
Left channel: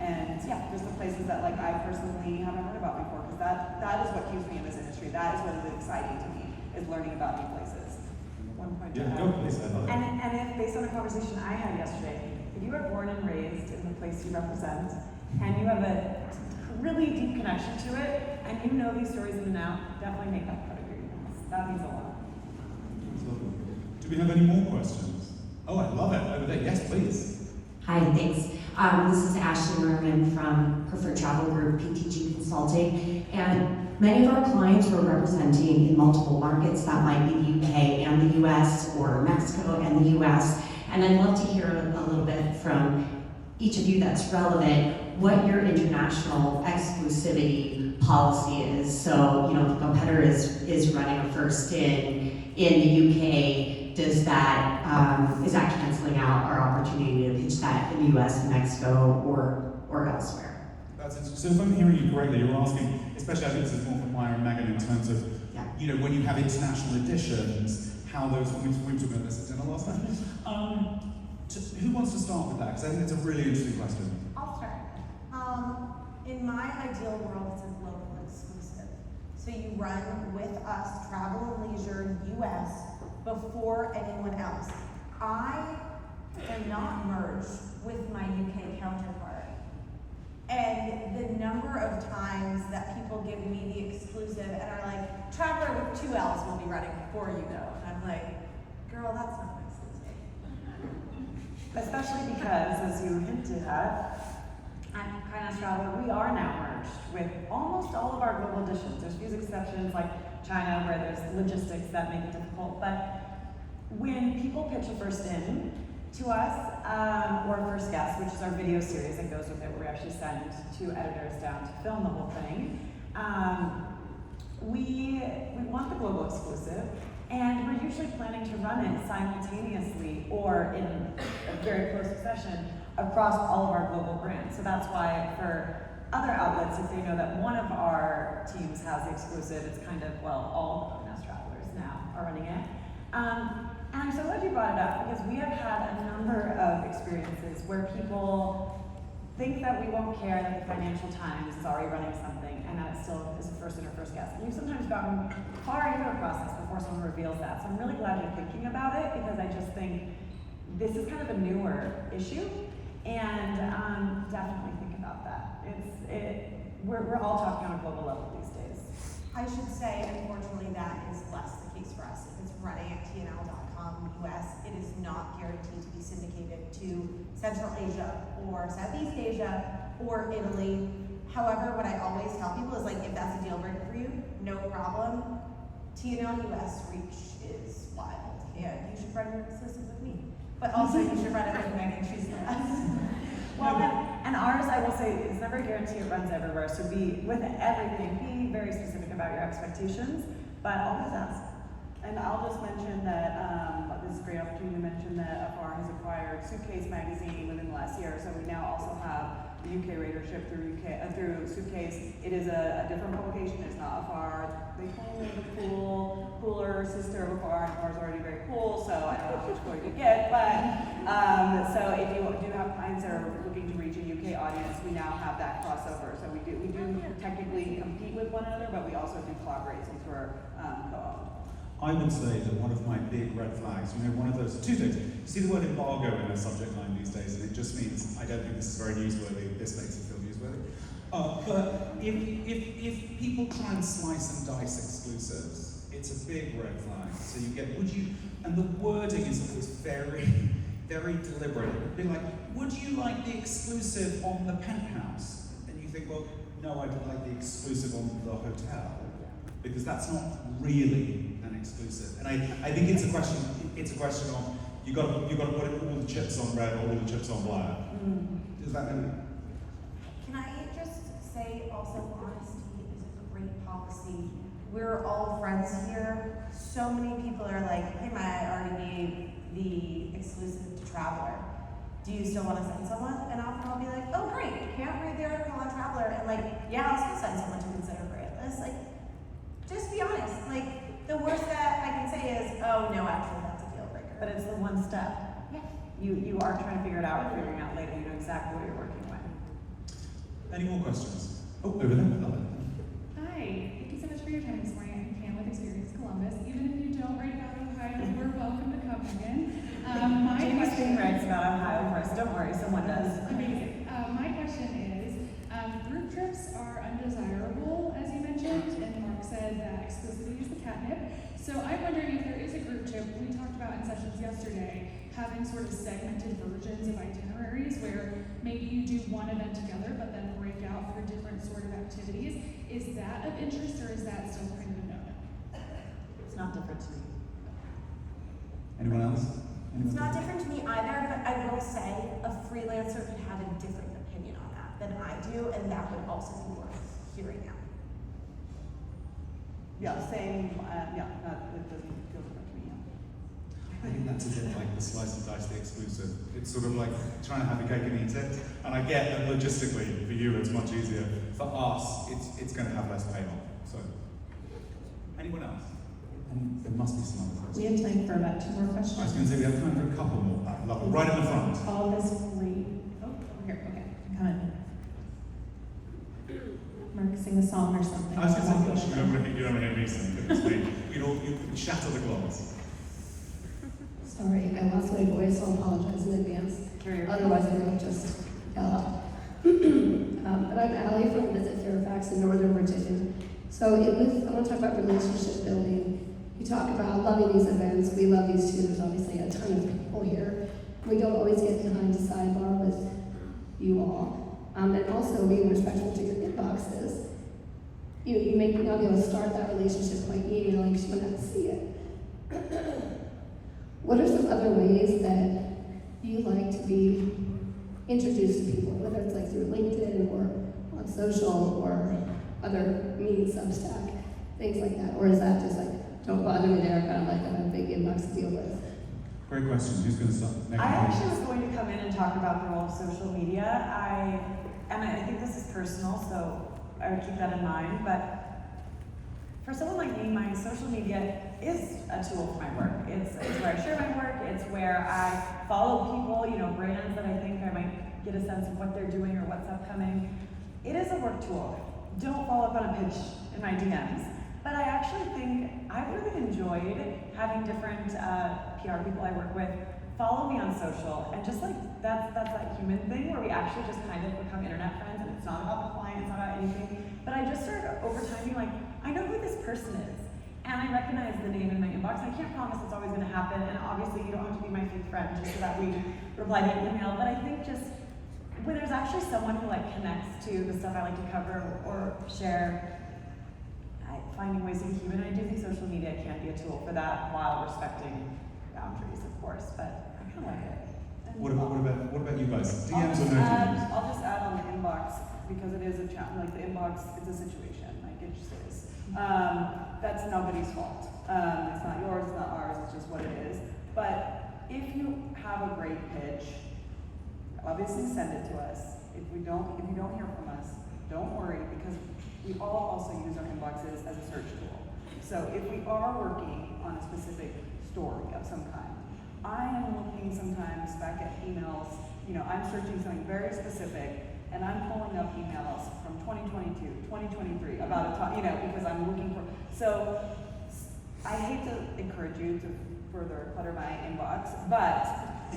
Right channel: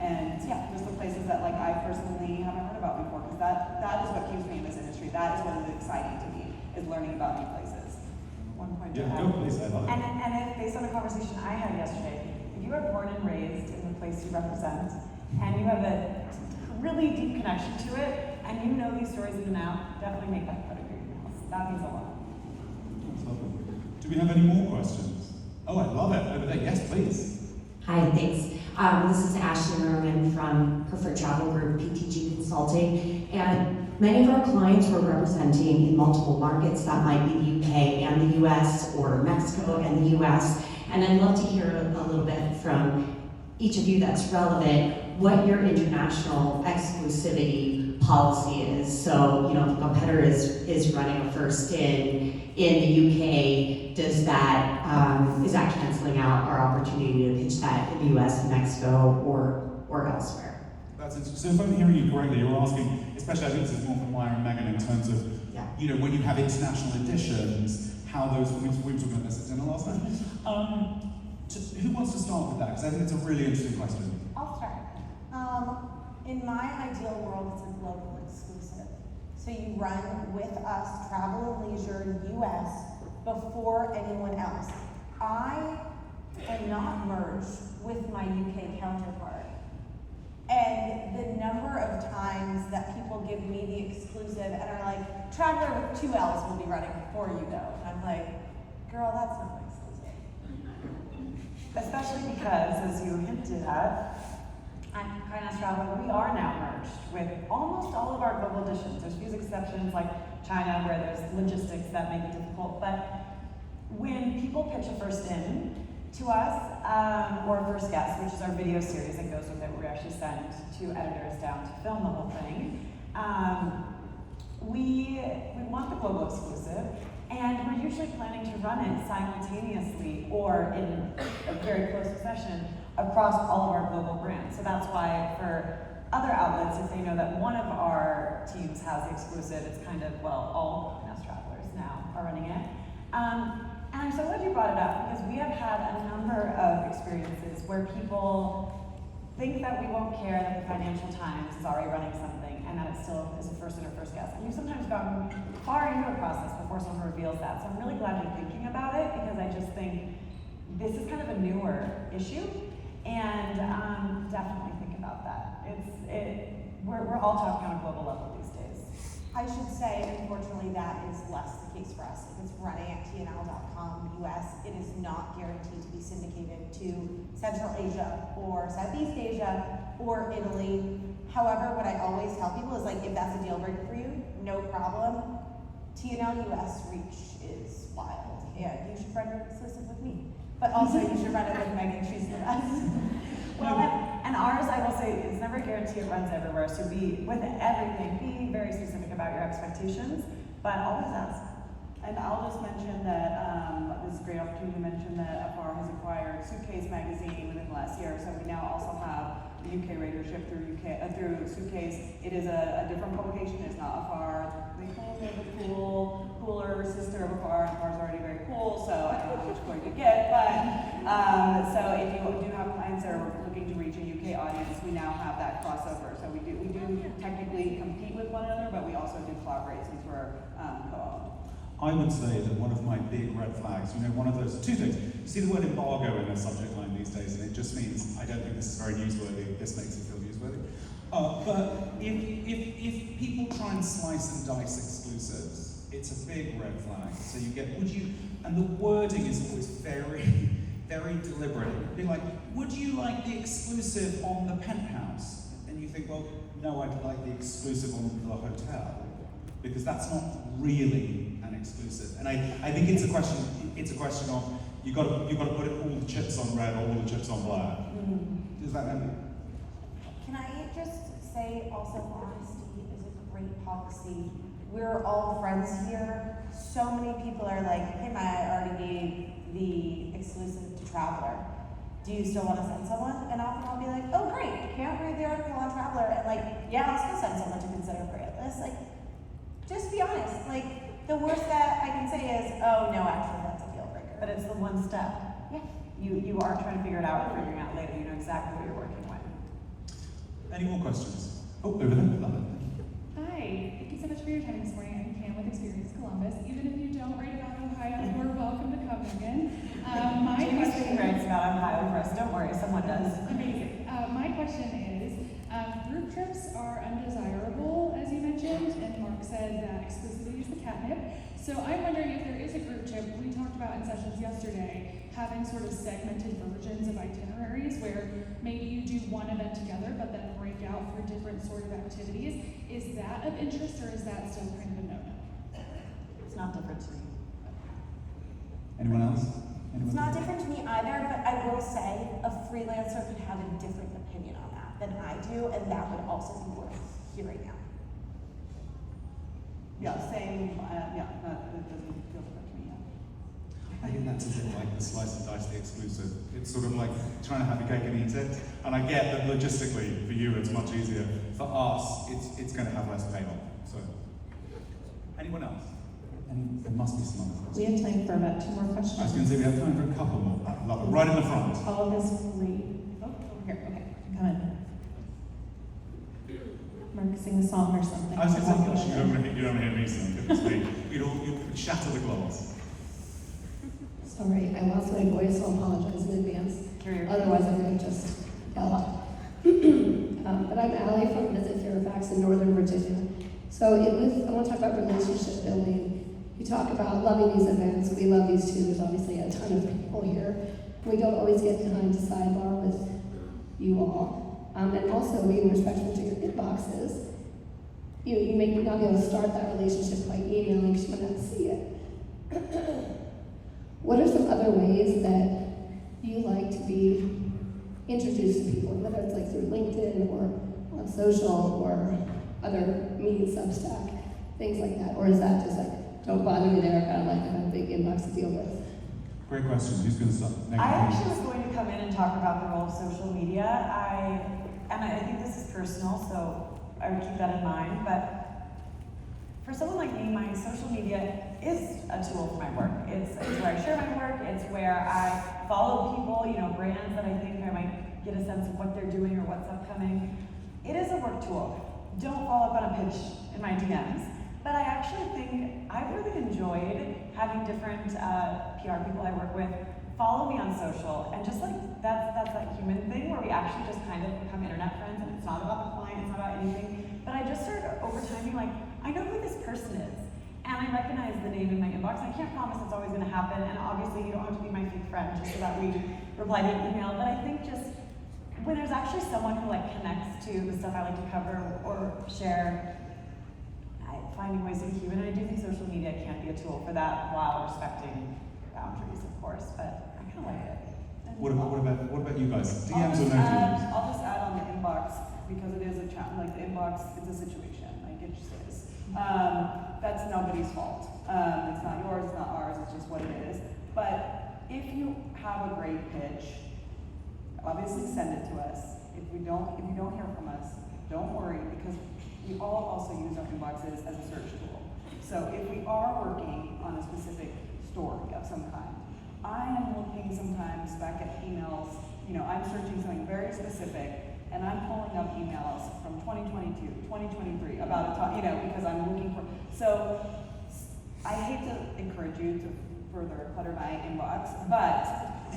and yeah, just the places that like I personally haven't heard about before, because that is what keeps me in this industry. That is what is exciting to me, is learning about new places. One point Yeah, to go add. please, I love it. And if, based on the conversation I had yesterday, if you are born and raised in the place you represent, and you have a really deep connection to it, and you know these stories in and out, definitely make that part of your emails. That means a lot. Do we have any more questions? Oh, I love it. Over there. Yes, please. Hi, thanks. This is Ashley Merman from Preferred Travel Group, PTG Consulting, and many of our clients were representing in multiple markets. That might be the UK and the US, or Mexico and the US, and I'd love to hear a little bit from each of you that's relevant, what your international exclusivity policy is. So, you know, if a competitor is running a first in the UK, does that is that canceling out our opportunity to pitch that in the US and Mexico or elsewhere? That's interesting. So if I'm hearing you correctly, you're asking, especially I think this is more for Maya and Megan in terms of, you know, when you have international editions, how those, we were talking about this at dinner last night. Who wants to start with that? Because I think it's a really interesting question. I'll start. In my ideal world, it's a global exclusive. So you run with us, Travel and Leisure US, before anyone else. I am not merged with my UK counterpart. And the number of times that people give me the exclusive and are like, Traveler with 2 L's will be running before you know. And I'm like, girl, that's not my Especially because, as you hinted at, Finance Traveler, we are now merged with almost all of our global editions. There's few exceptions like China where there's logistics that make it difficult, but when people pitch a first in to us, or a first guest, which is our video series that goes with it, where we actually send 2 editors down to film the whole thing, we want the global exclusive. And we're usually planning to run it simultaneously or in a very close succession across all of our global brands. So that's why for other outlets, if they know that one of our teams has the exclusive, it's kind of, well, all the Finance Travelers now are running it. And I'm so glad you brought it up, because we have had a number of experiences where people think that we won't care that the Financial Times is already running something and that it still is a first in or first guest. And we've sometimes gotten far into the process before someone reveals that. So I'm really glad you're thinking about it, because I just think this is kind of a newer issue, and definitely think about that. We're all talking on a global level these days. I should say, unfortunately, that is less the case for us. If it's running at tnl.com US, it is not guaranteed to be syndicated to Central Asia or Southeast Asia or Italy. However, what I always tell people is like, if that's a deal breaker for you, no problem. TNL US reach is wild, and you should run your exclusive with me. But also, you should run it with Megan. She's the best. Well, and ours, I will say, it's never guaranteed it runs everywhere. So with everything, be very specific about your expectations, but always ask. And I'll just mention that this is a great opportunity to mention that Afar has acquired Suitcase magazine within the last year. So we now also have the UK readership through Suitcase. It is a different publication. It's not Afar. They call it the cooler sister of Afar. Afar's already very cool, so I don't know which one you get. But so if you do have clients that are looking to reach a UK audience, we now have that crossover. So we do technically compete with one another, but we also do collaborate since we're co-owned. I would say that one of my big red flags, one of those, two things. You see the word embargo in a subject line these days, and it just means, I don't think this is very newsworthy, this makes it feel newsworthy. But if people try and slice and dice exclusives, it's a big red flag. So you get, and the wording is always very, very deliberate. It would be like, would you like the exclusive on the penthouse? And you think, well, no, I'd like the exclusive on the hotel, because that's not really an exclusive. And I think it's a question of, you got to put all the chips on red, all the chips on black. Does that make sense? Can I just say also, honesty is a great policy. We're all friends here. So many people are like, hey, Matt, I already gave the exclusive to Traveler. Do you still want to send someone? And often I'll be like, oh, great, can't read the article on Traveler. And like, yeah, I'll still send someone to consider for it. It's like, just be honest. Like, the worst that I can say is, oh, no, actually, that's a deal breaker. But it's the one step. Yeah. You are trying to figure it out, figuring out later. You know exactly what you're working with. Any more questions? Oh, over there. Hi, thank you so much for your time this morning. I'm Pam with Experience Columbus. Even if you don't write about Ohio, we're welcome to come again. Jamie's being writes about Ohio for us. Don't worry, someone does. Amazing. My question is, group trips are undesirable, as you mentioned, and Mark said that exclusivity is the catnip. So I'm wondering if there is a group trip. We talked about in sessions yesterday, having sort of segmented versions of itineraries where maybe you do one event together, but then break out for different sort of activities. Is that of interest, or is that still kind of a no-no? It's not different to me. Anyone else? It's not different to me either, but I will say a freelancer could have a different opinion on that than I do, and that would also be worth hearing out. Yeah, same, it doesn't feel good to me. I think that's a bit like the slice and dice the exclusive. It's sort of like trying to have your cake and eat it. And I get that logistically, for you, it's much easier. For us, it's going to have less payoff. So, anyone else? There must be some other questions. We have time for about 2 more I was questions. going to say we have time for a couple more. I love it. Right in the front. All of us free. Oh, here, okay. Come on. Mark, sing a song or something. I was going to say, you don't want to hear me sing, goodness me. You shatter the glass. Sorry, I lost my voice, so I'll apologize in advance. Otherwise, I would just yell out. But I'm Allie from Visit Fairfax in Northern Virginia. So I want to talk about relationship building. You talk about loving these events. We love these too. There's obviously a ton of people here. We don't always get behind the sidebar with you all. And also, being respectful to your inboxes. You may not be able to start that relationship by emailing because you don't see it. What are some other ways that you like to be introduced to people, whether it's like through LinkedIn or on social or other means, Substack, things like that? Or is that just like, don't bother me there, kind of like I have a big inbox to deal with? Great question. Who's going to start? I actually was going to come in and talk about the role of social media. I think this is personal, so I would keep that in mind. But for someone like me, my social media is a tool for my work. It's where I share my work. It's where I follow people, brands that I think I might get a sense of what they're doing or what's upcoming. It is a work tool. Don't follow up on a pitch in my DMs. But I actually think I've really enjoyed having different PR people I work with follow me on social, and just like that's that human thing where we actually just kind of become internet friends, and it's not about the client, it's not about anything. But I just started over time being like, I I know who this person is, and I recognize the name in my inbox. I can't promise it's always going to happen, and obviously you don't have to be my fake friend just so that we reply to an email, but I think just when there's actually someone who like connects to the stuff I like to cover or share, finding ways to be human. I do think social media can be a tool for that while respecting boundaries, of course, but I kind of like it. What about you guys? DMs or no DMs? I'll just add on the inbox, because it is a challenge, like the inbox, it's a situation, like it just is. That's nobody's fault. It's not yours, it's not ours, it's just what it is. But if you have a great pitch, obviously send it to us. If you don't hear from us, don't worry, because we all also use our inboxes as a search tool. So if we are working on a specific story of some kind, I am looking sometimes back at emails, I'm searching something very specific, and I'm pulling up emails from 2022, 2023 about a topic, because I'm looking for, so I hate to encourage you to further clutter my inbox, but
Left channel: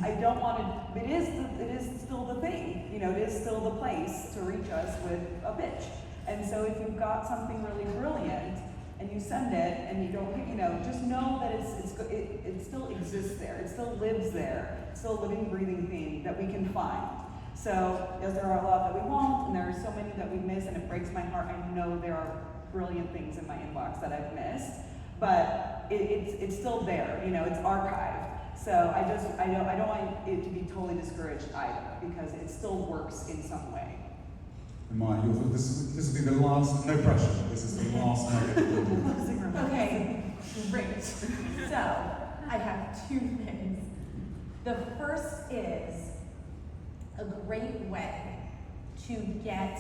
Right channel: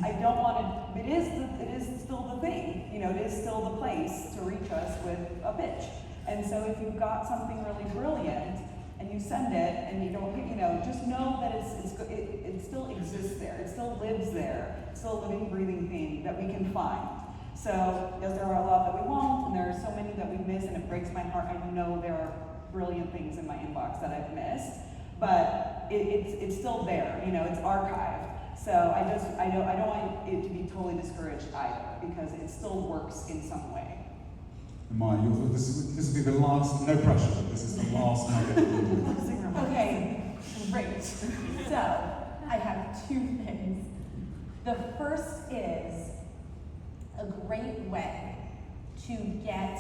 I don't want to, it is still the thing, it is still the place to reach us with a pitch. And so if you've got something really brilliant, and you send it, and you don't, just know that it still exists there, it still lives there, it's still a living, breathing thing that we can find. So, yes, there are a lot that we won't, and there are so many that we miss, and it breaks my heart. I know there are brilliant things in my inbox that I've missed, but it's still there, it's archived. So I don't want it to be totally discouraged either, because it still works in some way. Maya, this will be the last, no pressure, this is the last Okay, great. So, I have two things. The first is a great way to get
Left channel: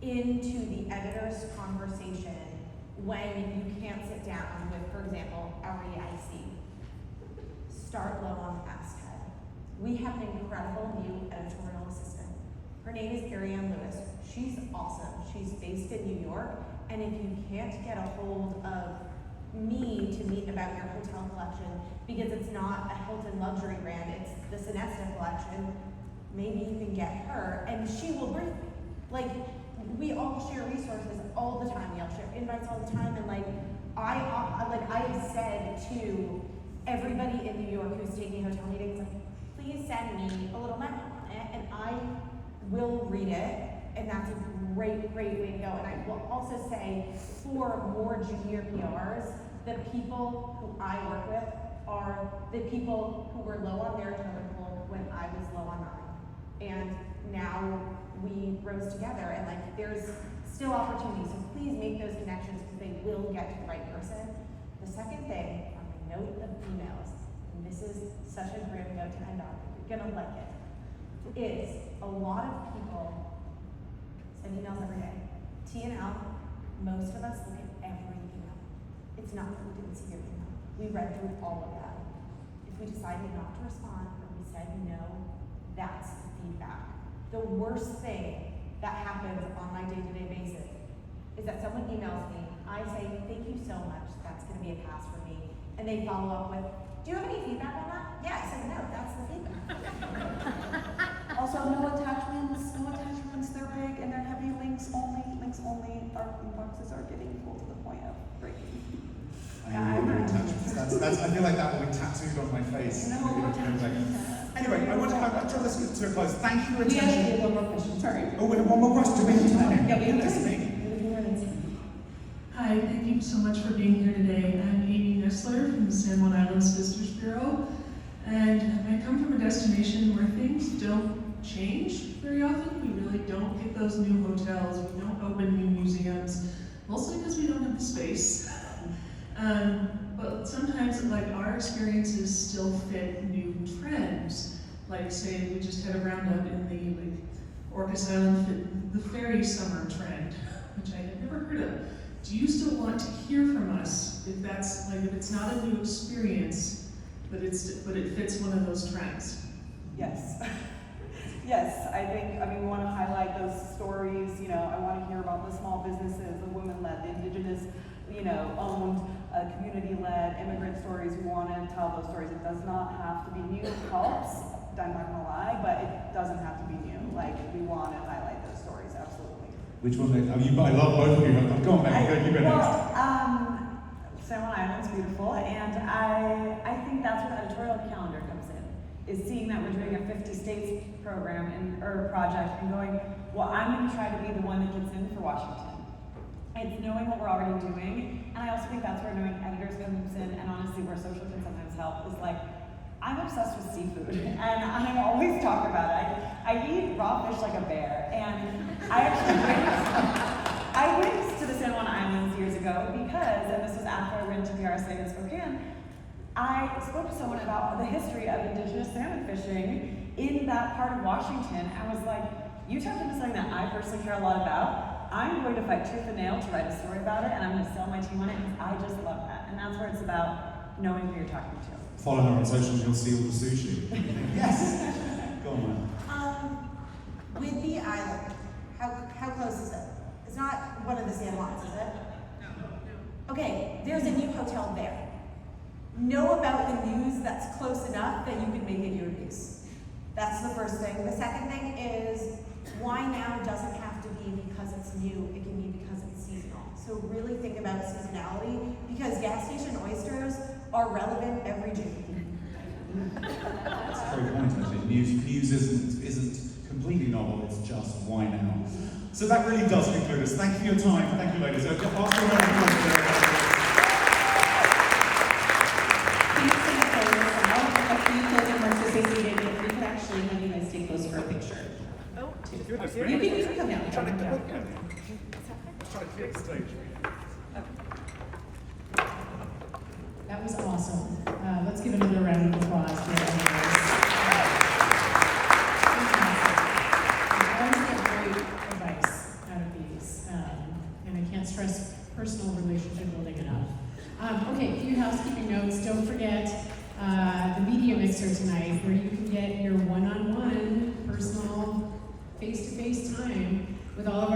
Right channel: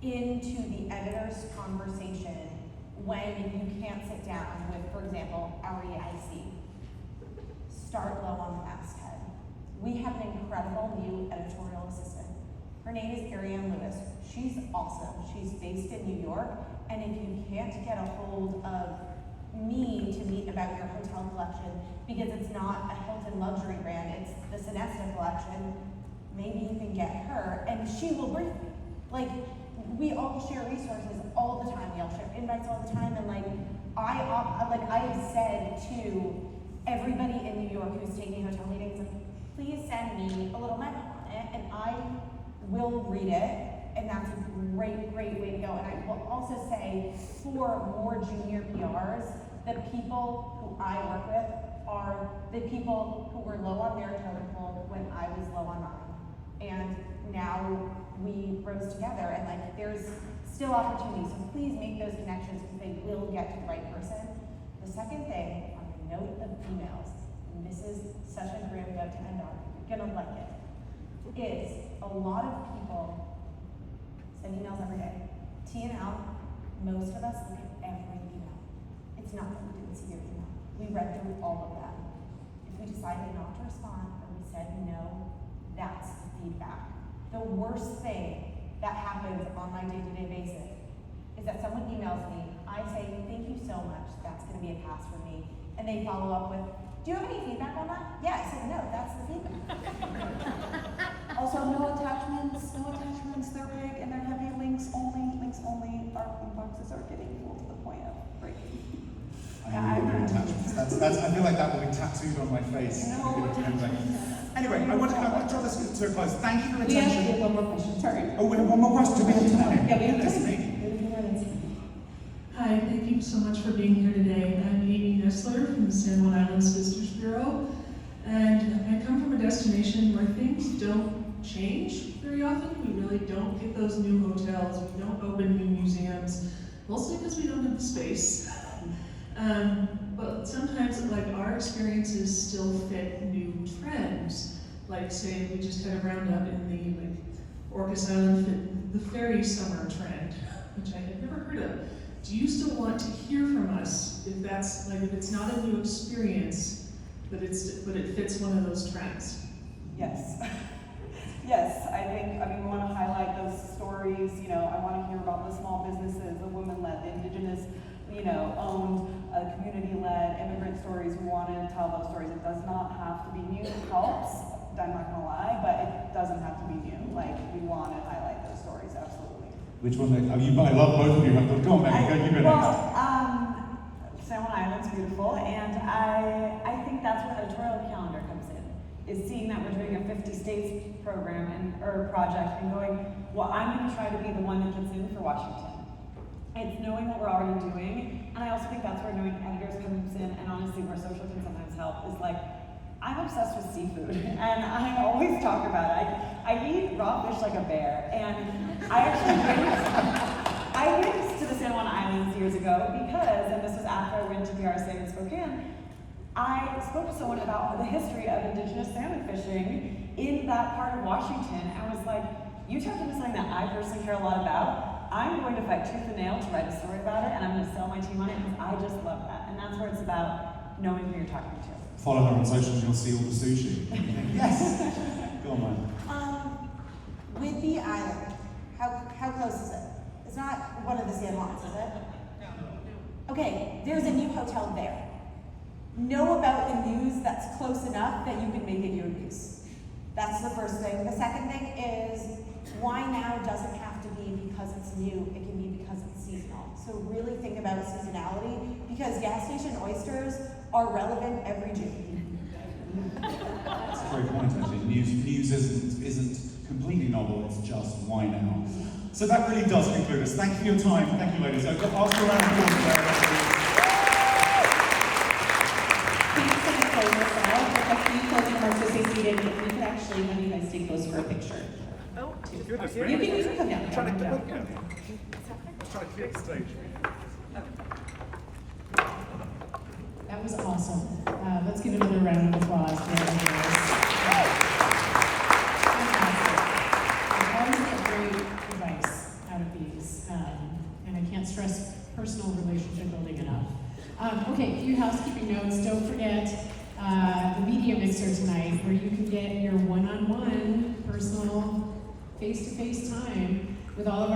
into the editor's conversation when you can't sit down with, for example, REIC. Start low on the masthead. We have an incredible new editorial assistant. Her name is Ariane Lewis. She's awesome. She's based in New York, and if you can't get a hold of me to meet about your hotel collection, because it's not a Hilton luxury brand, it's the Sonesta collection, maybe you can get her, and she will brief me. Like, we all share resources all the time. We all share invites all the time, and I have said to everybody in New York who's taking hotel meetings, please send me a little memo on it, and I will read it, and that's a great way to go. And I will also say, for more junior PRs, the people who I work with are the people who were low on their totem pole when I was low on mine. And now we rose together, and there's still opportunities, so please make those connections, because they will get to the right person. The second thing, on the note of emails, and this is such a great note to end on, you're gonna like it, is a lot of people send emails every day. T and L, most of us look at every email. It's not that we didn't see your email. We read through all of them. If we decided not to respond, or we said no, that's the feedback. The worst thing that happens on my day-to-day basis is that someone emails me, I say, thank you so much, that's gonna be a pass for me. And they follow up with, do you have any feedback on that? Yeah, I said, no, that's the feedback. Also, no attachments, they're big, and they're heavy, links only. Our inboxes are getting full to the point of breaking. I know your attachments. I feel like that will be tattooed on my face. Anyway, I want to draw this to a close. Thank you for your attention. We have one more question, sorry. Oh, we have one more question. Do we have time? Yeah, we have Goodness time. me. Hi, thank you so much for being here today. I'm Amy Nestler from the San Juan Islands Visitors Bureau, and I come from a destination where things don't change very often. We really don't get those new hotels, we don't open new museums, mostly because we don't have the space. But sometimes our experiences still fit new trends. Like say we just had a roundup in the Orcas Island fit the fairy summer trend, which I had never heard of. Do you still want to hear from us if that's if it's not a new experience, but it fits one of those trends? Yes. Yes, I think, we want to highlight those stories, I want to hear about the small businesses, the women-led, the indigenous, owned, community-led, immigrant stories. We want to tell those stories. It does not have to be new. It helps, I'm not going to lie, but it doesn't have to be new. We want to highlight those stories, absolutely. Which one? I love both of you. Go on, Megan, you go next. San Juan Island's beautiful, and I think that's where editorial calendar comes in, is seeing that we're doing a 50 states program or project and going, well, I'm going to try to be the one that gets in for Washington. It's knowing what we're already doing, and I also think that's where knowing editors comes in, and honestly where social can sometimes help, is like, I'm obsessed with seafood, and I always talk about it. I eat raw fish like a bear, and I went to the San Juan Islands years ago because, and this was after I went to PRSA in Spokane, I spoke to someone about the history of indigenous salmon fishing in that part of Washington, and was like, you tapped into something that I personally care a lot about. I'm going to fight tooth and nail to write a story about it, and I'm going to sell my team on it, because I just love that. And that's where it's about knowing who you're talking to. Follow her on socials, you'll see all the sushi. Yes. Go on, Mike. With the island, how close is it? It's not one of the San Juans, is it? No. Okay, there's a new hotel there. Know about the news that's close enough that you can make it your news. That's the first thing. The second thing is, why now doesn't have to be because it's new, it can be because it's seasonal. So really think about seasonality, because gas station oysters are relevant every June. That's a very good point, actually. News isn't completely novel, it's just why now. So that really does conclude us. Thank you for your time. Thank you, ladies. I'll ask you a round of applause. Goodness, You can come down. I'm trying to clear the stage. That was awesome. Let's give another round of applause for the I always get great advice out of these, and I can't stress personal relationship building enough. Okay, a few housekeeping notes. Don't forget the media mixer tonight, where you can get your one-on-one personal face-to-face time with all of our